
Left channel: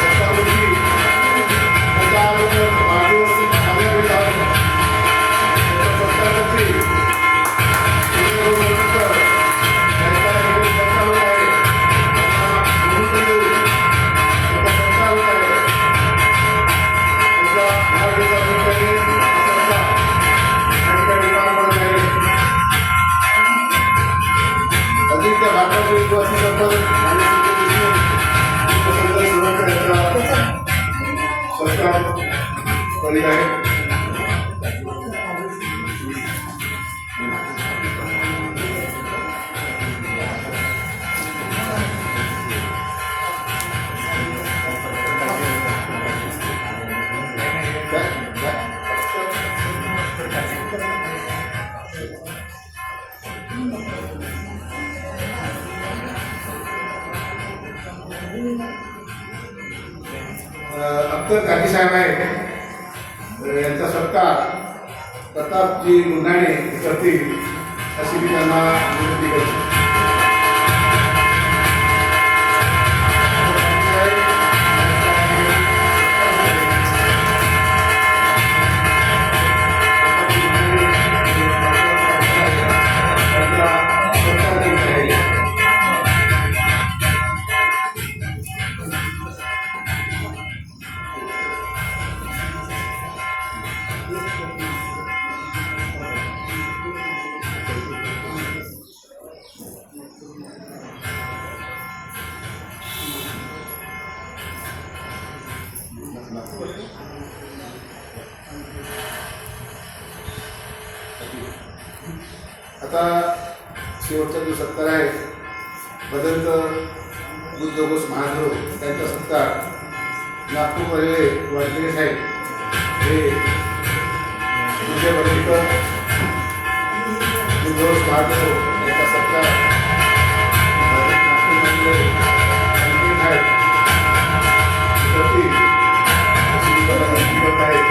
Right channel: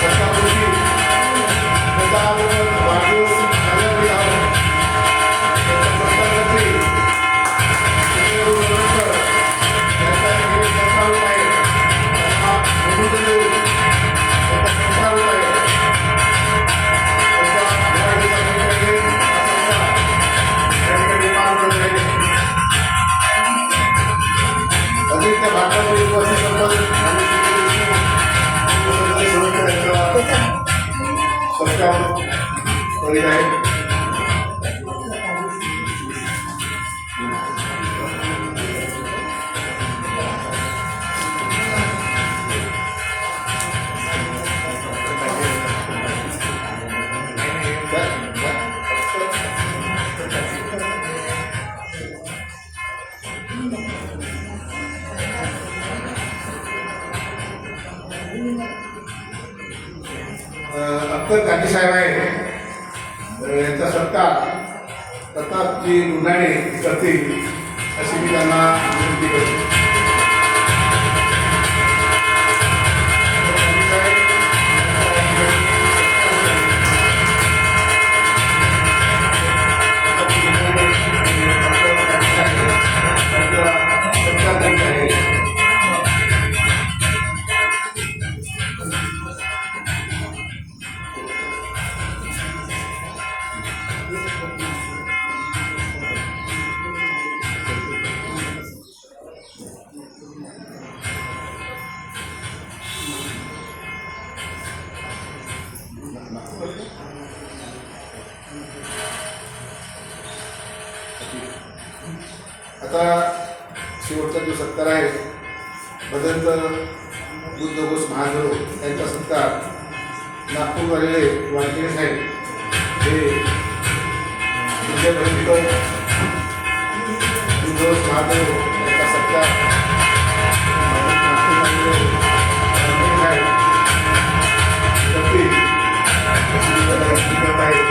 सत्तावृत्ती त्याच्याबरोबर वाढदिवस साजरा करीत आहोत. सत्तावृत्ती त्यांचा एक चालू आहे. अजिंक्य भारताचे विश्वासी संपादक आणि संजय शिवकर यांचा सत्कार करीत आहे. अख्तर काठी साहेब आहे यांचा सत्कार प्रतापजी गुन्हाणे करतील अशी मी त्यांना विनंती करतो. आता शेवटचा जो सत्कार आहे भदंत बुद्धघोष महादेव यांचा सत्कार नागपूर झालेले वारकरी साहेब हे विजय भटकर बुद्धघोष महादेव यांचा सत्कार नागपूर झालेले वारकरी साहेब करतील अशी मी त्याला विनंती करत आहे.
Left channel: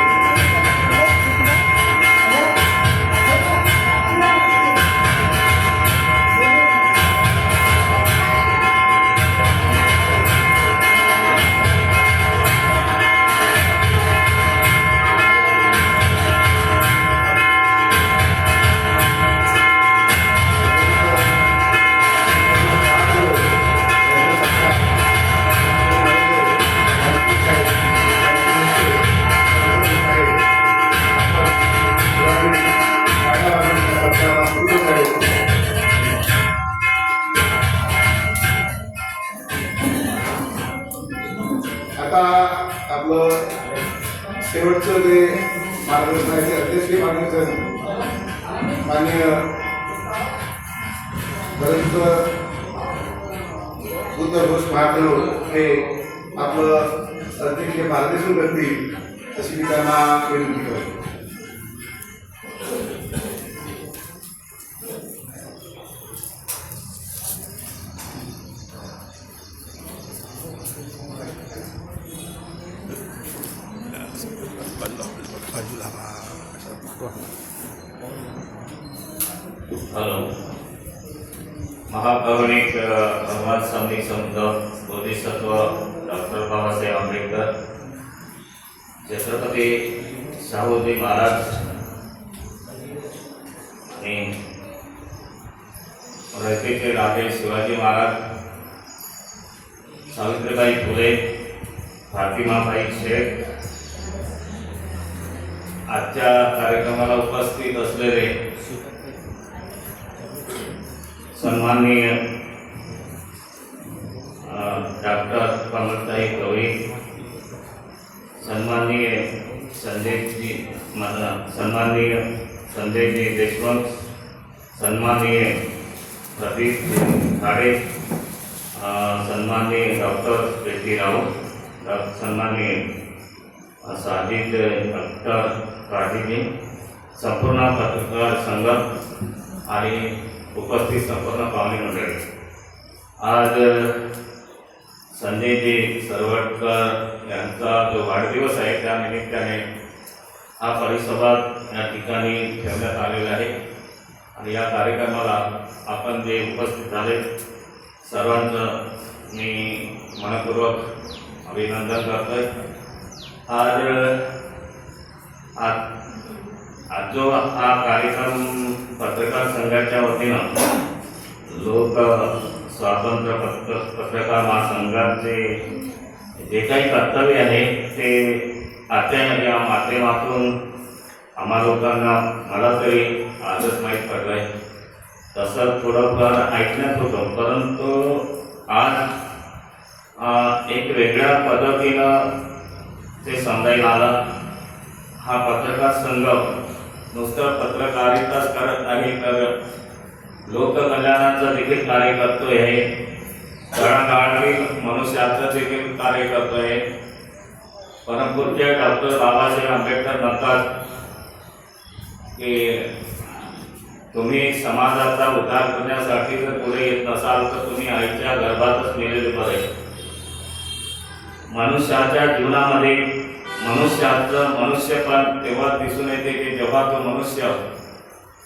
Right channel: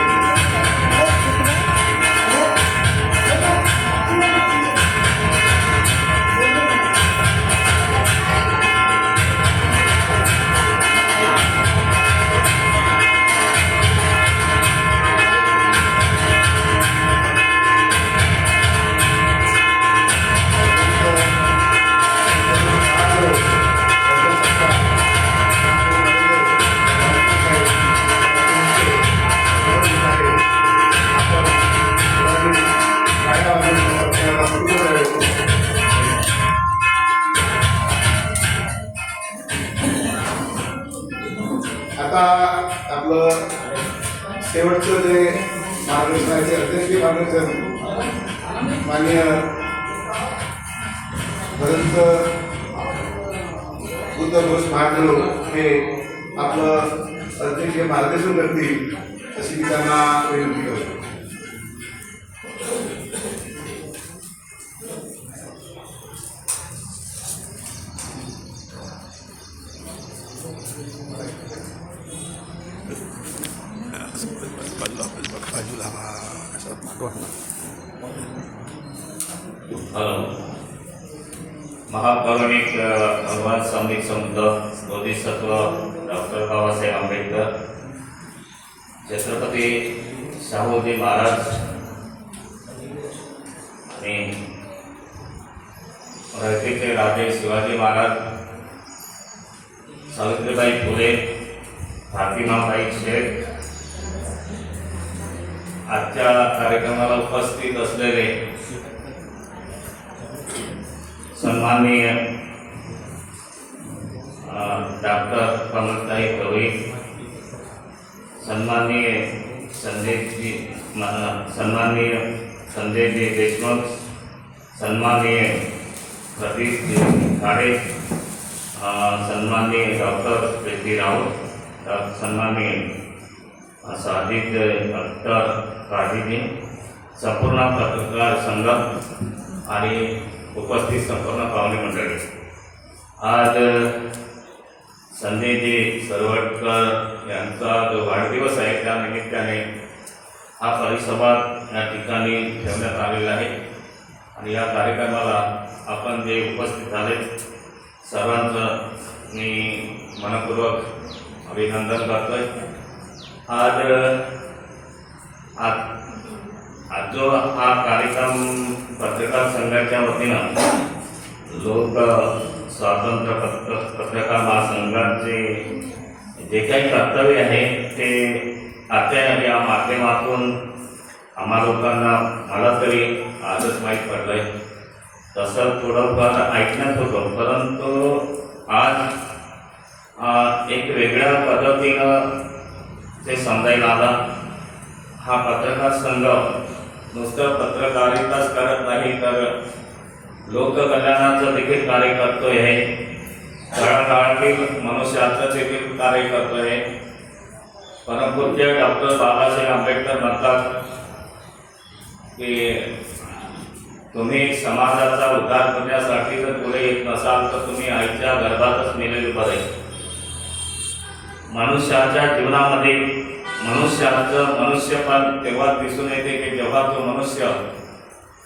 आता आपलं शेवटचं जे मार्गदर्शनाचे अध्यक्षीय मार्गदर्शन माननीय भदंत बुद्धघोष महादेव हे आपलं अध्यक्षीय मार्गदर्शन करतील अशी मी त्यांना विनंती करतो. महापौराणिक भगवान सामूहिक संत बोधिसत्व डॉक्टर बाबासाहेब आंबेडकर छत्रपती शाहूजी महाराज आणि रयतेचे राजे शिवाजी महाराज सावित्रीबाई फुले फातिमाबाई शेख आजच्या कार्यक्रमाला उपस्थित असलेले सन्माननीय डॉक्टर कमलताई गवई, सन्माननीय संजयजी देशमुख, सन्माननीय प्रदीपजी खाडे, सन्माननीय डॉक्टर प्रीति राऊत, सन्माननीय साजिद अख्तर काजीजी, संपूर्ण पत्रकार संघ आणि उपस्थित संपूर्ण पाहुणे मंडळी, आज संजयजी सरवटकर यांचा जो वाढदिवस आहे त्या निमित्ताने हा परिसंवाद या ठिकाणी ठेवण्यात आलेला आहे आणि या कार्यक्रमाला आपण जे उपस्थित झाले सर्वांचं मी मनपूर्वक अभिनंदन करतोय. आज जो हा कार्यक्रम पत्रकार संघाच्या वतीनं लोक स्वातंत्र्य पत्रकार महासंघाचे जे काही कर्तव्य आहे ते आता या माध्यमातून आम्हा लोकांना मला तरी आजच माहीत पडलं आहे. तसं थोडंफार ऐकण्यात होतं, परंतु आज एक वेगळ्या पद्धतीनं ते समजायला आलं. हा पत्रकार संघ नुसतं पत्रकारिताच करत नाही तर लोककल्याणाचं देखील कार्य करतोय आहे, तळागाळातील मनुष्याचं देखील कार्य करतोय. परमपूज्य डॉक्टर बाबासाहेब आंबेडकर म्हणतात की तुम्ही समाजाचा उद्धार करण्यासाठी जर पुढे येत नसाल तर तुम्ही आईच्या गर्भातच मेलेले बरे. मनुष्याच्या जीवनामध्ये मनुष्याचं मनुष्यपण तेव्हा दिसून येते की जेव्हा तो मनुष्य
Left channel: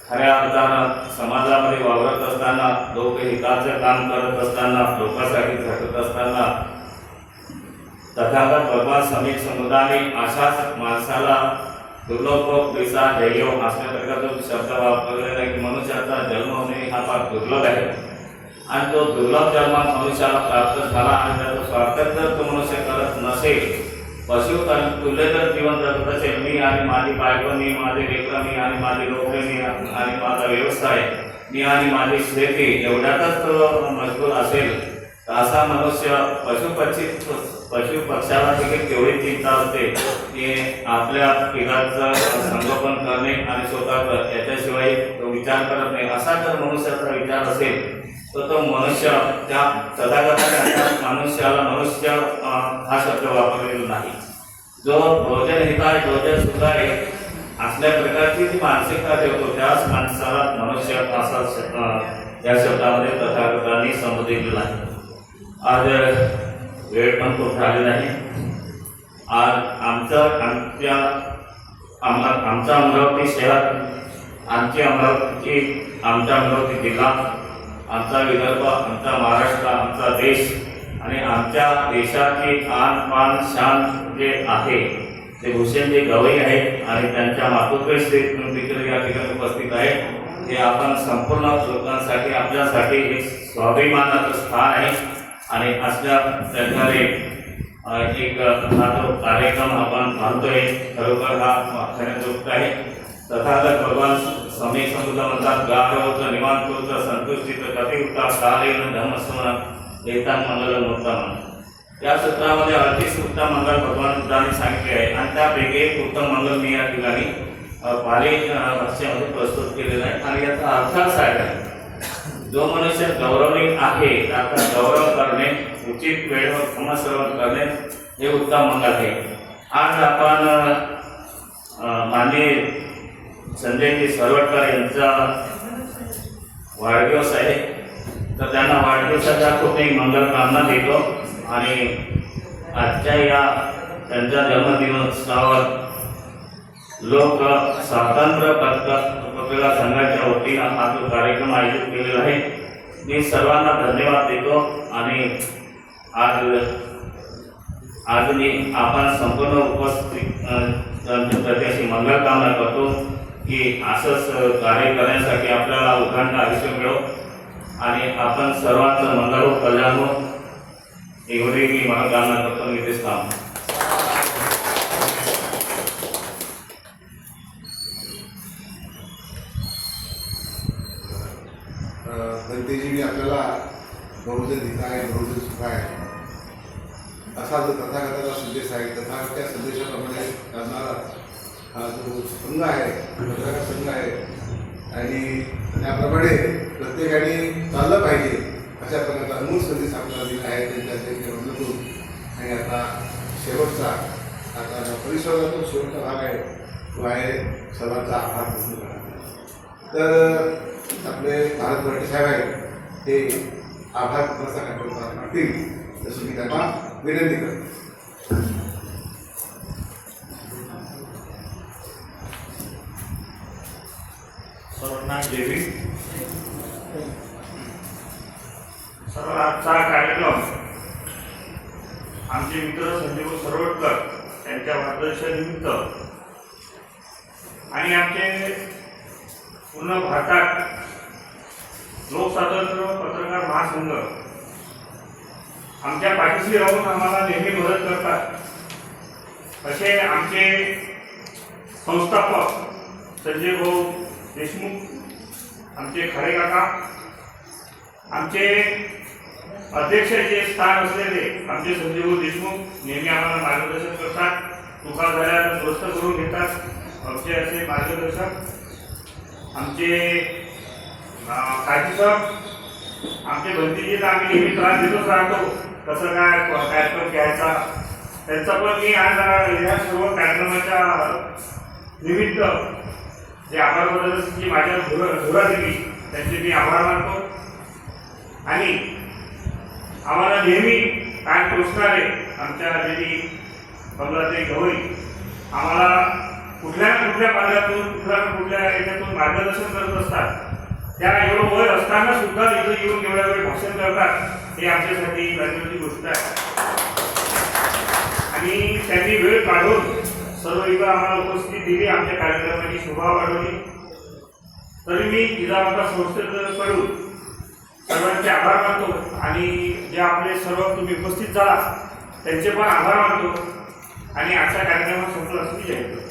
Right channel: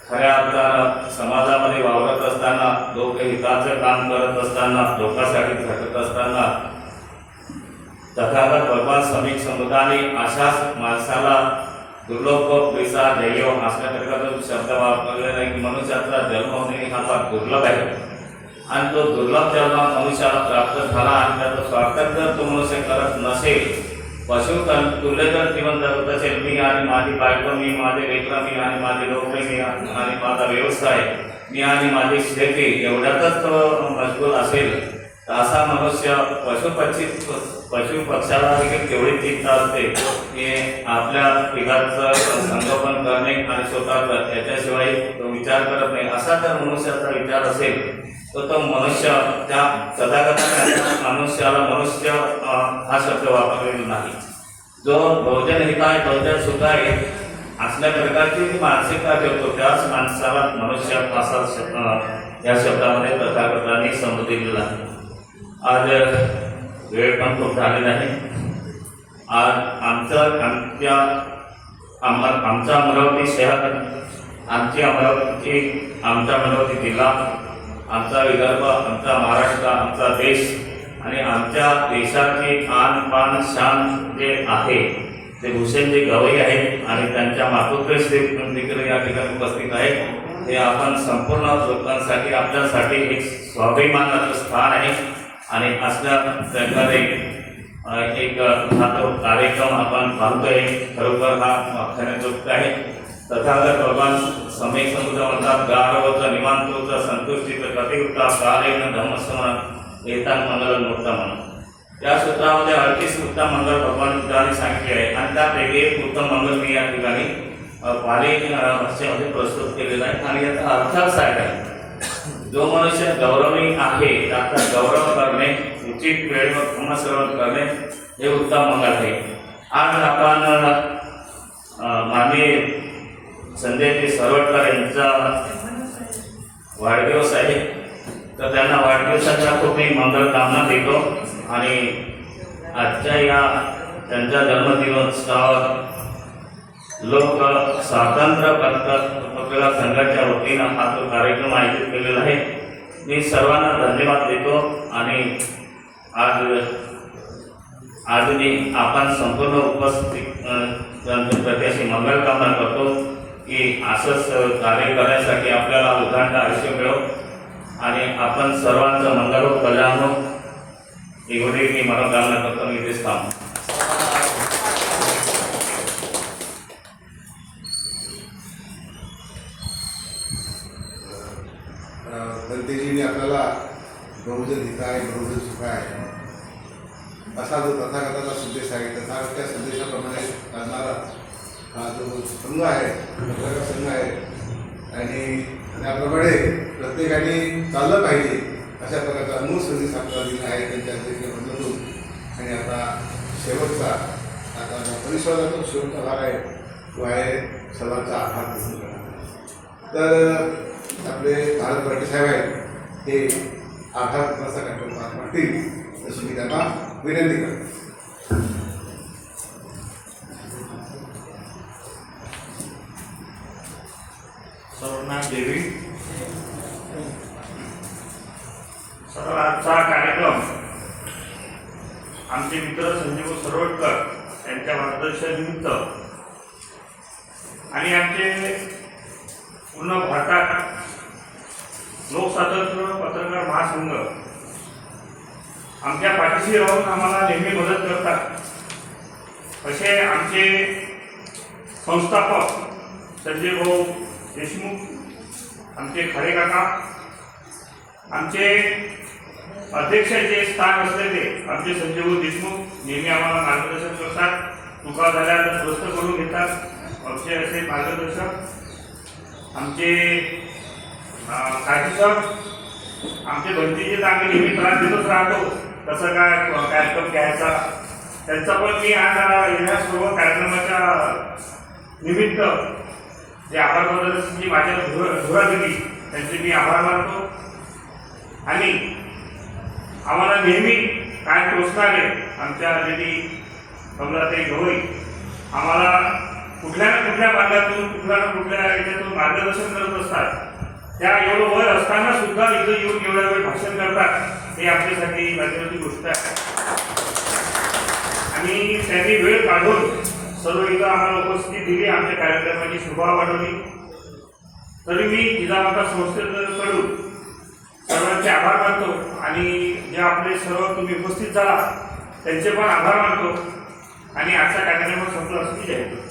खऱ्या अर्थानं समाजामध्ये वावरत असताना, लोकहिताचं काम करत असताना, लोकांसाठी झटत असताना तथागत भगवान श्रमिक समुदायाने अशाच माणसाला दुर्लभ पैसा ध्येय असल्या प्रकारचा शब्द वापरलेला आहे की मनुष्याचा जन्म होणे हा फार दुर्लभ आहे आणि तो दुर्लभ जन्म मनुष्याला प्राप्त झाला आणि त्याचा स्वार्थ जर तो मनुष्य करत नसेल, पशु तुल्य जर जीवन जगत असेल, मी आणि माझी बायको, मी माझे लेकरं, मी आणि माझी नोकरी, मी आणि माझा व्यवसाय, मी आणि माझी शेती एवढ्यातच तो मजबूर असेल तर असा मनुष्य पशु पक्षाला देखील तेवढी चिंता असते की आपल्या पिकाचं संगोपन करणे आणि स्वतः याच्याशिवाय तो विचार करत नाही. असा जर मनुष्याचा विचार असेल तर तो मनुष्य त्या सदागताच्या मनुष्याला मनुष्य हा शब्द वापरलेला नाही. जो बहुजन हिताय बहुजन सुखाय असल्या प्रकारची जी मानसिकता ठेवतो त्याच माणसाला मनुष्य असा या शब्दामध्ये तथागतांनी संबोधिलेला आहे. आज वेळ पण खूप झालेला आहे. आज आमचा अमरावती शहर, आमचा अमरावती जिल्हा, आमचा विदर्भ, आमचा महाराष्ट्र, आमचा देश आणि आमच्या देशाची आन पान शान जे आहे ते भूषणजी गवई आहेत आणि त्यांच्या मातोश्री देखील या ठिकाणी उपस्थित आहेत. हे आपण संपूर्ण लोकांसाठी आपल्यासाठी एक स्वाभिमानाचं स्थान आहे आणि असल्या प्रकारे एक हा तो कार्यक्रम आपण पाहतोय. खरोखर हा खऱ्या गोष्ट आहे. तथागत भगवान स्वामी समुद्र म्हणतात गारवत निवांत संतुष्टीत प्रतिउत्ता कालेन धर्मस्मरण येतान मंगल उत्तम. या सूत्रामध्ये 38 उत्तम मंगल भगवान बुद्धांनी सांगितले आहे आणि त्यापैकी एक उत्तम मंगल मी या ठिकाणी पाली भाषेमध्ये प्रस्तुत केलेला आहे आणि याचा अर्थ असा आहे जो मनुष्य गौरवणी आहे त्याचा गौरव करणे, उचित वेळेवर पुनःश्रवण करणे हे उत्तम मंगल आहे. आज आपण माननीय संजयजी सरवटकर यांचा वाढदिवस आहे तर त्यांना वाढदिवसाच्या खूप एक मंगल कामना देतो आणि आजच्या या त्यांच्या जन्मदिवसावर लोक स्वातंत्र्य पत्रकार संघाच्या वतीनं हा जो कार्यक्रम आयोजित केलेला आहे. मी सर्वांना धन्यवाद देतो आणि आज मी आपण संपूर्ण उपस्थित प्रत्येकाशी मंगल कामना करतो की असंच कार्य करण्यासाठी आपल्याला उदाहरण आयुष्य मिळो आणि आपण सर्वांचं मंगल हो, कल्याण हो एवढी मी मनोकामना करतो. मी इथेच थांबतो. दंतेजींनी आपल्याला बहुजन हिताय बहुजन सुखाय असा जो तथागताचा संदेश आहे, तथागताच्या संदेशाप्रमाणे असणारा हा जो संघ आहे, पत्रकार संघ आहे आणि त्याप्रमाणे प्रत्येकाने चाललं पाहिजे अशा प्रकारचा अमूल संदेश आपल्याला दिला आहे त्यांच्या बदलून. आणि आता शेवटचा आता परिसराचा शेवटचा भाग आहे तो आहे सर्वांचा आभार पूर्ण करण्याचा. तर आपले भारत भरती साहेब आहेत ते आभार प्रसार करतील तशी मी त्यांना विनंती करतो. सर्वांना जय भीम. सर्व आजचा कार्यक्रम आमचे मित्र संजीव सरवटकर यांच्या वाढदिवसानिमित्त आणि आमचे पूर्ण भारतात लोकस्वातंत्र्य पत्रकार महासंघ आमच्या पाठीशी राहून आम्हाला नेहमी मदत करतात असे आमचे संस्थापक संजय भाऊ देशमुख, आमचे खरे काका, आमचे अध्यक्षाचे स्थान असलेले आमचे संजय भाऊ देशमुख नेहमी आम्हाला मार्गदर्शन करतात, चुका झाल्या तर दुरुस्त करून घेतात. आमचे असे मार्गदर्शक आमचे काजी सर, आमचे भंतीजीला आम्ही नेहमी त्रास देतच राहतो कसं काय कार्यक्रम घ्यायचा. त्यांचा पण मी आज या सर्व कार्यक्रमाच्या निमित्त जे आभार प्रदर्शनाची माझ्या धुरा दिली त्यांचे मी आभार मानतो. आणि आम्हाला नेहमी काय टोचणारे आमच्या देवी कमलाताई गवई आम्हाला कुठल्या ना कुठल्या मार्गातून कुठल्या ना कुठल्या याच्यातून मार्गदर्शन करत असतात. त्या एवढं वय असताना सुद्धा इथं येऊन एवढ्या वेळ भाषण करतात हे आमच्यासाठी गर्वाची गोष्ट आहे. आणि त्यांनी वेळ काढून सर्व इथं आम्हाला उपस्थिती दिली, आमच्या कार्यक्रमाची शोभा वाढवली. तरी मी जिजामाता संस्थेकडून सर्वांचे आभार मानतो आणि जे आपले सर्व तुम्ही उपस्थित झाला त्यांचे पण आभार मानतो आणि आजचा कार्यक्रम संपला असं मी जाहीर करतो.